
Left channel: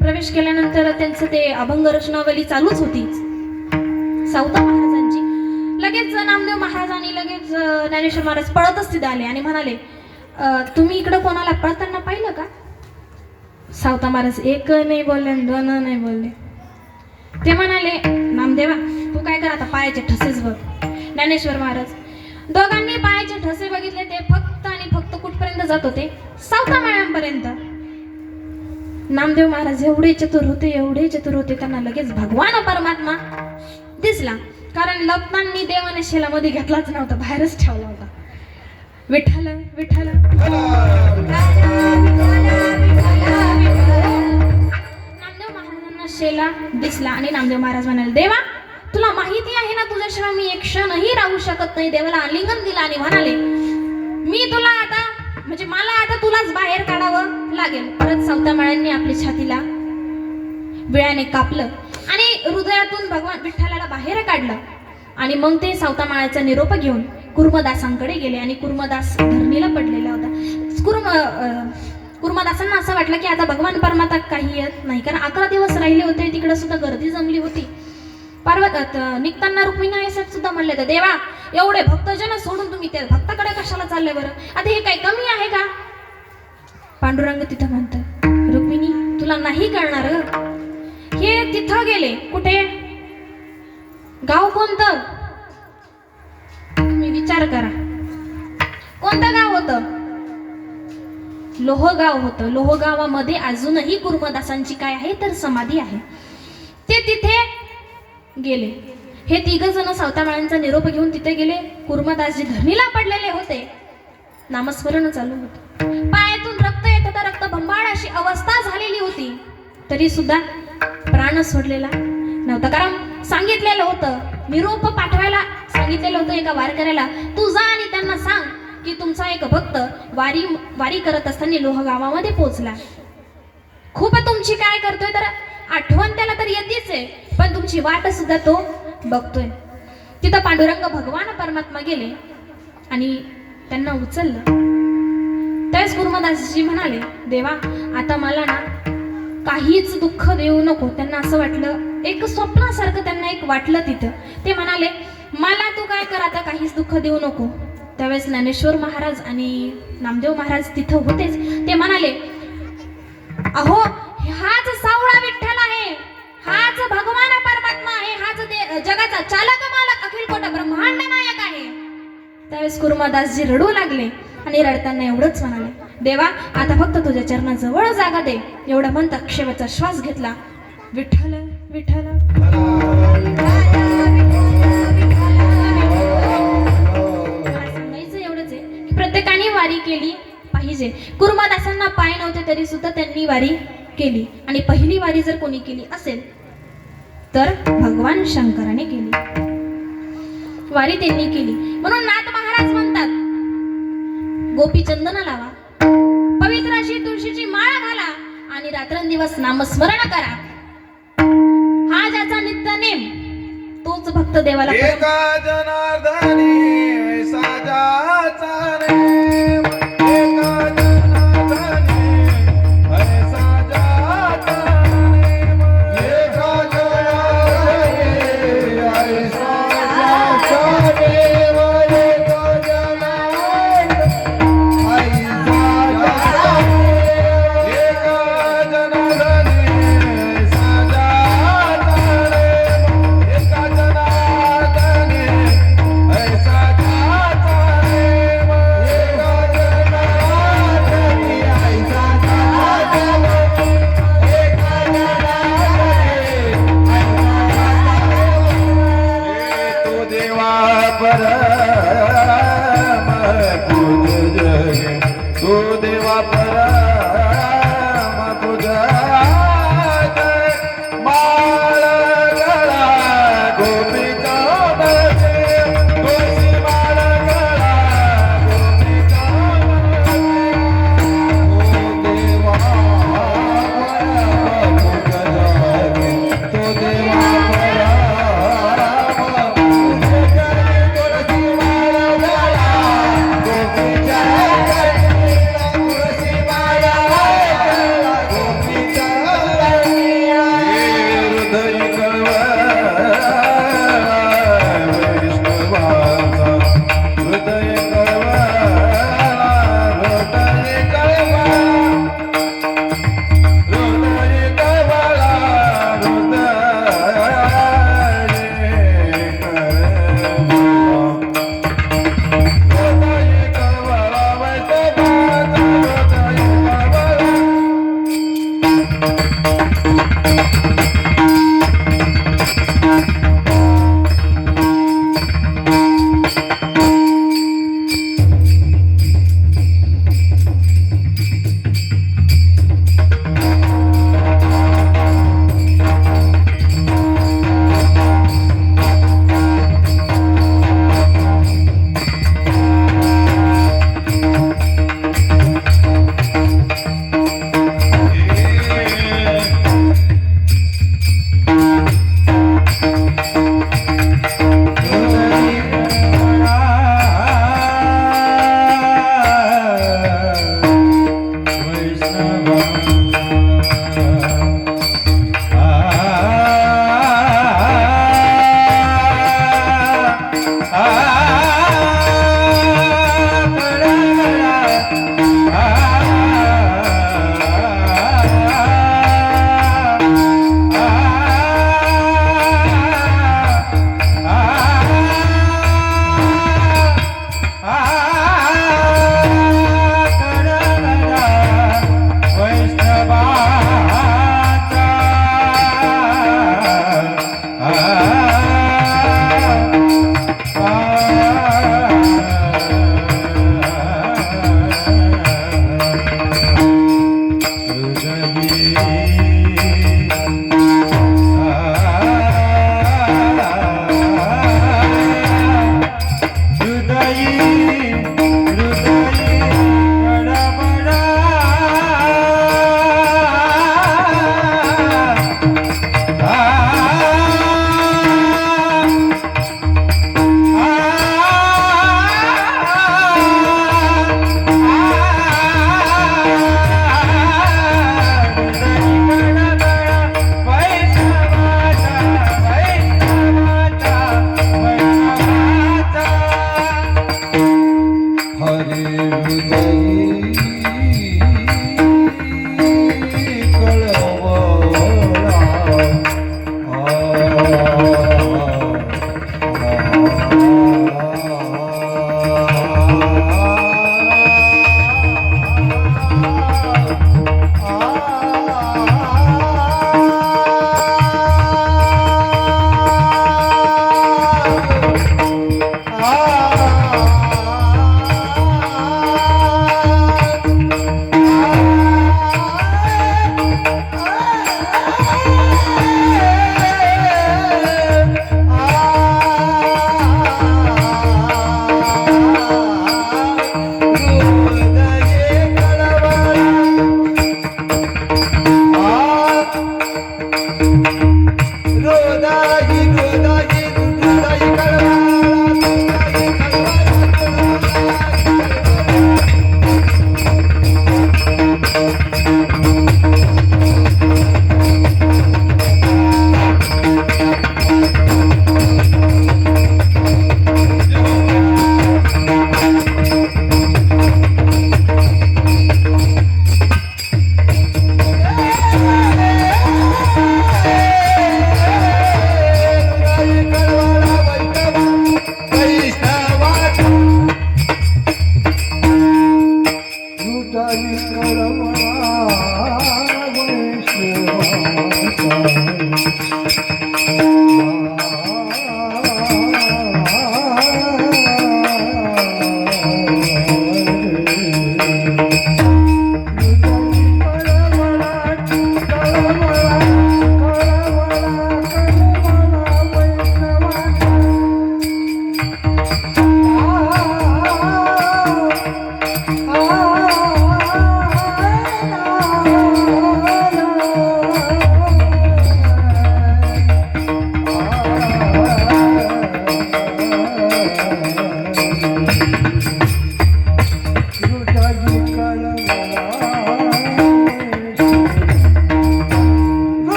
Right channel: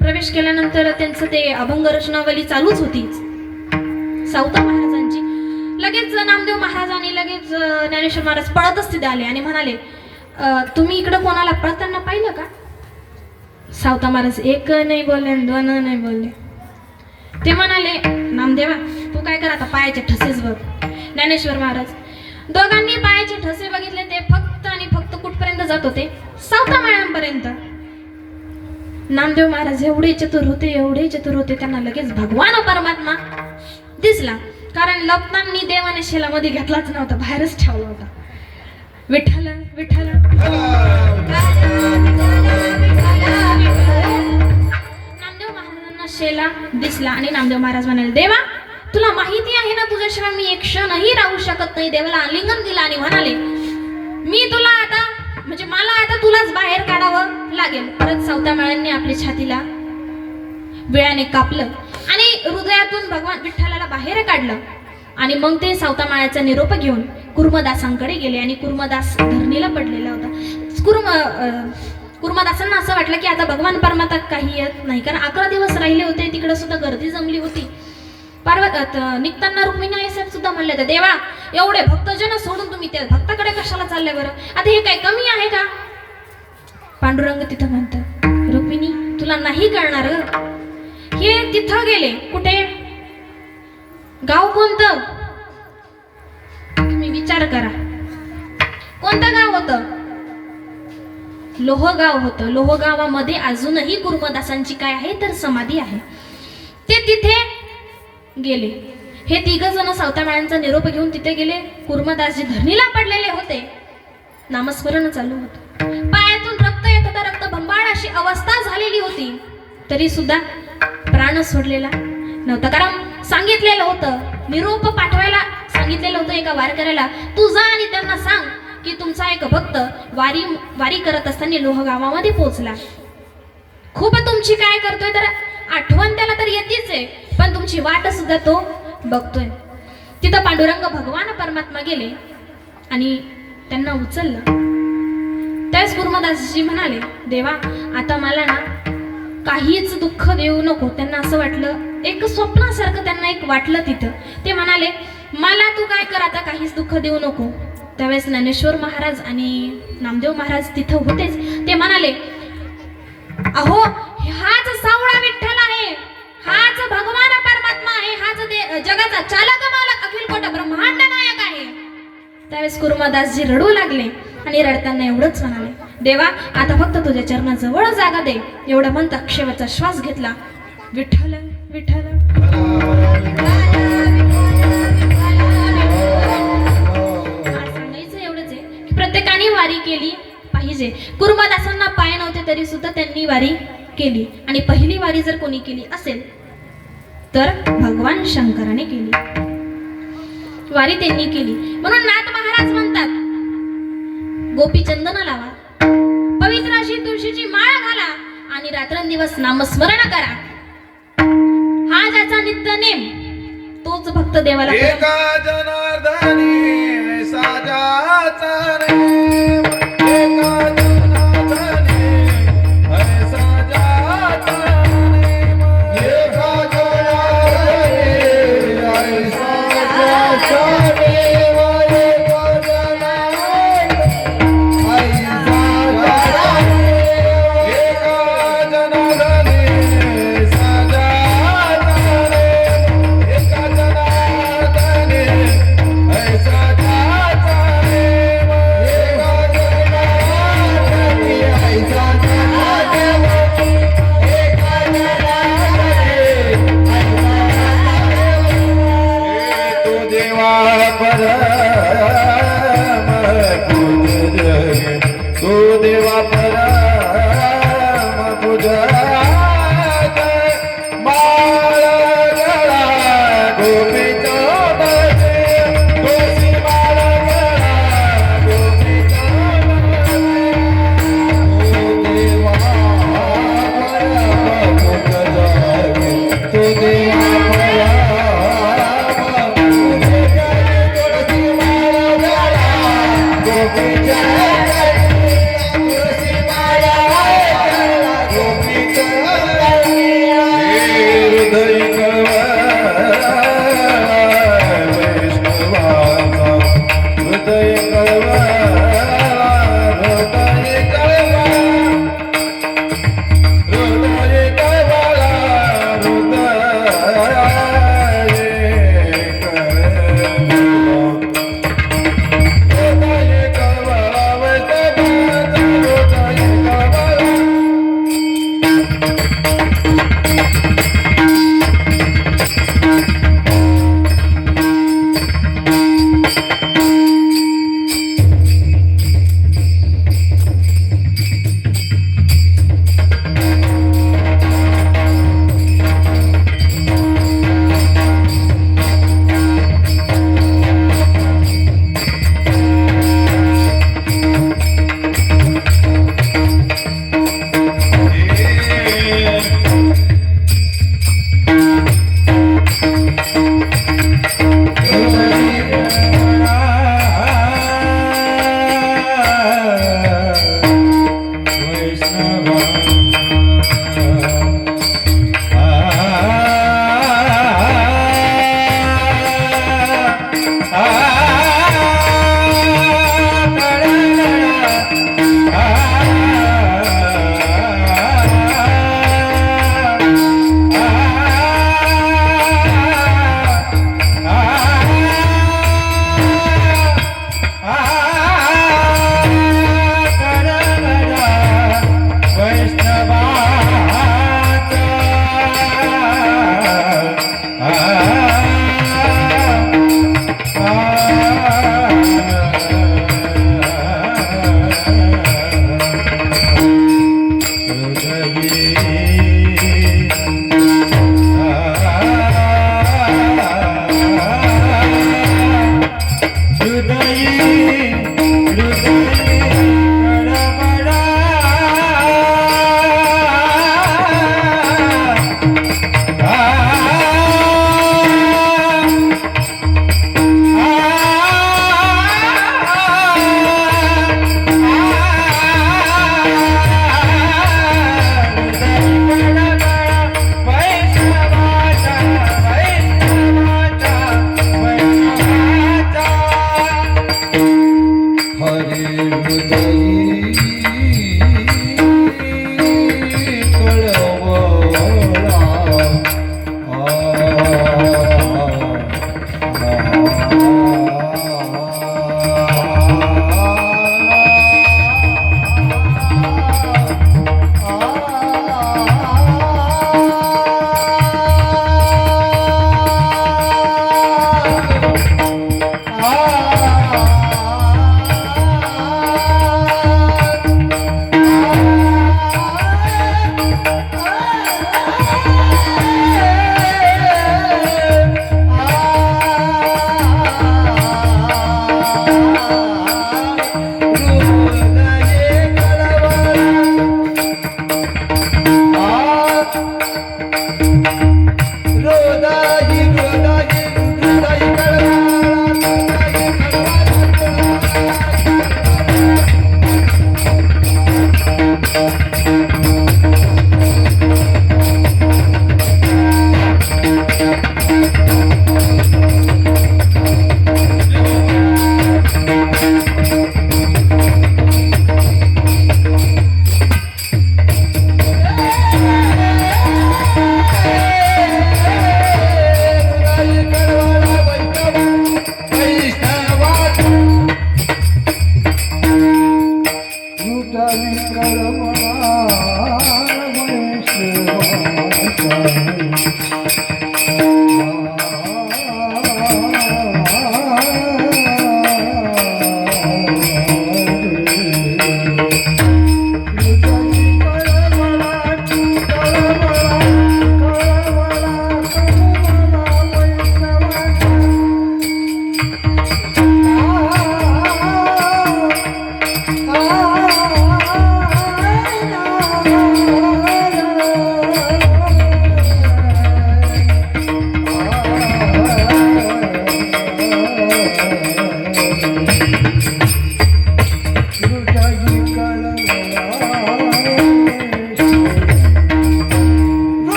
प्रवेश केल्यानंतर त्यांचं ते अभंग रचनावली चालूच होती सावता महाराजांची. लगेच नामदेव महाराजांनी लगेच ज्ञानेश्वर महाराज पळतच तिथे आले आणि म्हणाले, तुम्ही इकडं कोणाला पळताना पाहिलं का? सावता महाराज एक नाही बोलले, दोन नाही बोलले. ते म्हणाले, नामदेवा तू काय कर, आता पायाचे ठसेच बघ. ज्ञानेश्वर महाराज दोघांनी पायाचे ठसे बघितले जात होते सावतामाळ्यांपर्यंत. नामदेव महाराज एवढे चतुर होते, त्यांना लगेच भगवान परमात्मा दिसला. कारण लपतांनी देवाने शेलामध्ये घेतलाच नव्हता, बाहेरच ठेवला होता. विठ्ठल विठ्ठल नामदेव महाराजांना शेला दिसला आणि नामदेव महाराज म्हणाले, देवा तुला माहिती आहे ना तुझ्याशिवाय मी एक क्षणही राहू शकत नाही. देवाला आलिंगन दिला आणि म्हणाले, मी तुला आता म्हणजे मला आता तुलाच बाहेर काढावं लागेल. परत सावतामाळ्यांनी आपल्या छातीला विळ्याने कापलं आणि हृदयातून भगवान विठ्ठलाला बाहेर काढलं. आणि मग ते सावतामाळ्याचा निरोप घेऊन कुर्मदासांकडे गेले आणि कुर्मदास धरणीला पडलेला होता. कुर्मदासांना असं वाटलं की आता भगवान परमात्मा काही येत नाही, कारण 11 दिवस राहिले होते, तिकडे सुद्धा गर्दी जमली होती. निघताना रुक्मिणी आई साहेब सुद्धा म्हणले होते, देवा एवढे भक्तजन सोडून तुम्ही त्या भक्ताकडे कशाला चालले बरं, आता हे काय कमी आहे का? पांडुरंग तिथं म्हणतात, रुक्मिणी तुला नाही कळणार. हे तिथं गेले कुठे, गाव कोणतं तुम्ही विचार करा, कोणतं गाव होतं? लोहगाव होतं. लोहगावामध्ये अजूनही कुर्मदासांची काय आहे तर समाधी आहे. ते तिथे गेले. हे तिघ जण सावतामाळ्यांचा निरोप घेऊन तिथे गेले. कुर्मदासजी धरणीला पडलेले होते, नामस्मरण चालू होतं. पायातून रक्त येत होतं, रक्त बंबाळ अशी अवस्था झालेली होती, तरी सुद्धा प्राण सोडलेला नव्हता. कारण सांगितलेलं होतं, निरोप पाठवायला सांगितलेलं होतं एका वारकऱ्याला, तू जा आणि त्यांना सांग की तुमचा एक भक्त वारी करत असताना लोहगावामध्ये पोहोचला. खूप तुमची काय करतोय तर आठवण त्याला तर येतेच आहे, पण तुमची वाट सुद्धा तो बघतोय. तिथं पांडुरंग भगवान परमात्मा गेले आणि त्यांना उचललं. त्यावेळेस कुर्मदासजी म्हणाले, देवा आता मला ना काहीच दुःख देऊ नको. त्यांना असं वाटलं, एक स्वप्नासारखं त्यांना एक वाटलं तिथं. ते म्हणाले, मला तू काय कर, आता काहीच दुःख देऊ नको. त्यावेळेस ज्ञानेश्वर महाराज आणि नामदेव महाराज तिथं होतेच. ते म्हणाले, अहो हाच सावळा विठ्ठल आहे, हाच भगवान परमात्मा आहे, हाच जगाचा चालक मालक अखिल कोट ब्रह्मांड नायक आहे. त्यावेळेस कुर्मदासजी रडू लागले आणि रडताना एवढंच म्हणाले, देवा आता फक्त तुझ्या चरणाजवळ जागा दे. एवढा म्हणता शेवटचा श्वास घेतला. विठ्ठल विठ्ठल सांगायचं एवढंच आहे की प्रत्येकाने वारी केली पाहिजे. कुर्मदासांना पाय नव्हते तरी सुद्धा त्यांनी वारी केली. आणि पहिली वारी जर कोणी केली असेल तर भगवान शंकराने केली वारी, त्यांनी केली. म्हणून नाथ महाराज म्हणतात, गोपी चंदन लावा, पवित्र अशी तुळशीची माळ घाला आणि रात्रंदिवस नामस्मरण करा. हा ज्याचा नित्य नेम तोच भक्त देवाला एका जनार्दनी ऐसा ज्याचा नेम, एका जनार्दनी ऐसा ज्याचा नेम, एका जनार्दनी ऐसा ज्याचा नेम, एका जनार्दनी ऐसा ज्याचा नेम, एका जनार्दनी ऐसा ज्याचा नेम, एका जनार्दनी ऐसा ज्याचा नेम.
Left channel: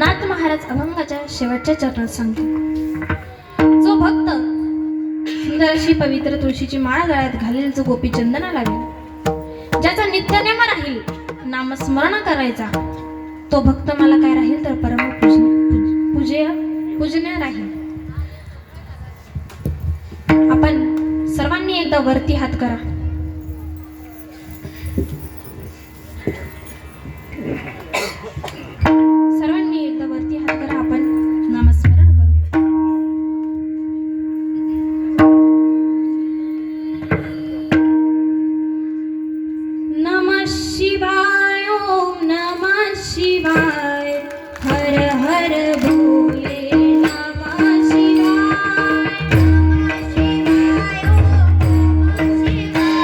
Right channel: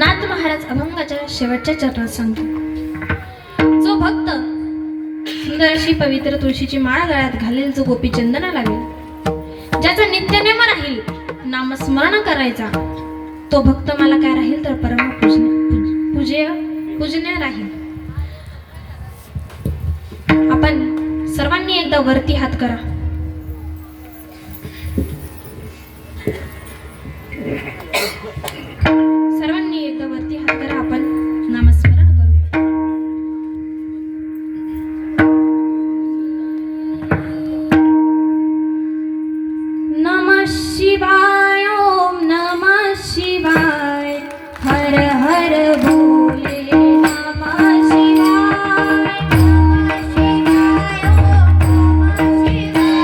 नाथ महाराज अभंगाच्या शेवटच्या चरणात सांगतो, जो भक्त सुंदर अशी पवित्र तुळशीची माळा गळ्यात घालेल, जो गोपी चंदना लावेल, ज्याचा नित्यनेम राहील नामस्मरण करायचा, तो भक्त मला काय राहील तर परम पूजनीय राहील. आपण सर्वांनी एकदा वरती हात करा. सर्वांनी एकदा वरती हात करा. आपण नामस्मरण करूया. नमः शिवाय, ओम नमः शिवाय, हर हर भोले. नमः शिवाय, नमः शिवाय, ओम नमः शिवाय.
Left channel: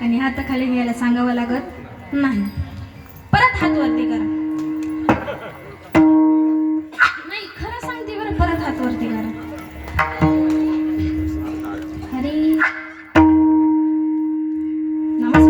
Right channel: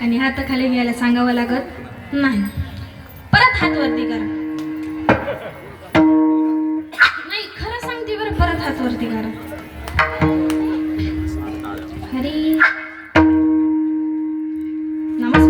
आणि हाताखाली घ्यायला सांगावं लागत नाही. परत हात वरती करा. नाही, खरं सांगते बरं, परत हात वरती करा. हरी नमस्कार.